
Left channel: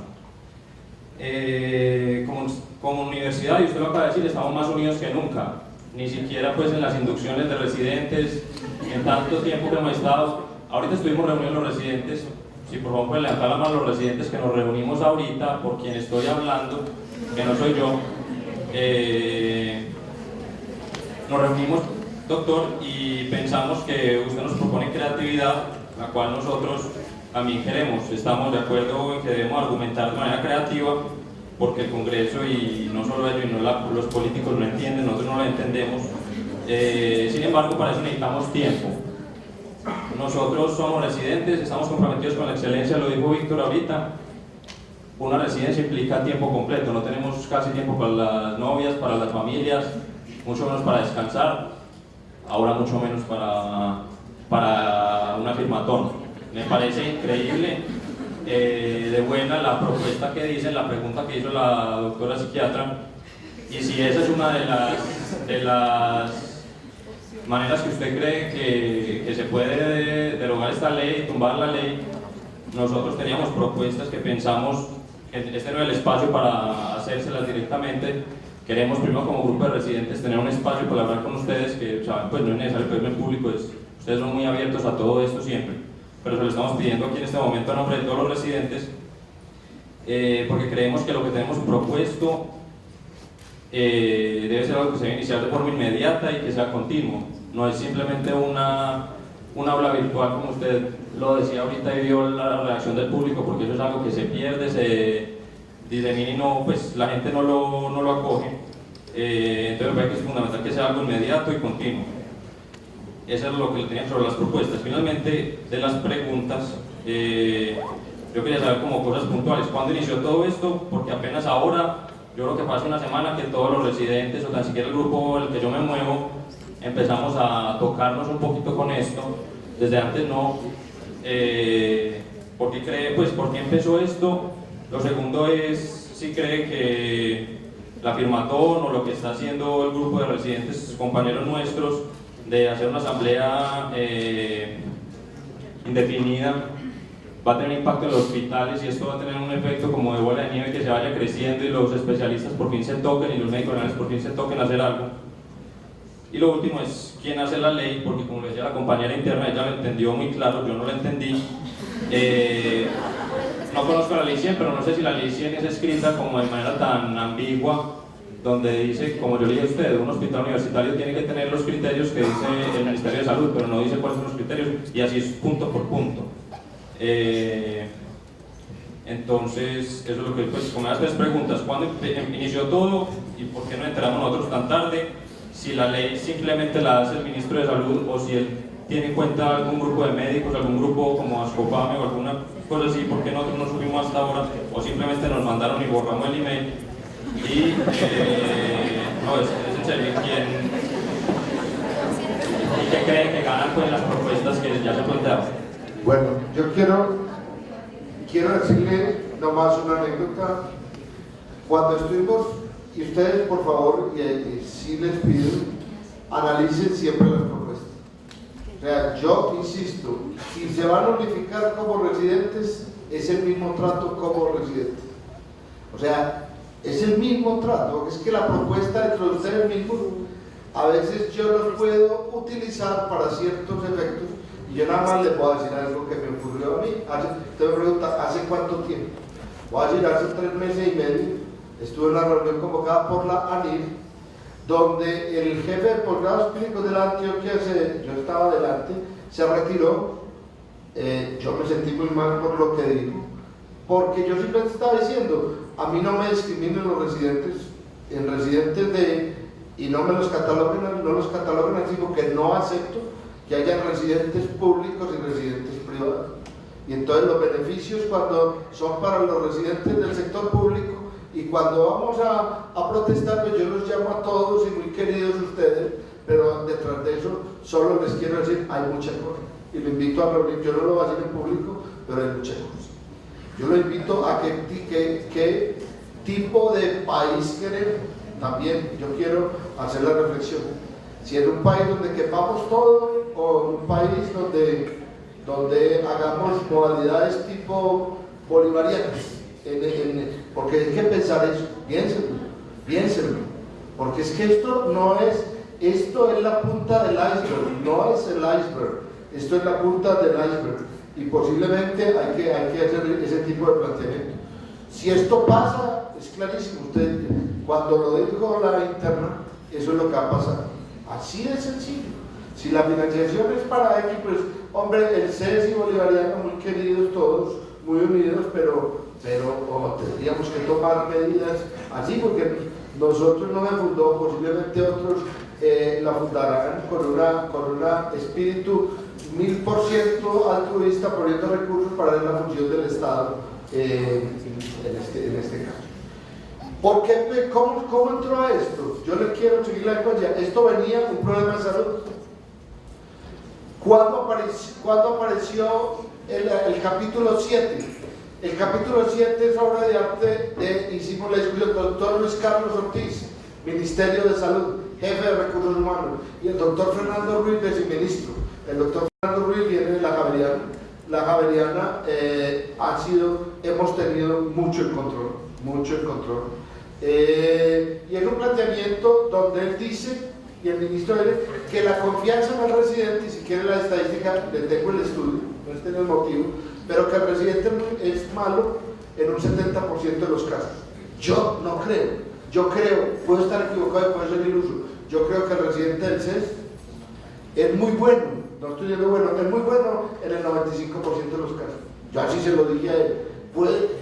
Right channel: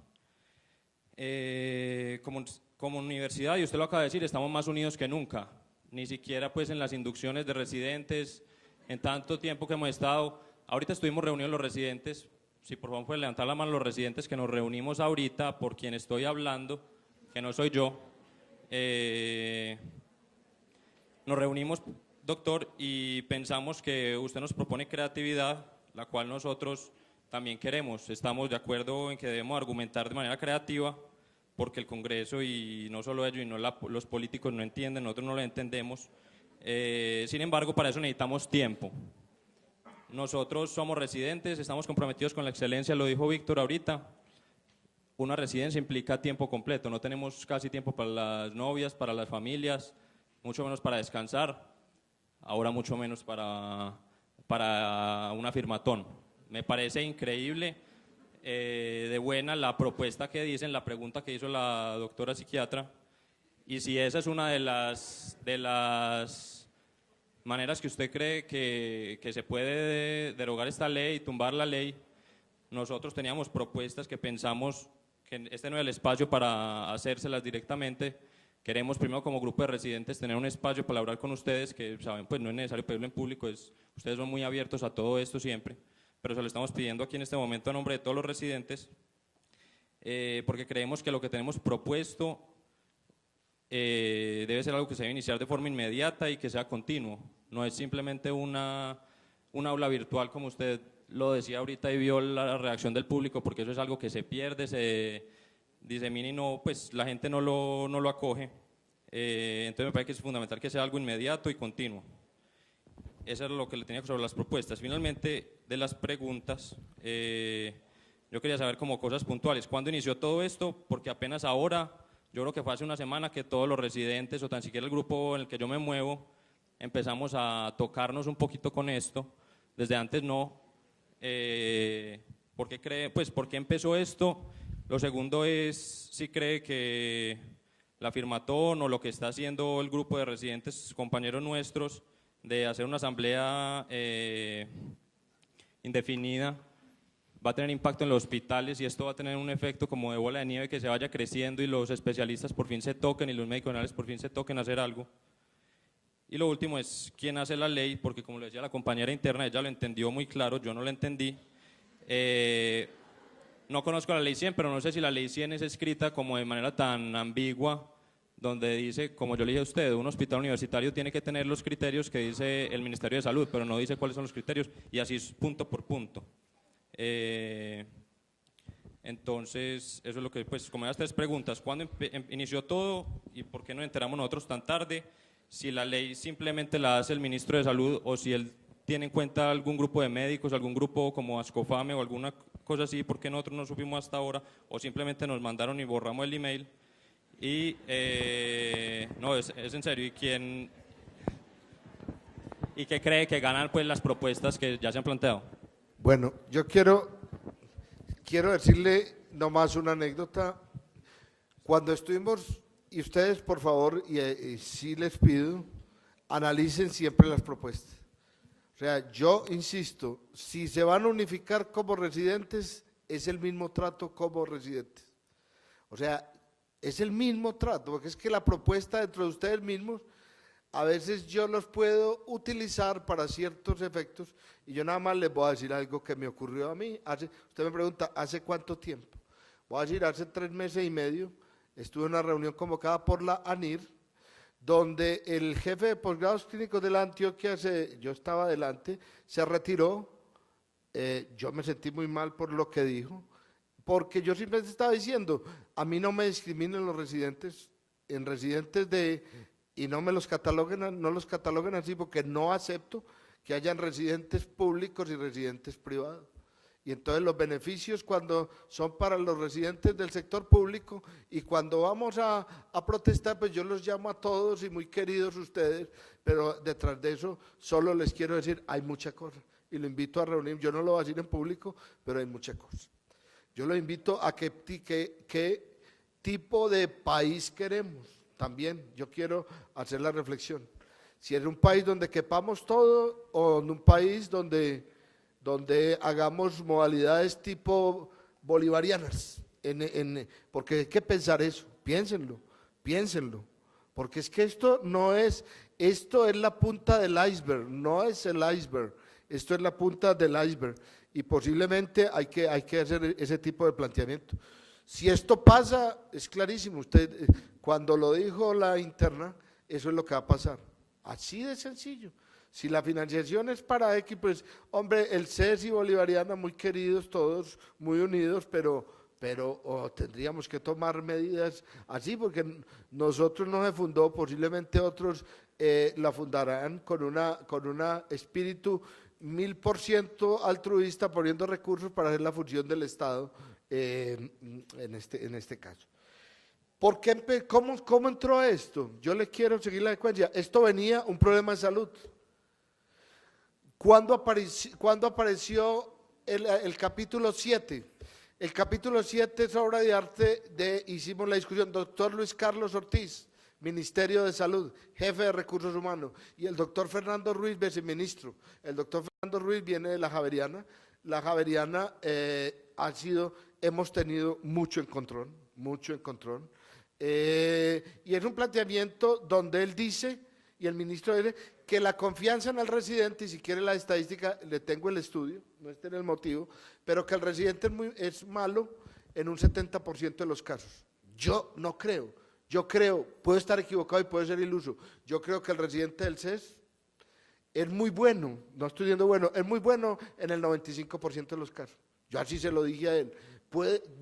Como universidad, y usted lo acaba de decir, estamos más unidos que nunca, ni siquiera pues en las inducciones de residentes, en tanto tiempo que hemos estado. Ahorita estuvimos reunidos los residentes, si por favor pueden levantar la mano los residentes que nos reunimos ahorita, por quien estoy hablando, que no soy yo. Nos reunimos, doctor, y pensamos que usted nos propone creatividad, la cual nosotros también queremos. Estamos de acuerdo en que debemos argumentar de manera creativa, porque el Congreso, y no solo ellos, sino los políticos no entienden, nosotros no lo entendemos. Sin embargo, para eso necesitamos tiempo. Nosotros somos residentes, estamos comprometidos con la excelencia, lo dijo Víctor ahorita. Una residencia implica tiempo completo, no tenemos casi tiempo para las novias, para las familias, mucho menos para descansar, ahora mucho menos para una firmatón. Me parece increíble, de buena la propuesta que dicen, la pregunta que hizo la doctora psiquiatra, y si esa es una de las maneras que usted cree que se puede derogar esta ley, tumbar la ley, nosotros teníamos propuestas que pensamos, este no es el espacio para hacérselas directamente. Queremos primero como grupo de residentes tener un espacio para hablar con ustedes, que saben, pues no es necesario que en público, ustedes son muy abiertos a todo esto siempre, pero se lo estamos pidiendo aquí en este momento a nombre de todos los residentes, porque creemos que lo que tenemos propuesto debe ser algo que se debe iniciar de forma inmediata y que sea continuo, no es simplemente un aula virtual como usted lo decía ahorita y vio la reacción del público, porque eso es algo que se pierde, se disemina y no, pues la gente no lo acoge. Entonces me parece que es fundamental que sea algo inmediato y continuo. Eso es lo que le tenía sobre las propuestas. Finalmente, de las preguntas, yo quería saber como cosas puntuales. ¿Cuándo inició todo esto? Porque apenas ahora, yo creo que pasa una semana que todos los residentes, o tan siquiera el grupo en el que yo me muevo, empezamos a tocarnos un poquito con esto. Desde antes no. ¿Por qué empezó esto? Lo segundo es si cree que la firmatón o lo que está haciendo el grupo de residentes, compañeros nuestros, de hacer una asamblea indefinida va a tener impacto en los hospitales y esto va a tener un efecto como de bola de nieve que se vaya creciendo y los especialistas por fin se toquen y los médicos generales por fin se toquen a hacer algo. Y lo último es quién hace la ley, porque como le decía la compañera interna, ella lo entendió muy claro, yo no lo entendí. No conozco la ley 100, pero no sé si la ley 100 es escrita como de manera tan ambigua, donde dice, como yo le dije a usted, un hospital universitario tiene que tener los criterios que dice el Ministerio de Salud, pero no dice cuáles son los criterios, y así es punto por punto. Entonces, eso es lo que, pues, como las tres preguntas, ¿cuándo inició todo y por qué nos enteramos nosotros tan tarde? Si la ley simplemente la hace el ministro de Salud o si él tiene en cuenta algún grupo de médicos, algún grupo como Ascopame o alguna cosa así, ¿por qué nosotros no subimos hasta ahora? O simplemente nos mandaron y borramos el email. Y, no, es en serio, ¿y qué creen que ganan pues las propuestas que ya se plantearon? Bueno, yo quiero decirle nomás una anécdota. Cuando estuvimos, y ustedes por favor, y sí les pido, analicen siempre las propuestas. O sea, yo insisto, si se van a unificar como residentes, es el mismo trato como residentes. O sea, es el mismo trato, porque es que la propuesta entre ustedes mismos, a veces yo los puedo utilizar para ciertos efectos, y yo nada más les voy a decir algo que me ocurrió a mí. Usted me pregunta, ¿hace cuánto tiempo? Voy a decir, hace 3 meses y medio, estuve en una reunión convocada por la ANIR, donde el jefe de posgrados clínicos de la Antioquia, yo estaba delante, se retiró. Yo me sentí muy mal por lo que dijo, porque yo simplemente estaba diciendo, a mí no me discriminen los residentes, en residentes y no me los cataloguen así, porque no acepto que haya residentes públicos y residentes privados. Y entonces los beneficios cuando son para los residentes del sector público, y cuando vamos a protestar, pues yo los llamo a todos y muy queridos ustedes, pero detrás de eso solo les quiero decir, hay muchas cosas. Y lo invito a reunir, yo no lo voy a decir en público, pero hay muchas cosas. Yo lo invito a qué tipo de país queremos. También yo quiero hacer la reflexión. Si en un país donde quepamos todo, o en un país donde hagamos modalidades tipo bolivarianas, porque hay que pensar eso, piénsenlo, porque es que esto es la punta del iceberg, no es el iceberg, esto es la punta del iceberg, y posiblemente hay que hacer ese tipo de planteamiento. Si esto pasa, es clarísimo, usted, cuando lo dijo la interna, eso es lo que va a pasar, así de sencillo. Si la financiación es para X, pues, hombre, el CES y Bolivariano, muy queridos todos, muy unidos, pero tendríamos que tomar medidas así, porque nosotros no me fundó, posiblemente otros la fundarán con una espíritu 1000% altruista, poniendo recursos para la función del Estado en este caso. ¿Por qué? ¿Cómo entró a esto? Yo le quiero seguir la secuencia. Esto venía un problema de salud. ¿Cuándo apareció el capítulo 7? El capítulo 7 es obra de arte hicimos la discusión, el doctor Luis Carlos Ortiz, Ministerio de Salud, jefe de Recursos Humanos, y el doctor Fernando Ruiz, viceministro. El doctor Fernando Ruiz viene de la Javeriana. La Javeriana hemos tenido mucho el control. Y es un planteamiento donde él dice, y el ministro dice, que la confianza en el residente, y si quiere la estadística, le tengo el estudio, no es el motivo, pero que el residente es malo en un 70% de los casos. Yo no creo, puedo estar equivocado y puedo ser iluso, yo creo que el residente del CES es muy bueno, no estoy diciendo bueno, es muy bueno en el 95% de los casos. Yo así se lo dije a él.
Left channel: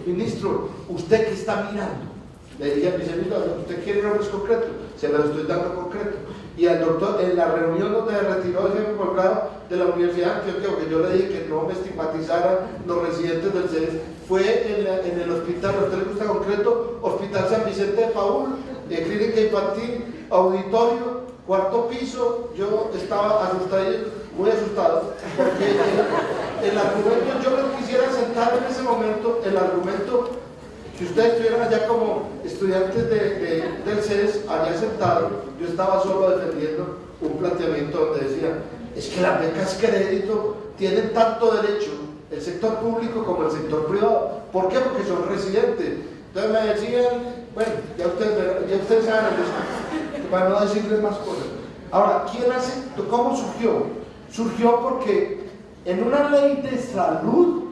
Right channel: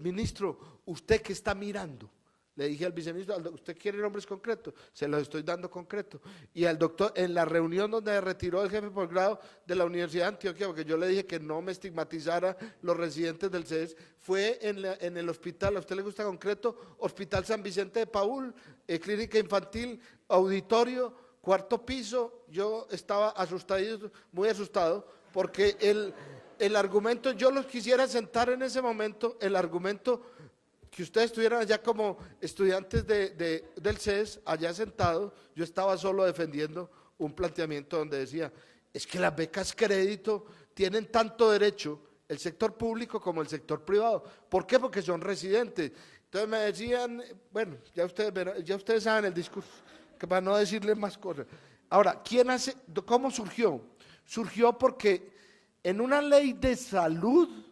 Ministro, usted que está mirando, le dije a mi servidor, ¿usted quiere nombres concretos? Se los estoy dando concreto. Y al doctor, en la reunión donde retiró el jefe de posgrado de la Universidad de Antioquia, que yo le dije que no me estigmatizaran los residentes del CES, fue en el hospital, ¿a usted le gusta concreto? Hospital San Vicente de Paúl, clínica infantil, auditorio, 4º piso. Yo estaba asustado, muy asustado, porque el argumento, yo no quisiera sentar en ese momento, el argumento, si ustedes estuvieran allá como estudiantes del CES, allá sentados, yo estaba solo defendiendo un planteamiento donde decía, es que la beca es crédito, tienen tanto derecho el sector público como el sector privado. ¿Por qué? Porque son residentes. Entonces me decían, bueno, ya ustedes saben, para no decirles más cosas. Ahora, ¿cómo surgió? Surgió porque en una ley de salud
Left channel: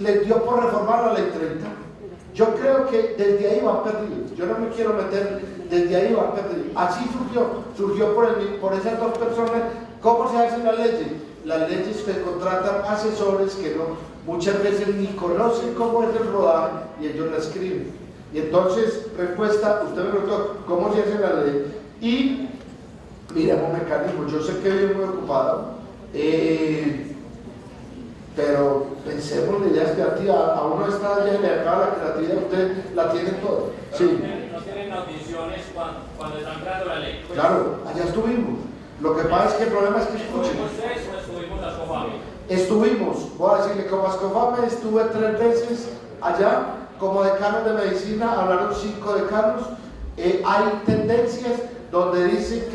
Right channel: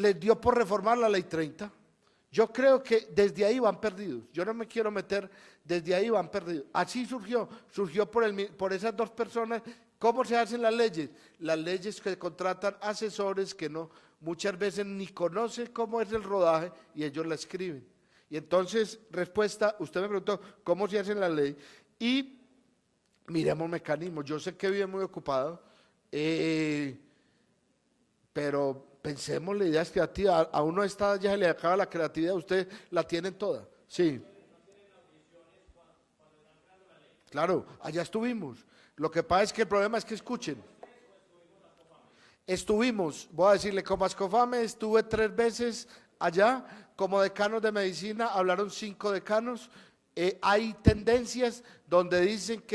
les dio por reformar la ley 30. Yo creo que desde ahí van perdidos. Yo no me quiero meter, desde ahí van perdidos. Así surgió por esas dos personas. ¿Cómo se hacen las leyes? Las leyes que contratan asesores que muchas veces ni conocen cómo es el rodaje y ellos la escriben. Y entonces, respuesta, usted me preguntó, ¿cómo se hace la ley? Y miremos mecanismos. Yo sé que vivo muy ocupado, pero pensemos en ideas creativas. A uno está ya y le acaba la creatividad, usted la tiene toda. Sí. ¿No tienen audiciones cuando están creando la ley? Claro, allá estuvimos. Lo que pasa es que el problema es que escuchen. ¿Estuvimos a Sofame? Estuvimos, voy a decirle, como Ascofame estuve 3 veces allá, como decanos de medicina, hablaron 5 decanos. Hay tendencias donde dicen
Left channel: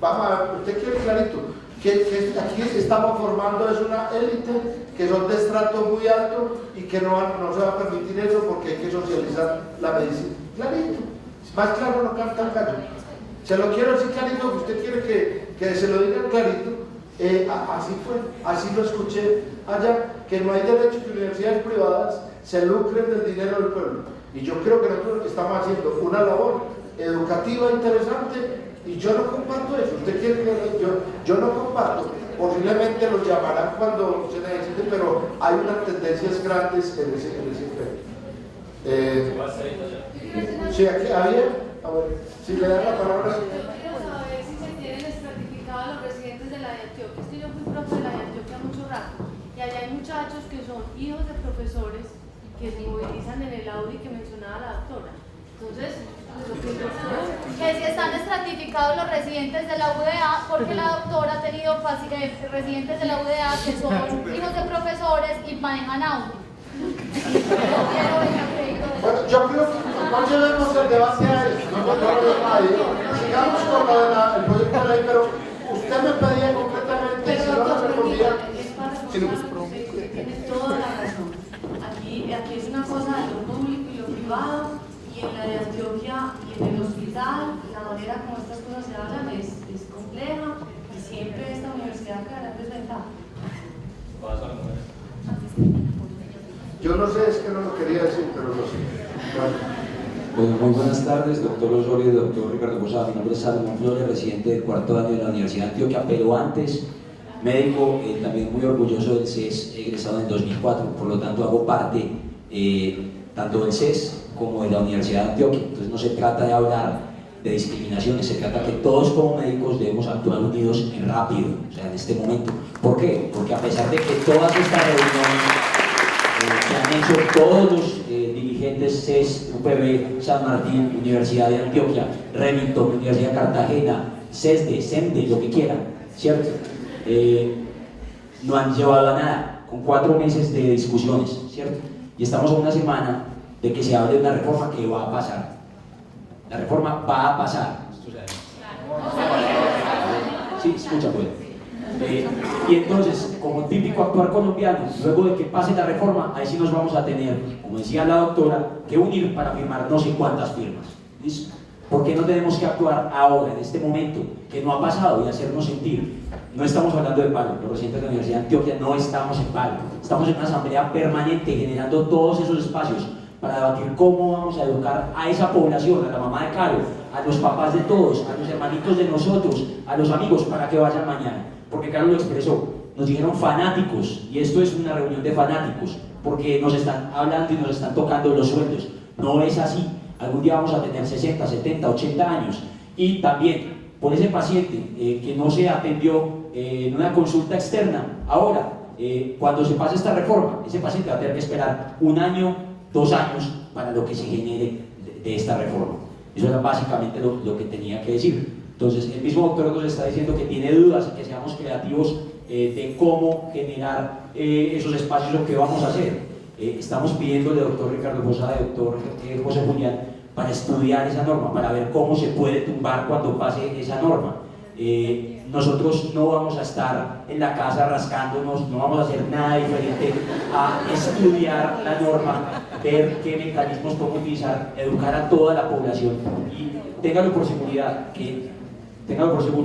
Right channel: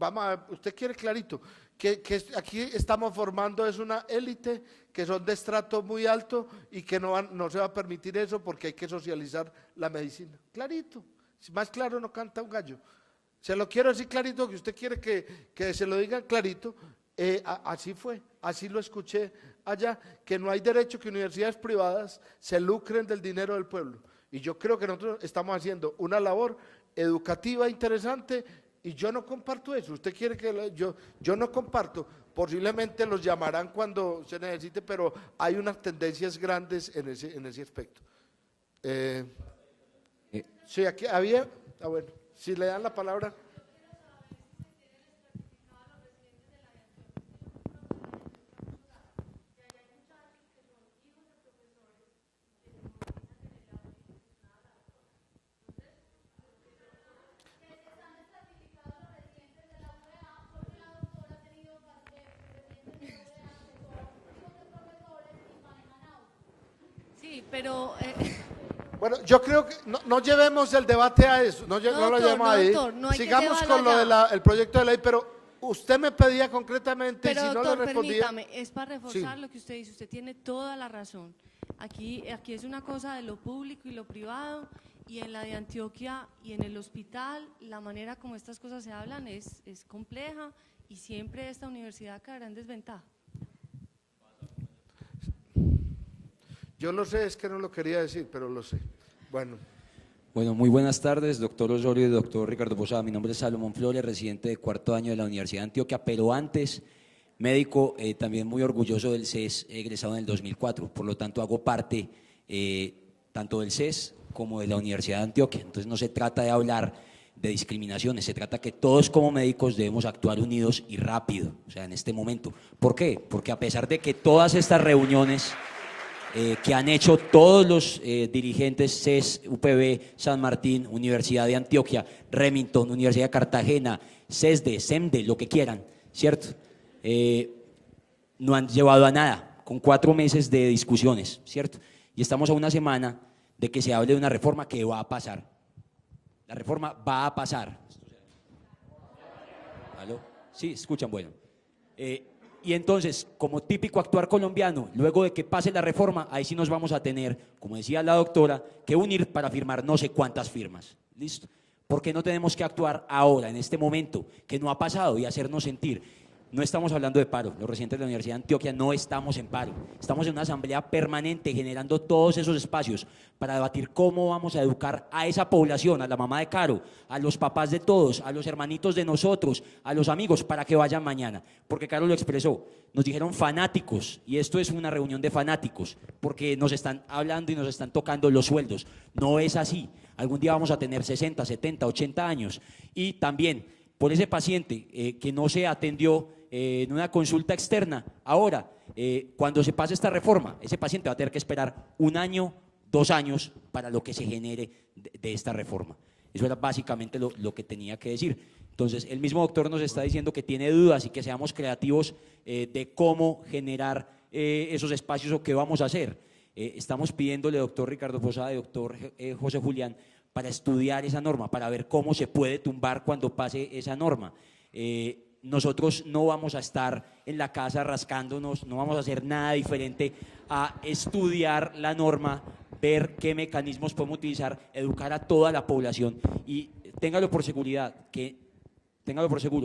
vamos a ver, usted quiere clarito, que aquí estamos formando es una élite que son de estrato muy alto y que no se va a permitir eso porque hay que socializar la medicina. Clarito, más claro no canta el gallo. Se lo quiero decir clarito, que usted quiere que se lo diga clarito. Así fue, así lo escuché allá, que no hay derecho que universidades privadas se lucren del dinero del pueblo. Y yo creo que nosotros estamos haciendo una labor educativa interesante y yo no comparto eso. Usted quiere que yo no comparto. Posiblemente lo llamarán cuando se necesite, pero hay unas tendencias grandes en ese aspecto. Sí, aquí había, a ver, si le dan la palabra. Y allá hay muchachos que son hijos de profesores que se movilizan en el Audi que mencionaba la doctora. Entonces, que si están estratificados los residentes de la UDA, porque la doctora ha tenido residentes de la UDA que son hijos de profesores y manejan Audi. Bueno, yo creo que no llevemos el debate a eso, no lo llevemos ahí. Sigamos con lo del proyecto de ley, pero usted me pedía concretamente si no me respondía. Tiene toda la razón. Aquí es una cosa de lo público y lo privado, y en la de Antioquia y en el hospital, la manera como estas cosas se hablan es compleja y siempre esta universidad quedará desventada. Yo no sé, es que no lo quería decir, pero lo sé. Bueno, muy buenas tardes, doctor Osorio y doctor Ricardo Posada. Mi nombre es Salomón Flores, residente de 4º año de la Universidad de Antioquia, pero antes médico, también muy orgulloso del CES, egresado en 2004, por lo tanto hago parte tanto del CES como de la Universidad de Antioquia. Entonces no se trata de hablar de discriminaciones, se trata que todos como médicos debemos actuar unidos y rápido, o sea, en este momento. ¿Por qué? Porque a pesar de que todas estas reuniones que han hecho todos los dirigentes CES, UPB, San Martín, Universidad de Antioquia, Remington, Universidad de Cartagena, CESDE, SEMDE, lo que quieran, ¿cierto? No han llevado a nada, con 4 meses de discusiones, ¿cierto? Y estamos a una semana de que se hable de una reforma que va a pasar. La reforma va a pasar. Sí, escucha pues. Y entonces, como típico actuar colombiano, luego de que pase la reforma, ahí sí nos vamos a tener, como decía la doctora, que unir para firmar no sé cuántas firmas. ¿Listo? ¿Por qué no tenemos que actuar ahora, en este momento, que no ha pasado, y hacernos sentir? No estamos hablando de paro, los residentes de la Universidad de Antioquia no estamos en paro, estamos en una asamblea permanente generando todos esos espacios para debatir cómo vamos a educar a esa población, a la mamá de Caro, a los papás de todos, a los hermanitos de nosotros, a los amigos, para que vayan mañana. Porque Caro lo expresó, nos dijeron fanáticos, y esto es una reunión de fanáticos, porque nos están hablando y nos están tocando los sueldos. No es así, algún día vamos a tener 60, 70, 80 años, y también por ese paciente que no se atendió en una consulta externa, ahora, cuando se pase esta reforma, ese paciente va a tener que esperar 1 año, 2 años para lo que se genere de esta reforma. Eso era básicamente lo que tenía que decir. Entonces, el mismo doctor nos está diciendo que tiene dudas y que seamos creativos de cómo generar esos espacios o qué vamos a hacer. Estamos pidiéndole al doctor Ricardo Posada y doctor José Julián para estudiar esa norma, para ver cómo se puede tumbar cuando pase esa norma. nosotros no vamos a estar en la casa rascándonos, no vamos a hacer nada diferente a estudiar la norma, ver qué mecanismos podemos utilizar, educar a toda la población y ténganlo por seguro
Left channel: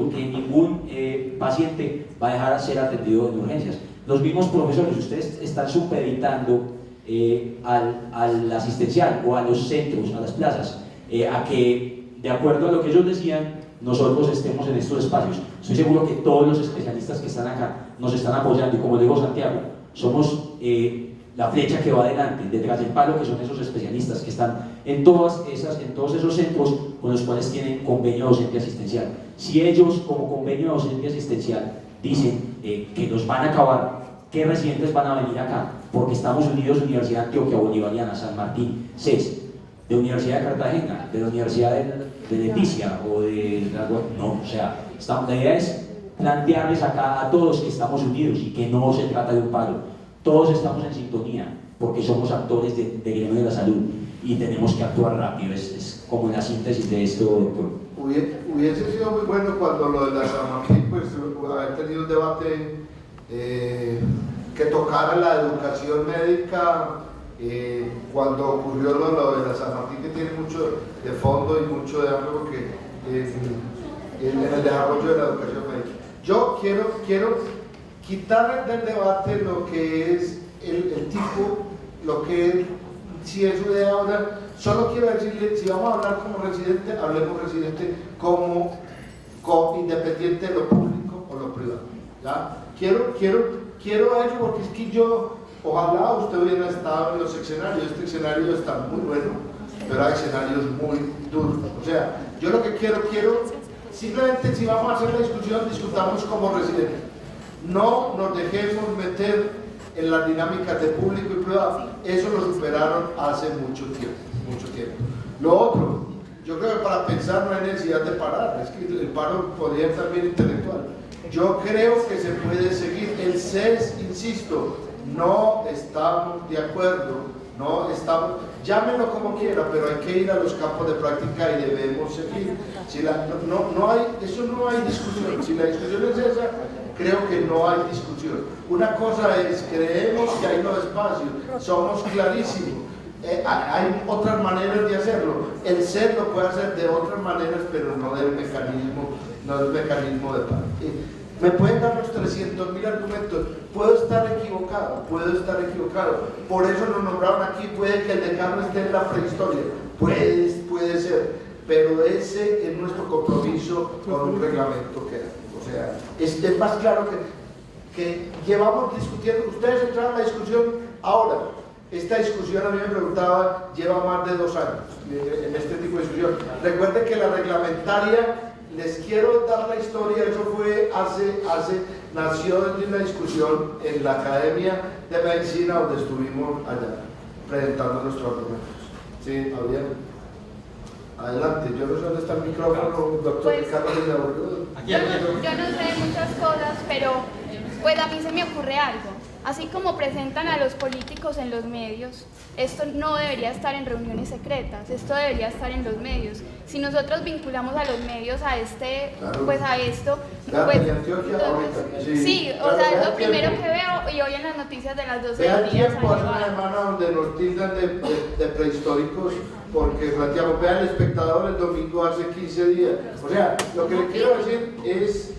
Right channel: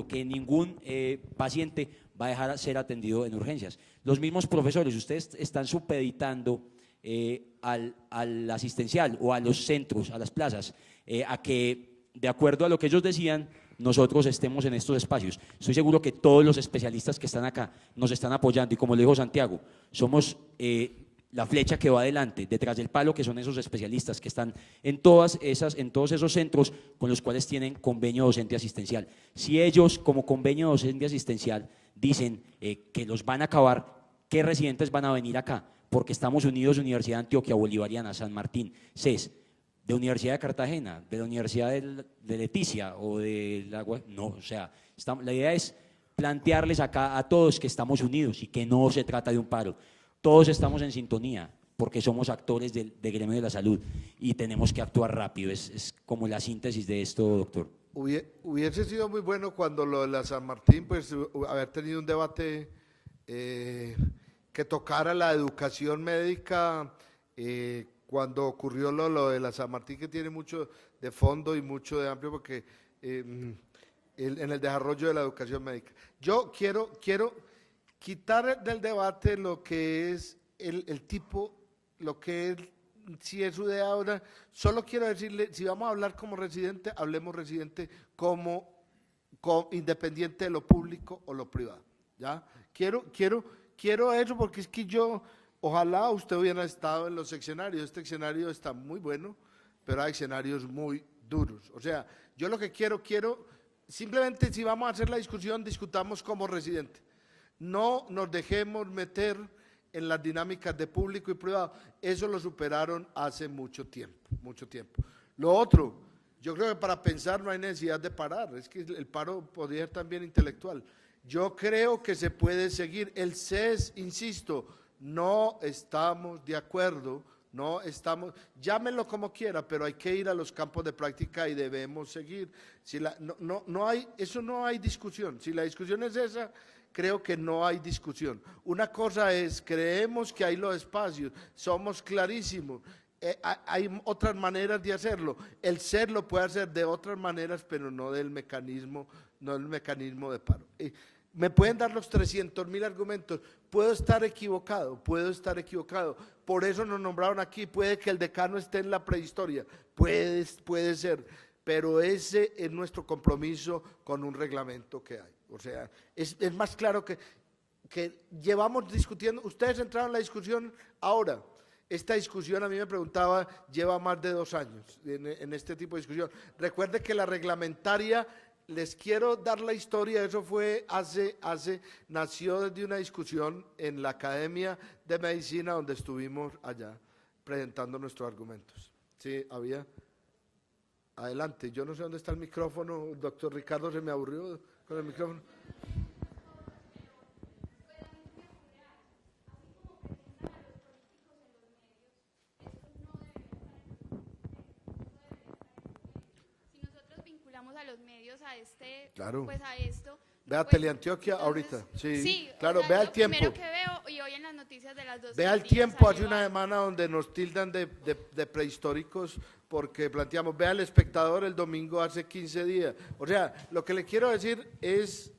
que ningún paciente va a dejar de ser atendido en urgencias. Los mismos profesores, ustedes están supeditando al asistencial o a los centros, a las plazas, a que, de acuerdo a lo que ellos decían, nosotros estemos en estos espacios. Estoy seguro que todos los especialistas que están acá nos están apoyando y, como le digo Santiago, somos la flecha que va adelante, detrás del palo, que son esos especialistas que están en todos esos centros con los cuales tienen convenio docente asistencial. Si ellos, como convenio docente asistencial, dicen que los van a acabar, ¿qué residentes van a venir acá? Porque estamos unidos, Universidad de Antioquia Bolivariana, San Martín, CES, de Universidad de Cartagena, de la Universidad de Leticia o de... No, o sea, la idea es plantearles acá a todos que estamos unidos y que no se trata de un palo. Todos estamos en sintonía porque somos actores del gremio de la salud y tenemos que actuar rápido. Es como la síntesis de esto, doctor. Hubiese sido muy bueno cuando lo de la San Martín, pues haber tenido un debate que tocara la educación médica cuando ocurrió lo de la San Martín, que tiene mucho de fondo y mucho de amplio, porque en el desarrollo de la educación médica. Yo quiero quitar del debate lo que es el tipo, lo que es, si es su idea ahora. Solo quiero decirle, si vamos a hablar como residente, hablemos residente como independiente de lo público o lo privado. ¿Ya? Quiero eso porque es que yo, ojalá usted hubiera estado en los escenarios. Este escenario está muy bueno, pero hay escenarios muy duros. O sea, yo lo que quiero, simplemente si vamos a hacer la discusión, discutamos como residentes. No nos dejemos meter en las dinámicas de público y privado. Eso lo superaron hace mucho tiempo. Lo otro, yo creo que para pensar no hay necesidad de parar. Es que el paro podría estar bien intelectual. Yo creo que se puede seguir. El CES, insisto, no estamos de acuerdo. No estamos, llámenlo como quiera, pero hay que ir a los campos de práctica y debemos seguir. Si no hay discusión. Si la discusión es esa, creo que no hay discusión. Una cosa es, creemos que hay los espacios, somos clarísimos. Hay otras maneras de hacerlo. El CES lo puede hacer de otras maneras, pero no del mecanismo de paro. Me pueden dar los 300.000 argumentos. Puedo estar equivocado. Por eso nos nombraron aquí. Puede que el decano esté en la prehistoria. Puede ser. Pero ese es nuestro compromiso con un reglamento que hay. O sea, es más claro que llevamos discutiendo. Ustedes entraron a la discusión ahora. Esta discusión, a mí me preguntaba, lleva más de 2 años en este tipo de discusión. Recuerden que la reglamentaria, les quiero dar la historia, eso fue nació desde una discusión en la Academia de Medicina, donde estuvimos allá presentando nuestros argumentos. Sí, adelante, yo no sé dónde está el micrófono, doctor Ricardo. Yo no sé muchas cosas, pero pues a mí se me ocurre algo. Así como presentan a los políticos en los medios, esto no debería estar en reuniones secretas, esto debería estar en los medios. Si nosotros vinculamos a los medios a pues a esto, pues, Antioquia ahorita. Sí, o sea, es lo primero que veo y hoy en las noticias de las 12 del día. Vean tiempo, hace una semana donde nos tildan de prehistóricos porque planteamos, vean El Espectador el domingo hace 15 días. O sea, lo que le quiero decir es,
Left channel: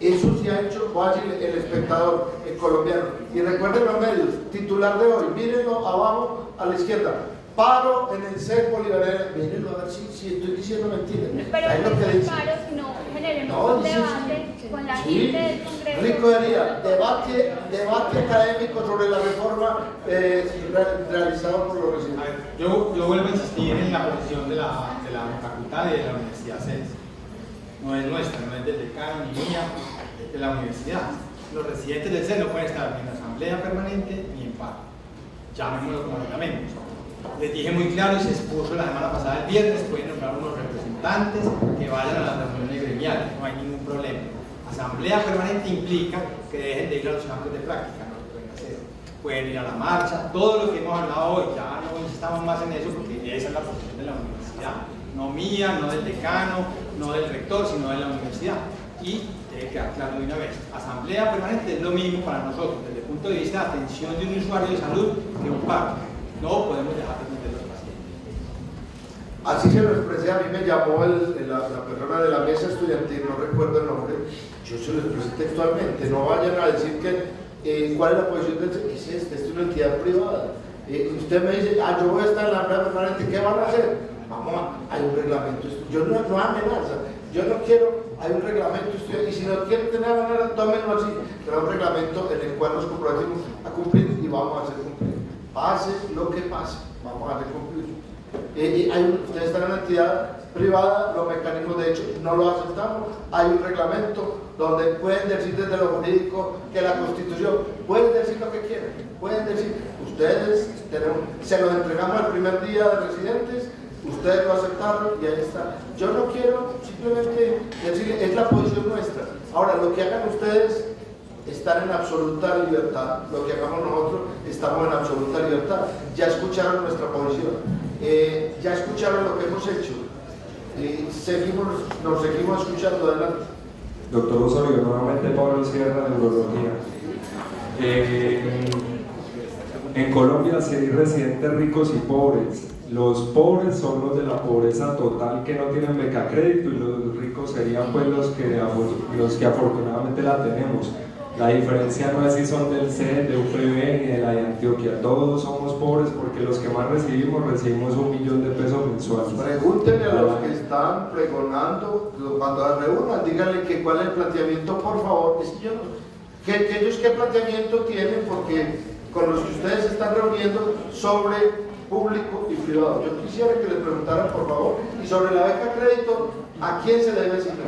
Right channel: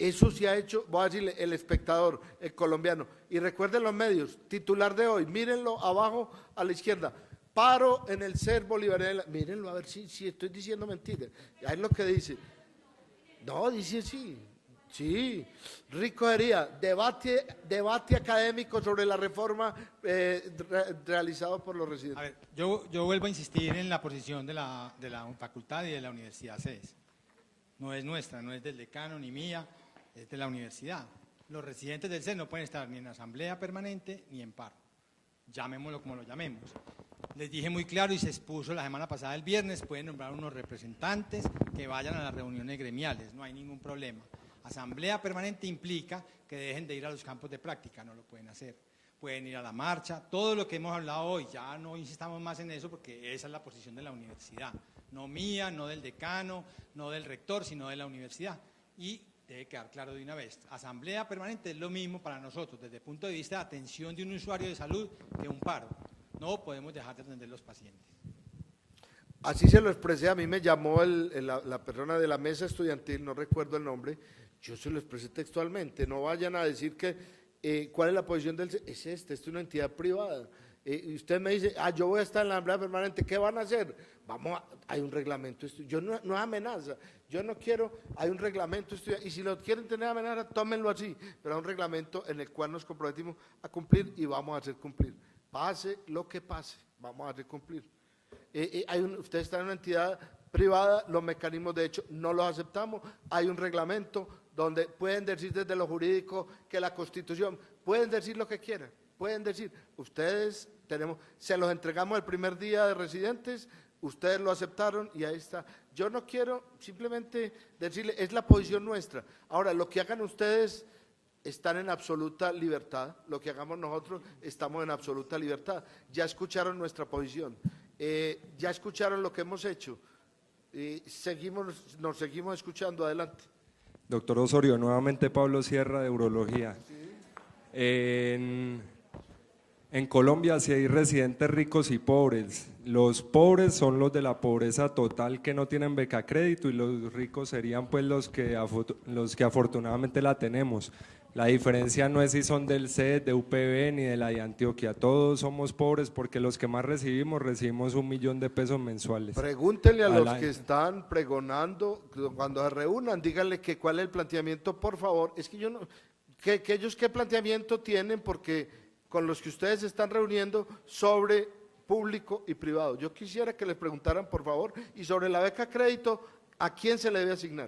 eso se ha hecho, voy a decir, El Espectador, el colombiano. Y recuerden los medios, titular de hoy, mírenlo abajo a la izquierda. Paro en el CES bolivariano. Mírenlo a ver si estoy diciendo mentiras. Pero es lo que dice. Paro, si no generemos un debate con la gente del Congreso. Rico Hería, debate académico sobre la reforma realizado por los residentes. Yo vuelvo a insistir en la posición de la facultad y de la Universidad CES. No es nuestra, no es del decano ni mía, es de la universidad. Los residentes del CES no pueden estar ni en asamblea permanente ni en paro. Llamémoslo como lo llamemos. Les dije muy claro y se expuso la semana pasada, el viernes, pueden nombrar unos representantes que vayan a las reuniones gremiales, no hay ningún problema. Asamblea permanente implica que dejen de ir a los campos de práctica, no lo pueden hacer. Pueden ir a la marcha, todo lo que hemos hablado hoy, ya no insistamos más en eso porque esa es la posición de la universidad. No mía, no del decano, no del rector, sino de la universidad. Y debe quedar claro de una vez. Asamblea permanente es lo mismo para nosotros, desde el punto de vista de atención de un usuario de salud, que un paro. No podemos dejar de atender a los pacientes. Así se lo expresé, a mí me llamó la persona de la mesa estudiantil, no recuerdo el nombre, yo se lo expresé textualmente, no vayan a decir que cuál es la posición del... Esta es una entidad privada. Usted me dice, yo voy a estar en la asamblea permanente, ¿qué van a hacer? Vamos, hay un reglamento, yo no amenaza, yo no quiero, hay un reglamento, y si no quieren tener manera, tómenlo así, pero hay un reglamento en el cual nos comprometemos a cumplir y vamos a hacer cumplir. Pase lo que pase, vamos a hacer cumplir. Ustedes están en una entidad privada, los mecanismos de hecho no lo aceptamos, hay un reglamento donde pueden decir desde lo jurídico que la Constitución, pueden decir lo que quieran, pueden decir, ustedes se los entregamos el primer día de residentes, ustedes lo aceptaron y ahí está. Yo no quiero simplemente decirle, es la posición nuestra. Ahora, lo que hagan ustedes, están en absoluta libertad, lo que hagamos nosotros, estamos en absoluta libertad. Ya escucharon nuestra posición, ya escucharon lo que hemos hecho, nos seguimos escuchando. Adelante. Doctor Osorio, nuevamente Pablo Sierra de Neurología. En Colombia se hay residentes ricos y pobres. Los pobres son los de la pobreza total que no tienen beca crédito y los ricos serían pues los que afortunadamente la tenemos. La diferencia no es si son del CED, de UPB ni de la de Antioquia. Todos somos pobres porque los que más recibimos 1 millón de pesos mensuales. Pregúntenle a los que están pregonando, cuando reúnan, díganle que cuál es el planteamiento, por favor. Que ellos qué planteamiento tienen, porque con los que ustedes se están reuniendo sobre público y privado. Yo quisiera que les preguntaran, por favor, y sobre la beca crédito, ¿a quién se le debe asignar?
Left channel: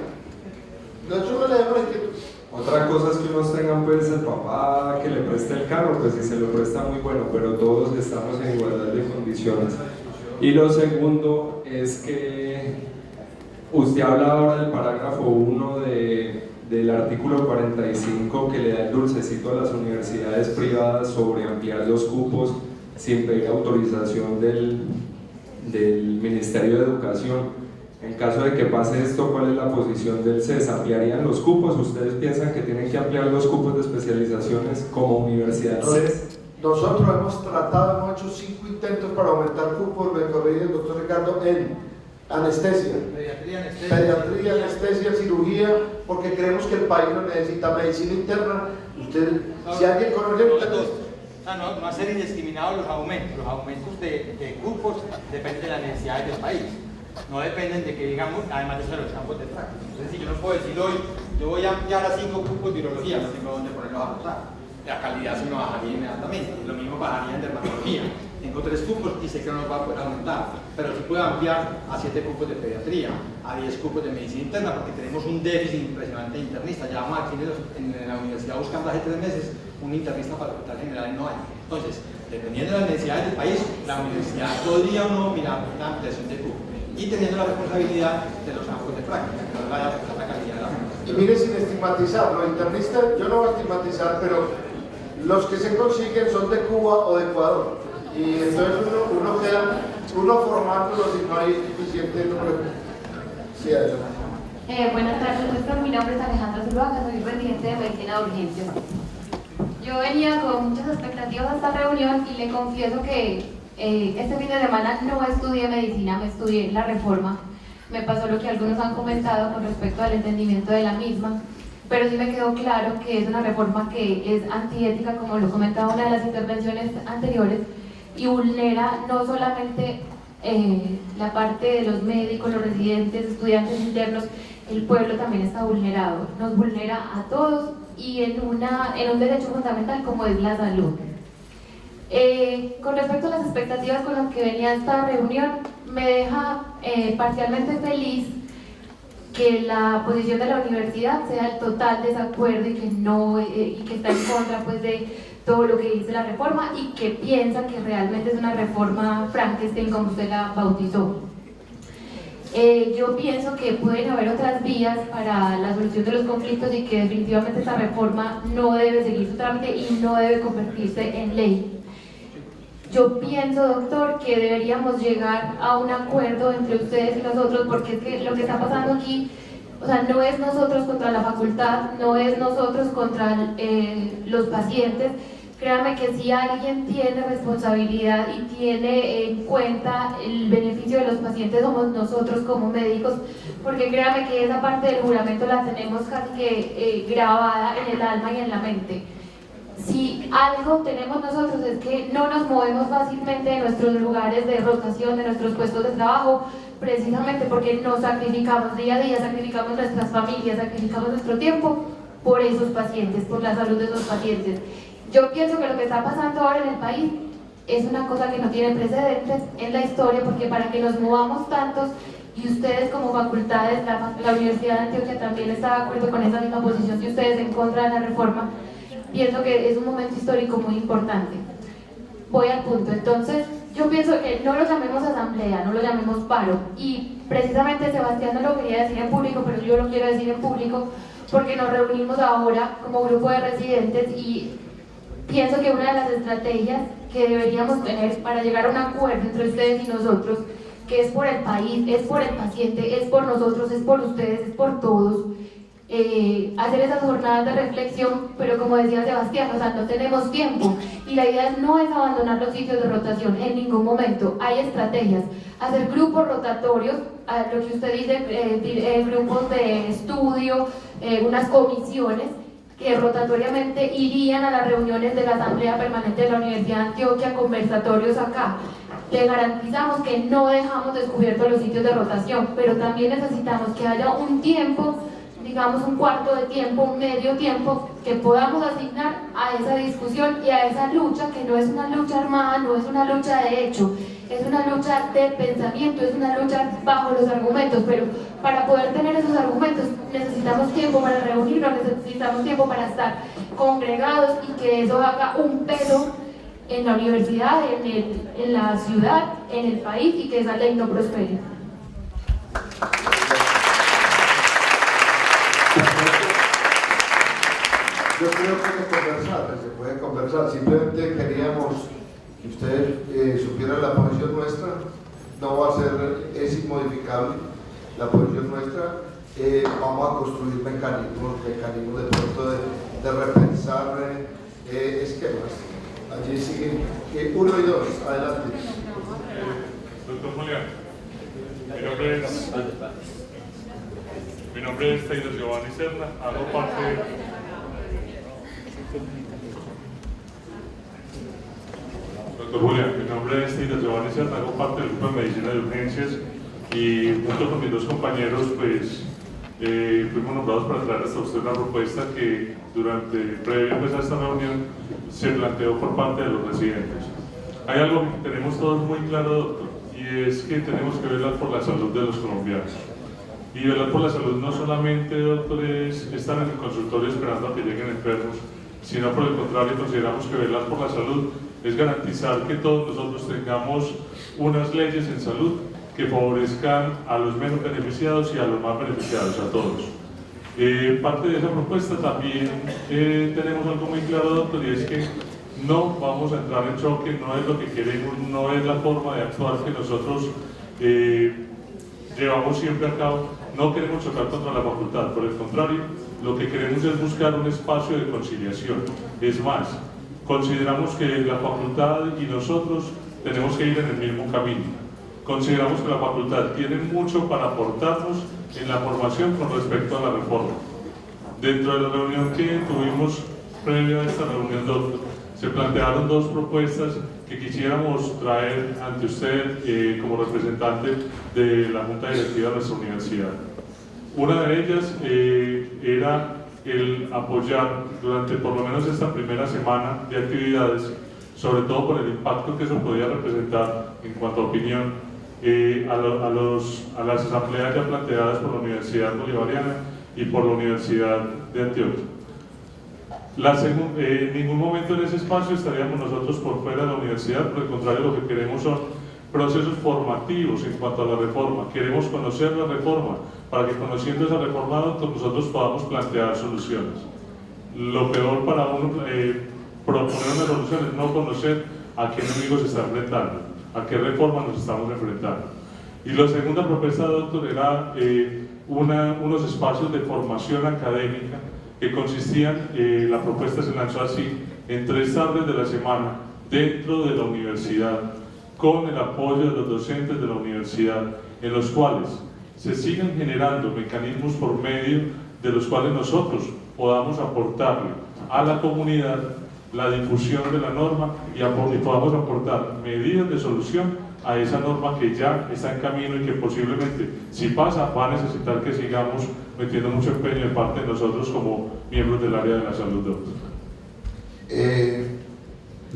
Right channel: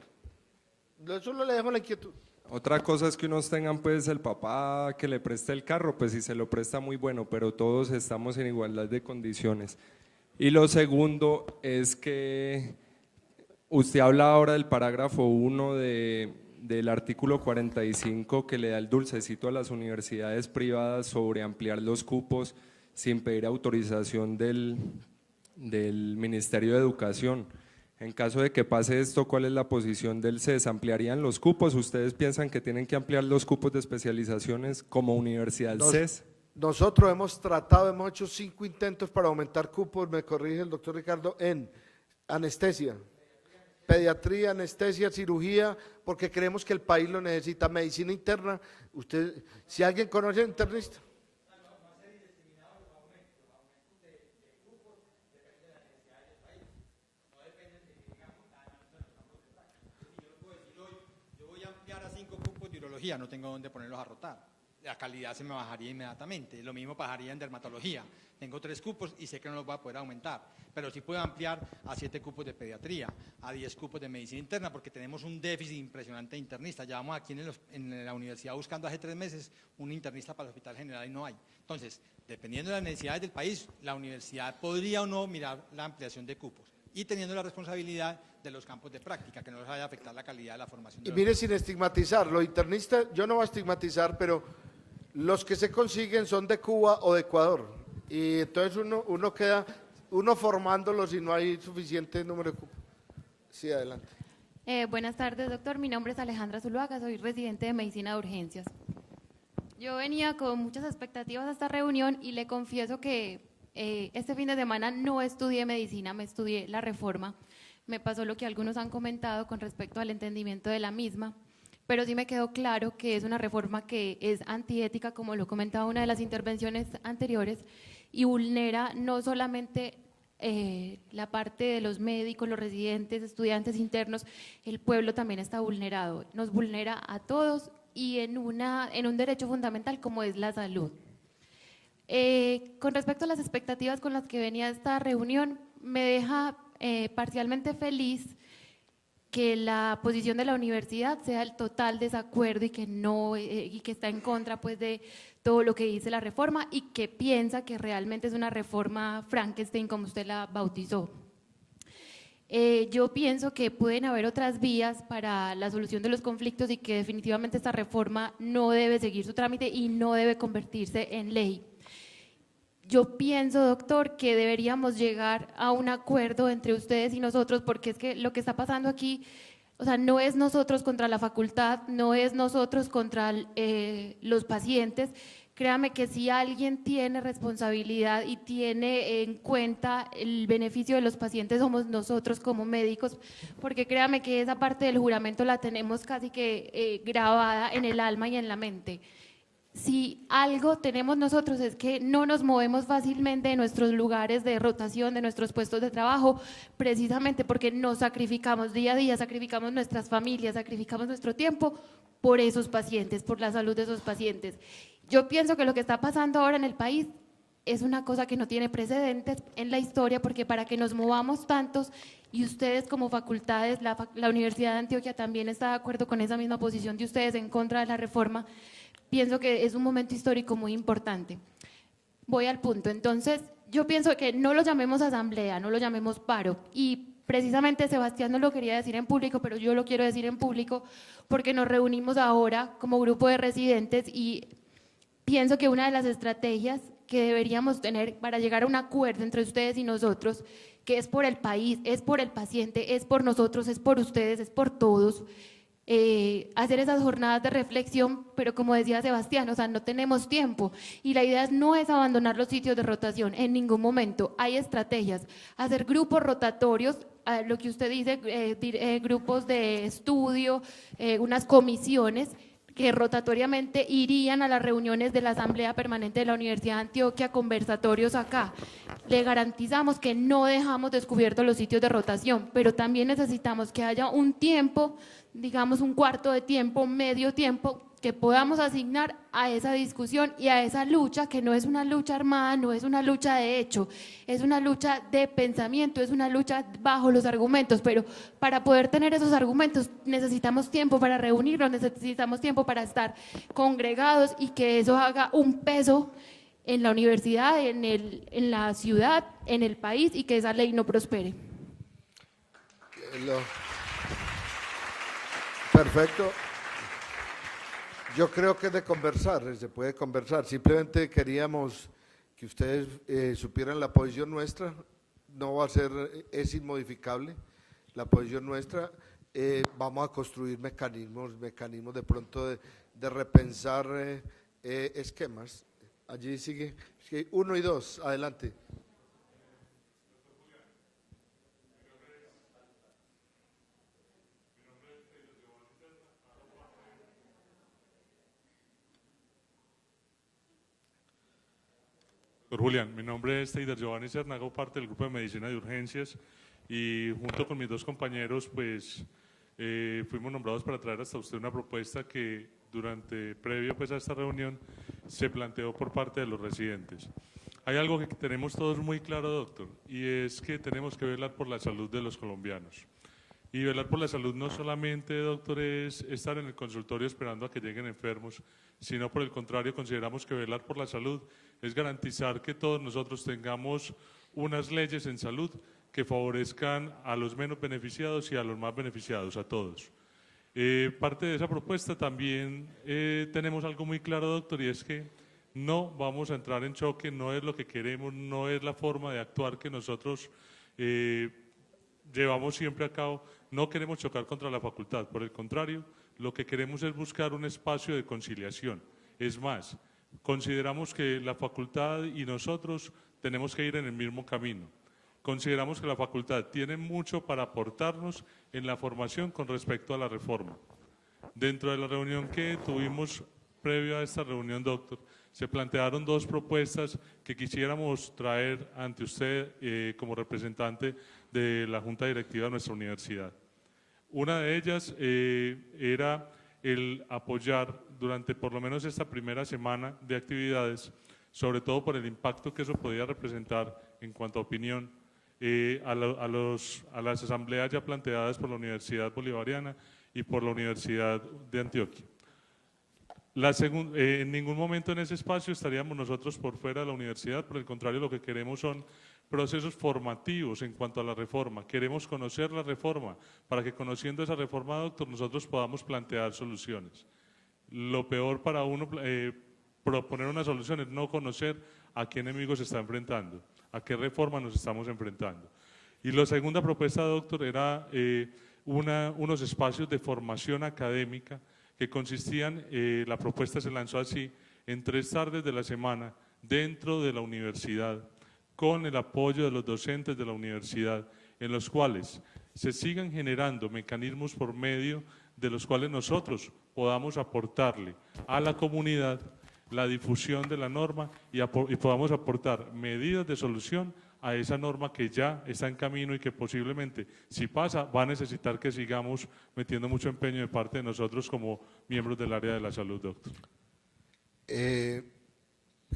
Nosotros no le demos la inquietud. Otra cosa es que unos tengan pues el papá que le preste el carro, pues si se lo presta muy bueno, pero todos estamos en igualdad de condiciones. Y lo segundo es que usted habla ahora del parágrafo 1 del artículo 45 que le da el dulcecito a las universidades privadas sobre ampliar los cupos sin pedir autorización del Ministerio de Educación. En caso de que pase esto, ¿cuál es la posición del CES? ¿Ampliarían los cupos? ¿Ustedes piensan que tienen que ampliar los cupos de especializaciones como universidad CES? Nosotros hemos hemos hecho 5 intentos para aumentar cupos, me corrige el doctor Ricardo, en anestesia, pediatría, anestesia, cirugía, porque creemos que el país lo necesita, medicina interna. Si alguien conoce... No hacer indiscriminados los aumentos de cupos dependen de las necesidades del país. No dependen de que, digamos, además de eso, de los campos de práctica. Es decir, yo no puedo decir hoy, yo voy a ampliar a 5 cupos de urología, no tengo dónde ponerlos a votar. La calidad se me bajaría inmediatamente, lo mismo bajaría en dermatología. Tengo 3 cupos y sé que no los va a poder aumentar, pero sí puedo ampliar a 7 cupos de pediatría, a 10 cupos de medicina interna, porque tenemos un déficit impresionante de internistas. Ya vamos aquí en la universidad buscando hace 3 meses un internista para el hospital general y no hay. Entonces, dependiendo de las necesidades del país, la universidad podría o no mirar la ampliación de cupos. Y teniendo la responsabilidad de los campos de práctica, que nos vaya a afectar la calidad de la formación. Y mire, sin estigmatizar, los internistas, yo no voy a estigmatizar, pero los que se consiguen son de Cuba o de Ecuador. Y entonces uno queda, formándolos y no hay suficiente número. Sí, adelante. Buenas tardes, doctor. Mi nombre es Alejandra Zuluaga, soy residente de medicina de urgencias. Yo venía con muchas expectativas a esta reunión y le confieso que este fin de semana no estudié medicina, me estudié la reforma. Me pasó lo que algunos han comentado con respecto al entendimiento de la misma, pero sí me quedó claro que es una reforma que es antiética, como lo comentaba una de las intervenciones anteriores, y vulnera no solamente la parte de los médicos, los residentes, estudiantes internos, el pueblo también está vulnerado, nos vulnera a todos y en un derecho fundamental como es la salud. Con respecto a las expectativas con las que venía esta reunión, me deja parcialmente feliz que la posición de la universidad sea el total desacuerdo y que está en contra pues, de todo lo que dice la reforma y que piensa que realmente es una reforma Frankenstein como usted la bautizó. Yo pienso que pueden haber otras vías para la solución de los conflictos y que definitivamente esta reforma no debe seguir su trámite y no debe convertirse en ley. Yo pienso, doctor, que deberíamos llegar a un acuerdo entre ustedes y nosotros, porque es que lo que está pasando aquí O sea, no es nosotros contra la facultad, no es nosotros contra los pacientes. Créame que si alguien tiene responsabilidad y tiene en cuenta el beneficio de los pacientes somos nosotros como médicos, porque créame que esa parte del juramento la tenemos casi que grabada en el alma y en la mente. Si algo tenemos nosotros es que no nos movemos fácilmente de nuestros lugares de rotación, de nuestros puestos de trabajo, precisamente porque nos sacrificamos día a día, sacrificamos nuestras familias, sacrificamos nuestro tiempo por esos pacientes, por la salud de esos pacientes. Yo pienso que lo que está pasando ahora en el país es una cosa que no tiene precedentes en la historia, porque para que nos movamos tantos, y ustedes como facultades, la Universidad de Antioquia también está de acuerdo con esa misma posición de ustedes en contra de la reforma, pienso que es un momento histórico muy importante. Voy al punto. Entonces, yo pienso que no lo llamemos asamblea, no lo llamemos paro. Y precisamente Sebastián no lo quería decir en público, pero yo lo quiero decir en público porque nos reunimos ahora como grupo de residentes y pienso que una de las estrategias que deberíamos tener para llegar a un acuerdo entre ustedes y nosotros, que es por el país, es por el paciente, es por nosotros, es por ustedes, es por todos, hacer esas jornadas de reflexión, pero como decía Sebastián, o sea, no tenemos tiempo y la idea no es abandonar los sitios de rotación en ningún momento. Hay estrategias, hacer grupos rotatorios, lo que usted dice, grupos de estudio, unas comisiones que rotatoriamente irían a las reuniones de la Asamblea Permanente de la Universidad de Antioquia, conversatorios acá. Le garantizamos que no dejamos descubiertos los sitios de rotación, pero también necesitamos que haya un tiempo, digamos un cuarto de tiempo, un medio tiempo, que podamos asignar a esa discusión y a esa lucha, que no es una lucha armada, no es una lucha de hecho, es una lucha de pensamiento, es una lucha bajo los argumentos, pero para poder tener esos argumentos necesitamos tiempo para reunirnos, necesitamos tiempo para estar congregados y que eso haga un peso en la universidad, en la ciudad, en el país y que esa ley no prospere. Yo creo que se puede conversar, simplemente queríamos que usted supiera la posición nuestra, no va a ser, es inmodificable la posición nuestra, vamos a construir mecanismos de pronto de repensar esquemas. Allí siguen 1 y 2, adelante. Doctor Julián, mi nombre es Taylor Giovanni Serna, hago parte Doctor Julián, mi nombre es Taylor Giovanni Serna, hago parte del grupo de medicina de urgencias y junto con mis dos compañeros pues fuimos nombrados para traer hasta usted una propuesta que previo pues, a esta reunión se planteó por parte de los residentes. Hay algo que tenemos todos muy claro, doctor, y es que tenemos que velar por la salud de los colombianos. Y velar por la salud no solamente, doctor, es estar en el consultorio esperando a que lleguen enfermos, sino por el contrario consideramos que velar por la salud es garantizar que todos nosotros tengamos unas leyes en salud que favorezcan a los menos beneficiados y a los más beneficiados, a todos. Parte de esa propuesta también tenemos algo muy claro, doctor, y es que no vamos a entrar en choque, no es lo que queremos, no es la forma de actuar que nosotros llevamos siempre a cabo, no queremos chocar contra la facultad, por el contrario, lo que queremos es buscar un espacio de conciliación. Es más, consideramos que la facultad y nosotros tenemos que ir en el mismo camino. Consideramos que la facultad tiene mucho para aportarnos en la formación con respecto a la reforma. Dentro de la reunión que tuvimos previo a esta reunión, doctor, se plantearon dos propuestas que quisiéramos traer ante usted como representante de la Junta Directiva de nuestra universidad. Una de ellas era el apoyar durante por lo menos esta primera semana de actividades, sobre todo por el impacto que eso podía representar en cuanto a opinión, a las asambleas ya planteadas por la Universidad Bolivariana y por la Universidad de Antioquia. En ningún momento en ese espacio estaríamos nosotros por fuera de la universidad, por el contrario, lo que queremos son procesos formativos en cuanto a la reforma. Queremos conocer la reforma, para que conociendo esa reforma nosotros podamos plantear soluciones. Lo peor para uno proponer una solución es no conocer a qué enemigo se está enfrentando, a qué reforma nos estamos enfrentando. Y la segunda propuesta, doctor, era unos espacios de formación académica que consistían, la propuesta se lanzó así, en 3 tardes de la semana dentro de la universidad, con el apoyo de los docentes de la universidad, en los cuales se siguen generando mecanismos por medio de los cuales nosotros podamos aportarle a la comunidad la difusión de la norma y podamos aportar medidas de solución a esa norma que ya está en camino y que posiblemente, si pasa, va a necesitar que sigamos metiendo mucho empeño de parte de nosotros como miembros del área de la salud, doctor.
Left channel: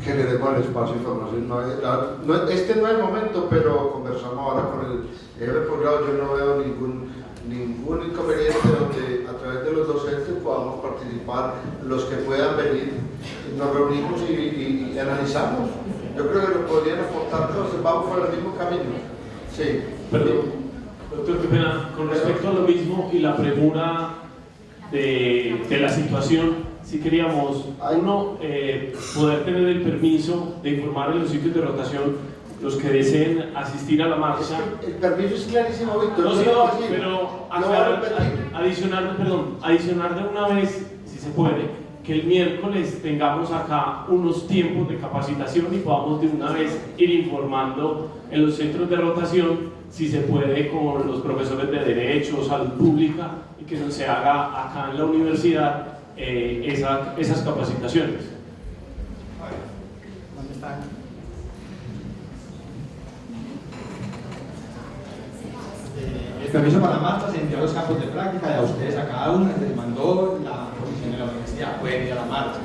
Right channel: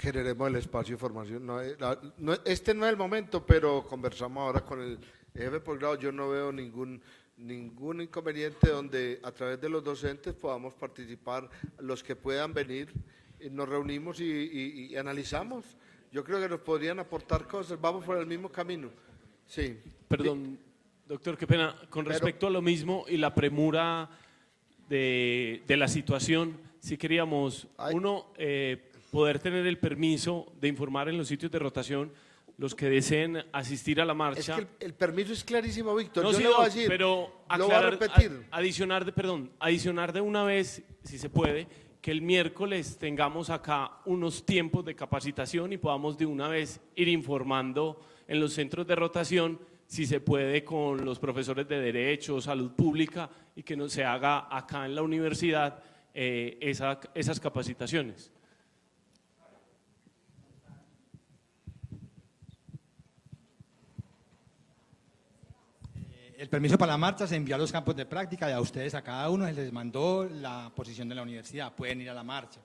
Generemos el espacio de información. Este no es el momento, pero conversamos ahora con el jefe de posgrado. Yo no veo ningún inconveniente donde a través de los docentes podamos participar, los que puedan venir, nos reunimos y analizamos. Yo creo que nos podrían aportar cosas, vamos por el mismo camino. Sí. Perdón, doctor, qué pena, con respecto a lo mismo y la premura de la situación, sí queríamos, uno, poder tener el permiso de informar en los sitios de rotación los que deseen asistir a la marcha. El permiso es clarísimo, Víctor. No, sí, pero adicionar de una vez, si se puede, que el miércoles tengamos acá unos tiempos de capacitación y podamos de una vez ir informando en los centros de rotación, si se puede, con los profesores de Derecho, Salud Pública, y que se haga acá en la universidad esas capacitaciones. ¿Dónde están? El permiso para la marcha se envió a los campos de práctica y a ustedes, a cada uno les mandó la posición de la universidad. Pueden ir a la marcha,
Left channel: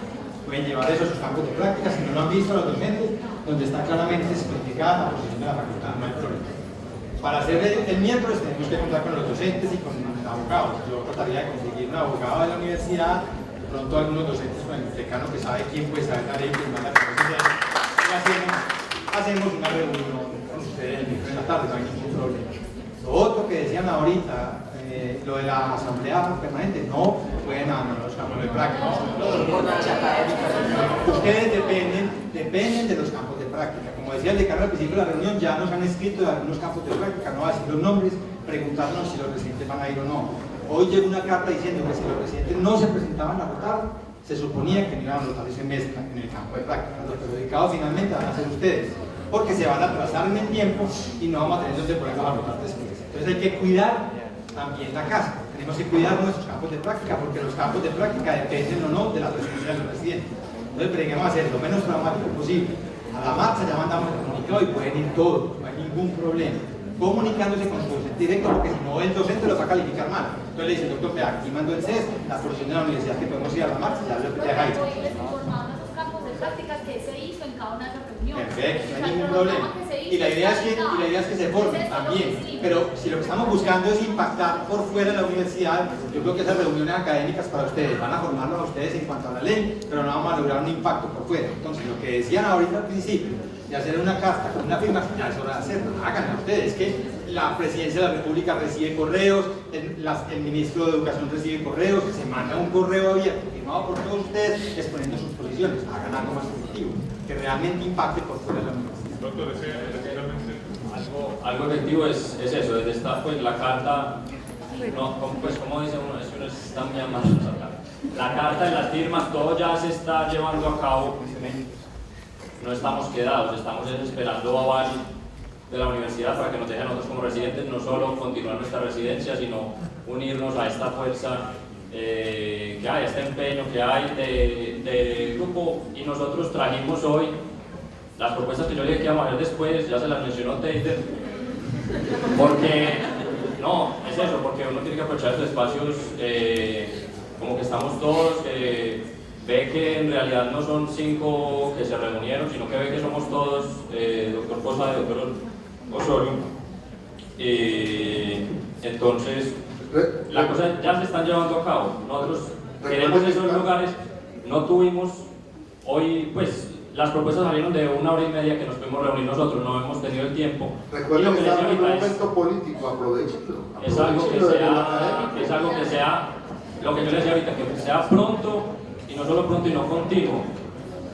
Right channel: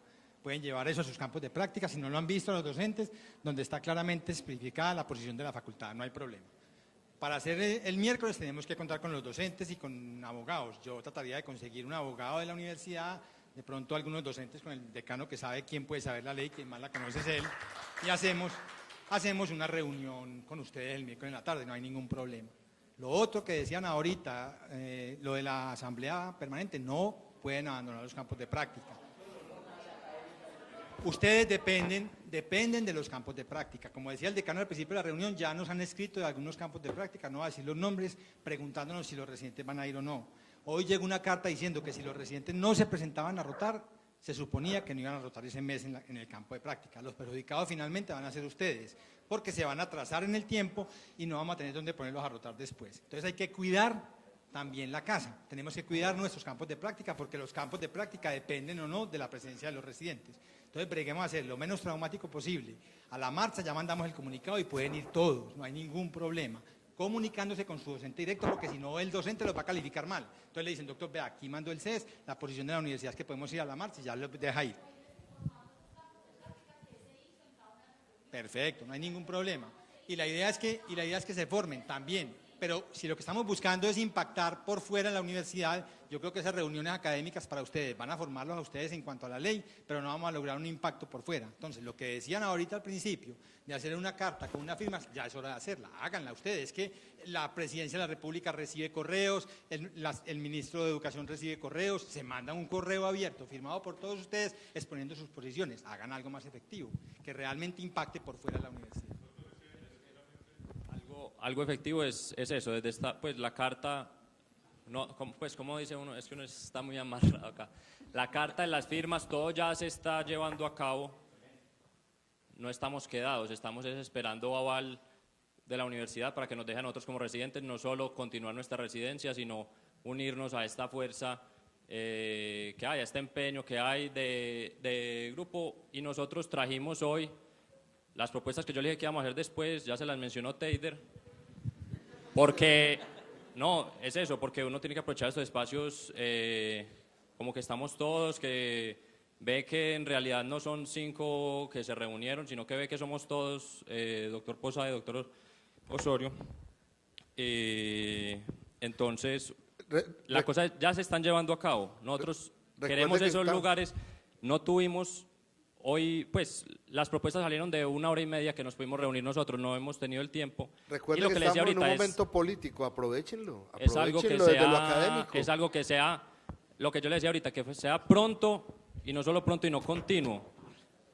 pueden llevar eso a sus campos de práctica. Si no lo han visto, los docentes, donde está claramente especificada la posición de la facultad, no hay problema. Para hacer el miércoles tenemos que contar con los docentes y con abogados. Yo trataría de conseguir un abogado de la universidad, de pronto algunos docentes con el decano que sabe quién puede saber la ley, quién manda que y hacemos una reunión con ustedes el miércoles en la tarde, no hay ningún problema. Lo otro que decían ahorita, lo de la asamblea permanente, no pueden abandonar los campos de práctica. Ustedes dependen de los campos de práctica. Como decía el decano al principio de la reunión, ya nos han escrito de algunos campos de práctica, no así los nombres, preguntarnos si los residentes van a ir o no. Hoy llegó una carta diciendo que si los residentes no se presentaban a votar, se suponía que no iban a votar ese mes en el campo de práctica. Los perjudicados finalmente van a ser ustedes, porque se van a atrasar en el tiempo y no vamos a tener donde ponerlos a votar después. Entonces hay que cuidar también la casa. Tenemos que cuidar nuestros campos de práctica, porque los campos de práctica dependen o no de la presencia de los residentes. Entonces preguemos a hacer lo menos traumático posible. A la marcha ya mandamos el comunicado y pueden ir todos, no hay ningún problema. Comunicándose con su docente directo, porque si no el docente lo va a calificar mal. Entonces le dice, doctor, aquí mando el CES, la posición de la universidad que podemos ir a la marcha, ya lo deja ahí. Perfecto, no hay ningún problema. Y la idea es que se formen también. Pero si lo que estamos buscando es impactar por fuera de la universidad, yo creo que esas reuniones académicas para ustedes van a formarlos a ustedes en cuanto a la ley, pero no vamos a lograr un impacto por fuera. Entonces, lo que decían ahorita al principio, de hacer una carta con una firma, ya es hora de hacerlo. Háganlo ustedes, que la presidencia de la República recibe correos, el ministro de Educación recibe correos, que se manda un correo abierto firmado por todos ustedes exponiendo sus posiciones. Hagan algo más efectivo, que realmente impacte por fuera de la universidad. Doctor, algo efectivo es eso, desde esta pues la carta, no, pues como dice uno, es que uno está muy amado la carta y las firmas, todo ya se está llevando a cabo, no estamos quedados, estamos esperando aval de la universidad para que nos dejen a nosotros como residentes no solo continuar nuestra residencia, sino unirnos a esta fuerza que hay, este empeño que hay de grupo, y nosotros trajimos hoy las propuestas que yo dije que íbamos a hacer después, ya se las mencionó Tater, porque, no, es eso, porque uno tiene que aprovechar estos espacios como que estamos todos, que ve que en realidad no son 5 que se reunieron, sino que ve que somos todos, doctor Posada y doctor Osorio, entonces la cosa ya se están llevando a cabo. Nosotros queremos esos lugares, no tuvimos hoy, pues las propuestas salieron de 1 hora y media que nos pudimos reunir nosotros, no hemos tenido el tiempo. Recuerden que estamos en un momento político, aprovechenlo. Es algo que sea, lo que yo les decía ahorita, que sea pronto, y no solo pronto y no continuo,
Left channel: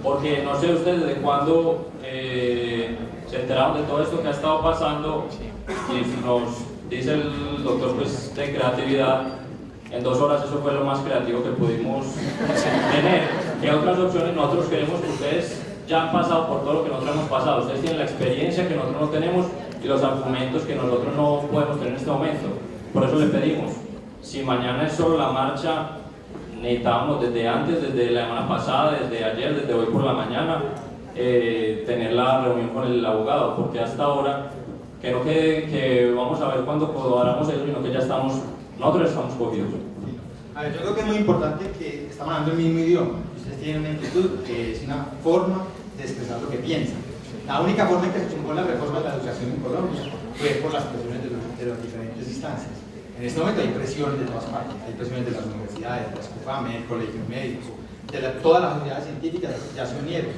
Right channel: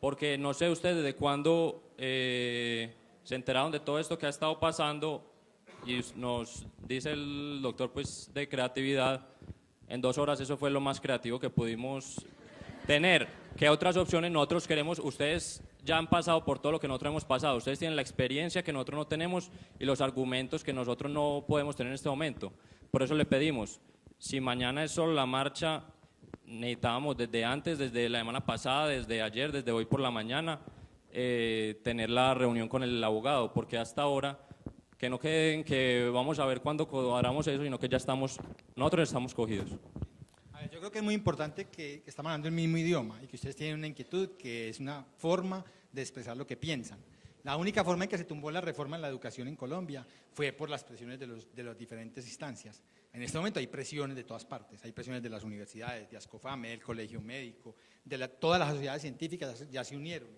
porque no sé ustedes desde cuándo se enteraron de todo esto que ha estado pasando, y nos dice el doctor pues, de creatividad, en 2 horas eso fue lo más creativo que pudimos tener. ¿Qué otras opciones nosotros queremos que ustedes ya han pasado por todo lo que nosotros hemos pasado? Ustedes tienen la experiencia que nosotros no tenemos y los argumentos que nosotros no podemos tener en este momento. Por eso le pedimos, si mañana es solo la marcha, necesitamos desde antes, desde la semana pasada, desde ayer, desde hoy por la mañana, tener la reunión con el abogado, porque hasta ahora creo que vamos a ver cuándo cuadramos eso, sino que ya nosotros estamos cogidos. A ver, yo creo que es muy importante que estamos hablando el mismo idioma. Ustedes tienen una inquietud que es una forma de expresar lo que piensan. La única forma en que se tumbó la reforma de la educación en Colombia fue por las presiones de las diferentes instancias. En este momento hay presiones de todas partes, hay presiones de las universidades, de la SCUFAME, del Colegio Médico, todas las sociedades científicas ya se unieron,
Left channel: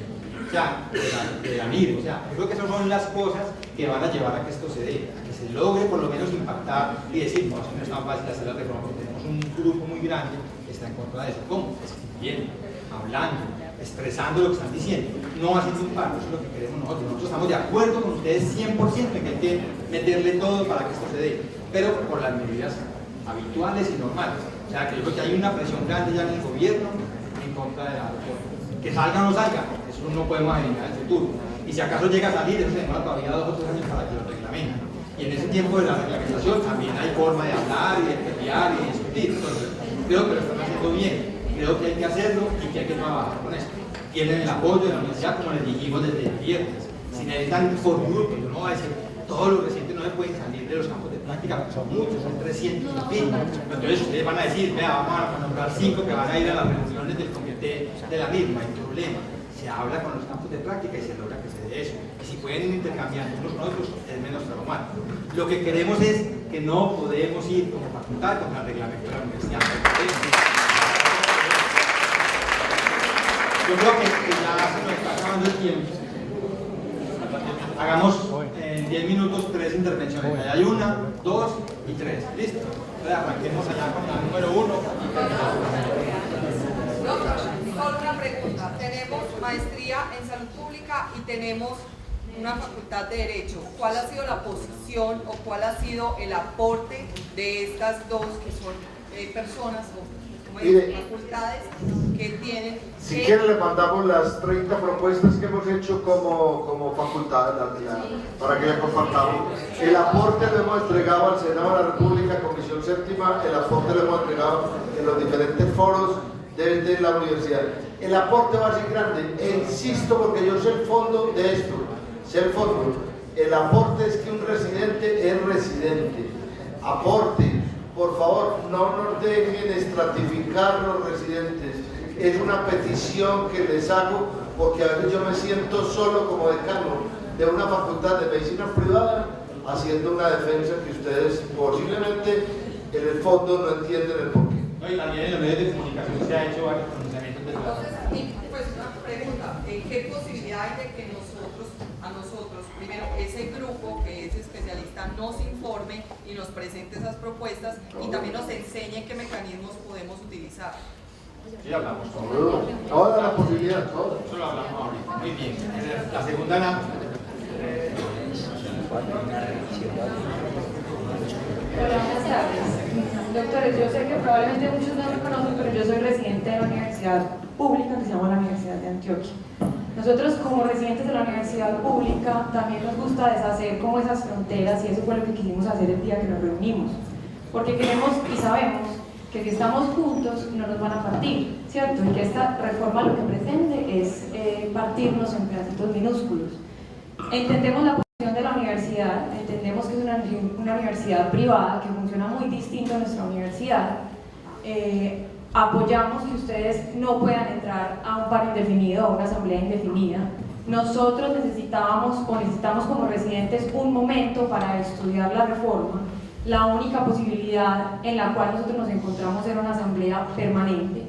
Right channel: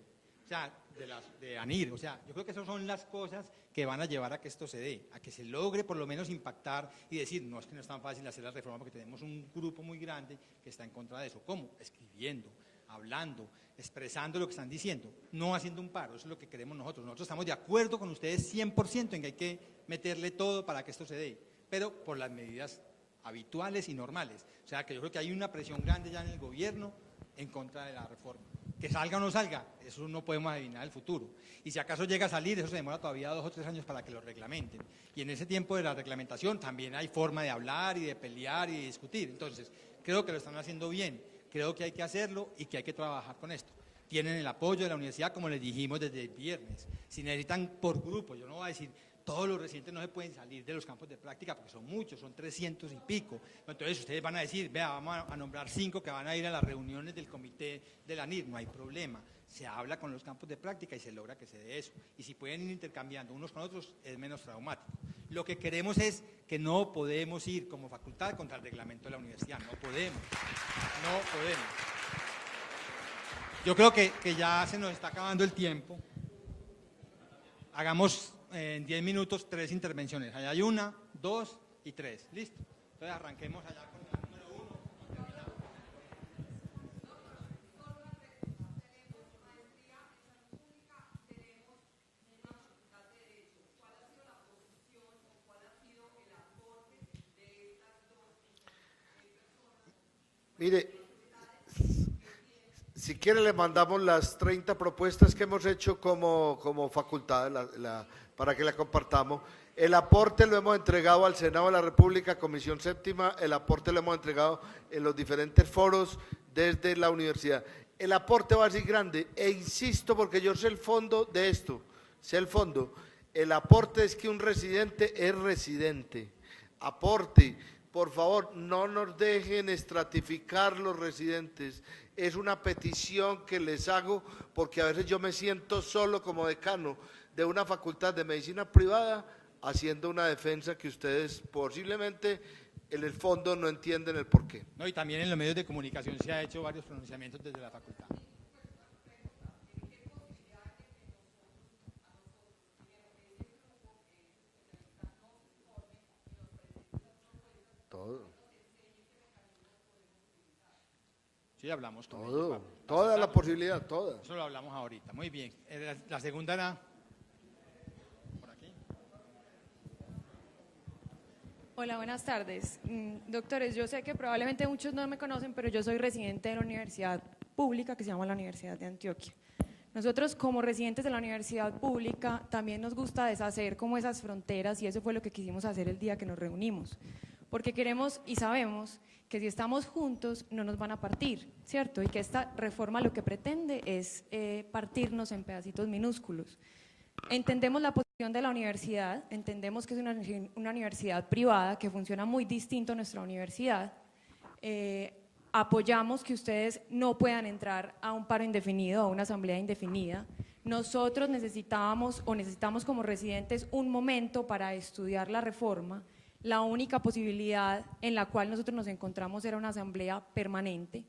o sea, de la MIR, o sea, yo creo que esas son las cosas que van a llevar a que esto se dé, a que se logre por lo menos impactar y decir, no, no es tan fácil hacer la reforma porque tenemos un grupo muy grande que está en contra de eso. ¿Cómo? Escribiendo, hablando, expresando lo que están diciendo, no haciendo un paro, eso es lo que queremos nosotros. Nosotros estamos de acuerdo con ustedes 100% en que hay que meterle todo para que esto se dé, pero por las medidas habituales y normales. O sea, que yo creo que hay una presión grande ya en el gobierno en contra de la reforma. Que salga o no salga, eso no podemos adivinar el futuro. Y si acaso llega a salir, eso se demora todavía 2 o 3 años para que lo reglamenten. Y en ese tiempo de la reglamentación también hay forma de hablar y de pelear y de discutir. Entonces, creo que lo están haciendo bien. Creo que hay que hacerlo y que hay que trabajar con esto. Tienen el apoyo de la universidad, como les dijimos desde el viernes. Si necesitan por grupo, yo no voy a decir, todos los residentes no se pueden salir de los campos de práctica, porque son muchos, son 300 y pico. Entonces ustedes van a decir, vea, vamos a nombrar 5 que van a ir a las reuniones del comité de la misma, hay problema. Se habla con los campos de práctica y se logra que se dé eso. Y si pueden intercambiar unos con otros, es menos traumático. Lo que queremos es que no podemos ir como facultad contra el reglamento de la universidad. Yo creo que ya se nos está acabando el tiempo. Hagamos en 10 minutos 3 intervenciones. Allá hay 1, 2 y 3. ¿Listo? Entonces arranquemos allá con la número 1. Solo una pregunta. Tenemos maestría en salud pública y tenemos una facultad de Derecho. ¿Cuál ha sido la posición o cuál ha sido el aporte de estas dos que son personas o facultades que tienen? Si quieren le mandamos las 30 propuestas que hemos hecho como facultad para que ya compartamos. El aporte lo hemos entregado al Senado de la República, Comisión Séptima, el aporte lo hemos entregado en los diferentes foros desde la universidad. El aporte va a ser grande, e insisto porque yo sé el fondo de esto, sé el fondo. El aporte es que un residente es residente. Aporte, por favor, no nos dejen estratificar los residentes. Es una petición que les hago porque a veces yo me siento solo como decano de una facultad de medicina privada haciendo una defensa que ustedes posiblemente en el fondo no entienden el porqué. No, y también en los medios de comunicación se ha hecho varios pronunciamientos de la... Entonces, pues una pregunta, ¿qué posibilidad hay de que a nosotros, primero, ese grupo que es especialista nos informe y nos presente esas propuestas y también nos enseñe qué mecanismos podemos utilizar? Sí, hablamos. Toda la posibilidad, toda. Eso lo hablamos ahorita. Muy bien. La segunda era... Hola, buenas tardes. Doctores, yo sé que probablemente muchos no me conocen, pero yo soy residente de la universidad pública que se llama la Universidad de Antioquia. Nosotros como residentes de la universidad pública también nos gusta deshacer como esas fronteras y eso fue lo que quisimos hacer el día que nos reunimos. Porque queremos y sabemos que si estamos juntos no nos van a partir, ¿cierto? Y que esta reforma lo que pretende es partirnos en pedacitos minúsculos. Entendemos la posición de la universidad, entendemos que es una universidad privada que funciona muy distinto a nuestra universidad. Apoyamos que ustedes no puedan entrar a un paro indefinido o a una asamblea indefinida. Nosotros necesitamos como residentes un momento para estudiar la reforma. La única posibilidad en la cual nosotros nos encontramos era una asamblea permanente.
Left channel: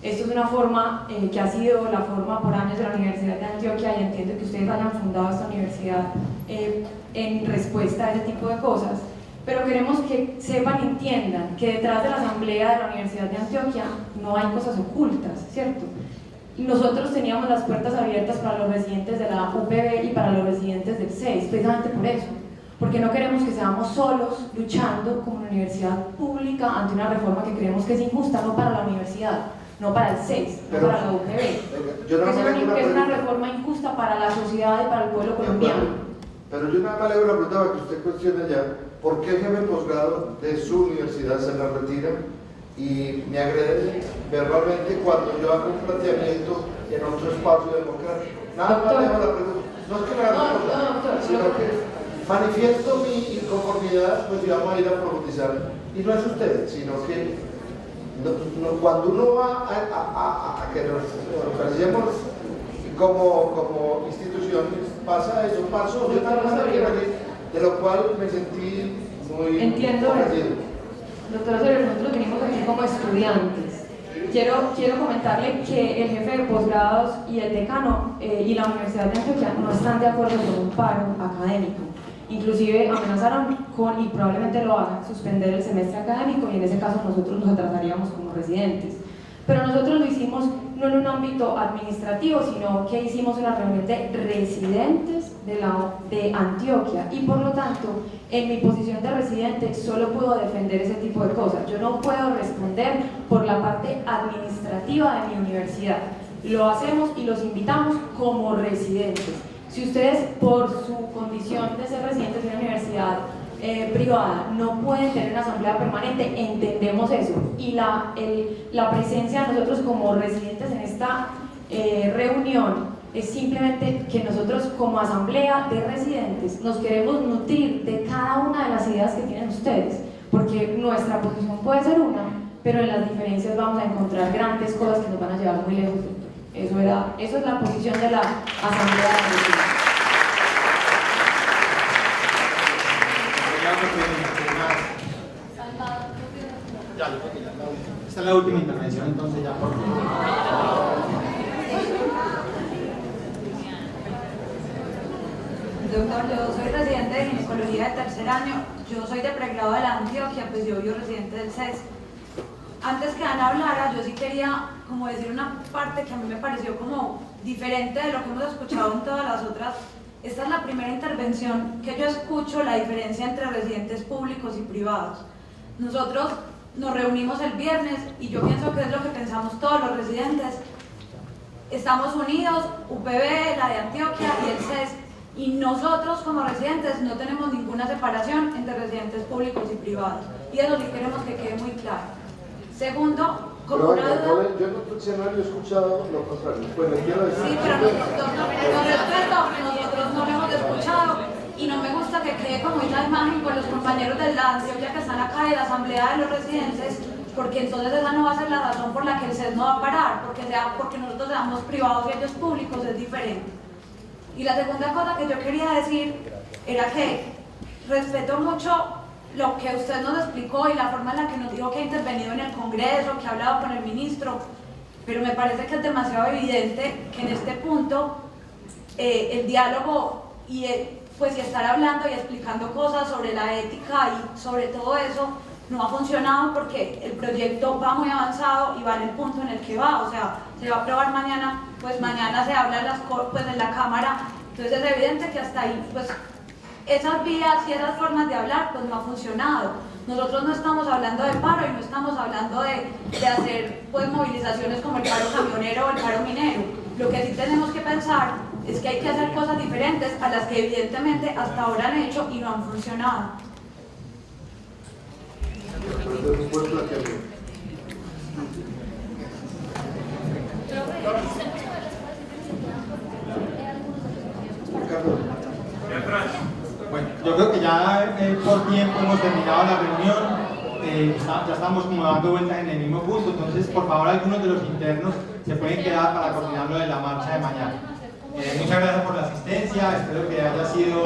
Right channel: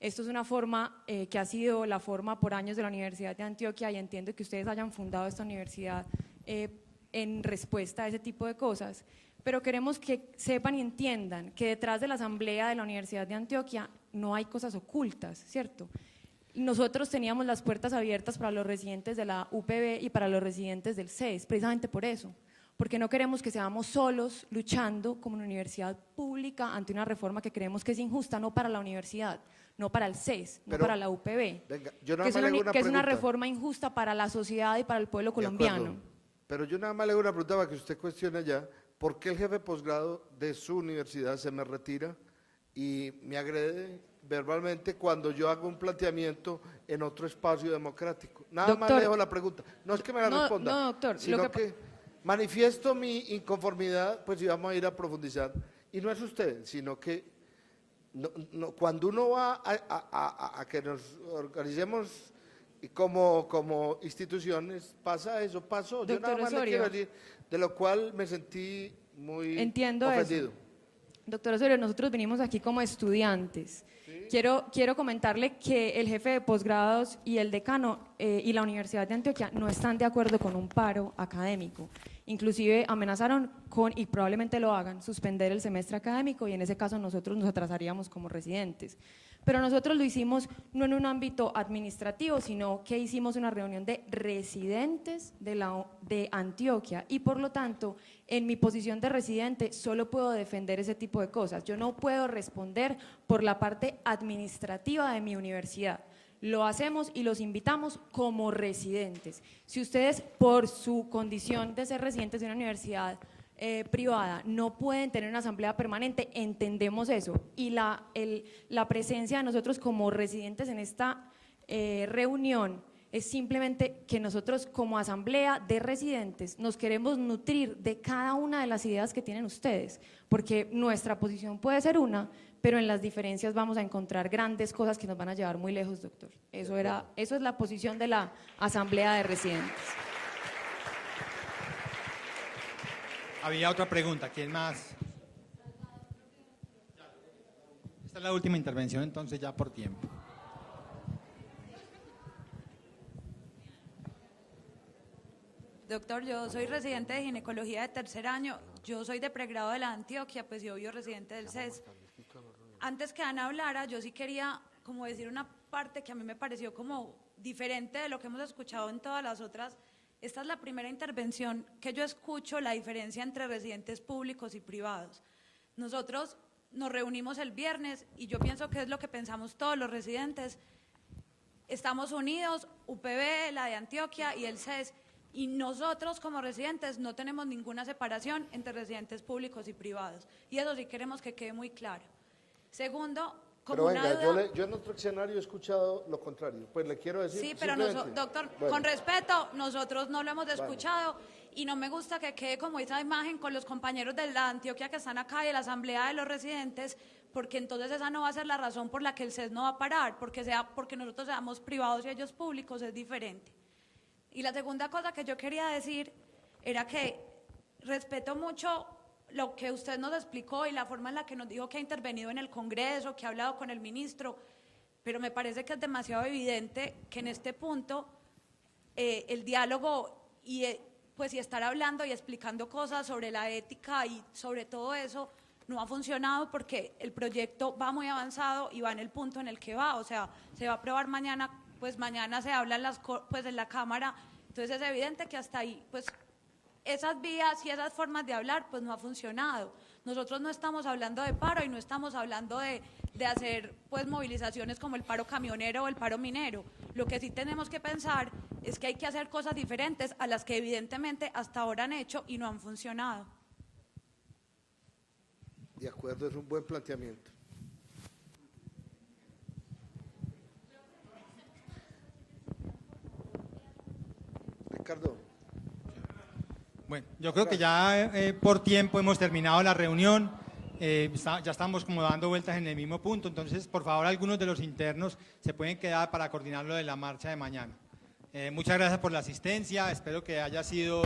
Esto es una forma que ha sido la forma por años de la Universidad de Antioquia y entiendo que ustedes hayan fundado esta universidad en respuesta a ese tipo de cosas, pero queremos que sepan y entiendan que detrás de la asamblea de la Universidad de Antioquia no hay cosas ocultas, ¿cierto? Nosotros teníamos las puertas abiertas para los residentes de la UPB y para los residentes del CES, precisamente por eso, porque no queremos que seamos solos luchando como una universidad pública ante una reforma que creemos que es injusta, no para la universidad, no para el CES, no para la UPB, que es una reforma injusta para la sociedad y para el pueblo colombiano. Pero yo nada más le hago una pregunta para que usted cuestione ya, ¿por qué el jefe de posgrado de su universidad se la retira y me agrede verbalmente cuando yo hago un planteamiento en otro espacio democrático? Nada más le hago la pregunta. No es que me haga la pregunta, sino que manifiesto mi inconformidad, pues íbamos a ir a profundizar. Y no es usted, sino que cuando uno va a que nos organicemos como instituciones, pasa eso, pasó, de lo cual me sentí muy ofendido. Doctor Osorio, nosotros venimos aquí como estudiantes. Quiero comentarle que el jefe de posgrados y el decano y la Universidad de Antioquia no están de acuerdo con un paro académico. Inclusive amenazaron con, y probablemente lo hagan, suspender el semestre académico, y en ese caso nosotros nos atrasaríamos como residentes. Pero nosotros lo hicimos no en un ámbito administrativo, sino que hicimos una reunión de residentes de Antioquia, y por lo tanto, en mi posición de residente solo puedo defender ese tipo de cosas. Yo no puedo responder por la parte administrativa de mi universidad. Lo hacemos y los invitamos como residentes. Si ustedes, por su condición de ser residentes de una universidad privada, no pueden tener una asamblea permanente, entendemos eso, y la presencia de nosotros como residentes en esta reunión es simplemente que nosotros como asamblea de residentes nos queremos nutrir de cada una de las ideas que tienen ustedes, porque nuestra posición puede ser una, pero en las diferencias vamos a encontrar grandes cosas que nos van a llevar muy lejos. Eso es la posición de la asamblea de residentes. Esta es la última intervención, entonces ya por Doctor, yo soy residente de ginecología de tercer año, yo soy de pregrado de la Antioquia, pues yo vivo residente del CES. Antes que Ana hablara, yo sí quería como decir una parte que a mí me pareció como diferente de lo que hemos escuchado en todas las otras. Esta es la primera intervención que yo escucho la diferencia entre residentes públicos y privados. Nosotros nos reunimos el viernes y yo pienso que es lo que pensamos todos los residentes. Estamos unidos, UPB, la de Antioquia y el CES, y nosotros como residentes no tenemos ninguna separación entre residentes públicos y privados. Y eso sí queremos que quede muy claro. Segundo, como una duda... Yo en otro escenario he escuchado lo contrario. Pues le quiero decir... Sí, pero con respeto, nosotros no lo hemos escuchado y no me gusta que quede como una imagen con los compañeros de la Antioquia que están acá de la asamblea de los residentes, porque entonces esa no va a ser la razón por la que el CES no va a parar, porque nosotros seamos privados y ellos públicos, es diferente. Y la segunda cosa que yo quería decir era que respeto mucho lo que usted nos explicó y la forma en la que nos dijo que ha intervenido en el Congreso, que ha hablado con el ministro, pero me parece que es demasiado evidente que en este punto el diálogo y estar hablando y explicando cosas sobre la ética y sobre todo eso no ha funcionado, porque el proyecto va muy avanzado y va en el punto en el que va, o sea, se va a aprobar mañana, pues mañana se habla en la Cámara, entonces es evidente que hasta ahí, pues esas vías y esas formas de hablar pues no ha funcionado. Nosotros no estamos hablando de paro y no estamos hablando de hacer pues movilizaciones como el paro camionero o el paro minero. Lo que sí tenemos que pensar es que hay que hacer cosas diferentes a las que evidentemente hasta ahora han hecho y no han funcionado. Bueno, yo creo que ya por tiempo hemos terminado la reunión, ya estamos como dando vueltas en el mismo punto, entonces por favor algunos de los internos se pueden quedar para coordinar lo de la marcha de mañana. Muchas gracias por la asistencia, espero que haya sido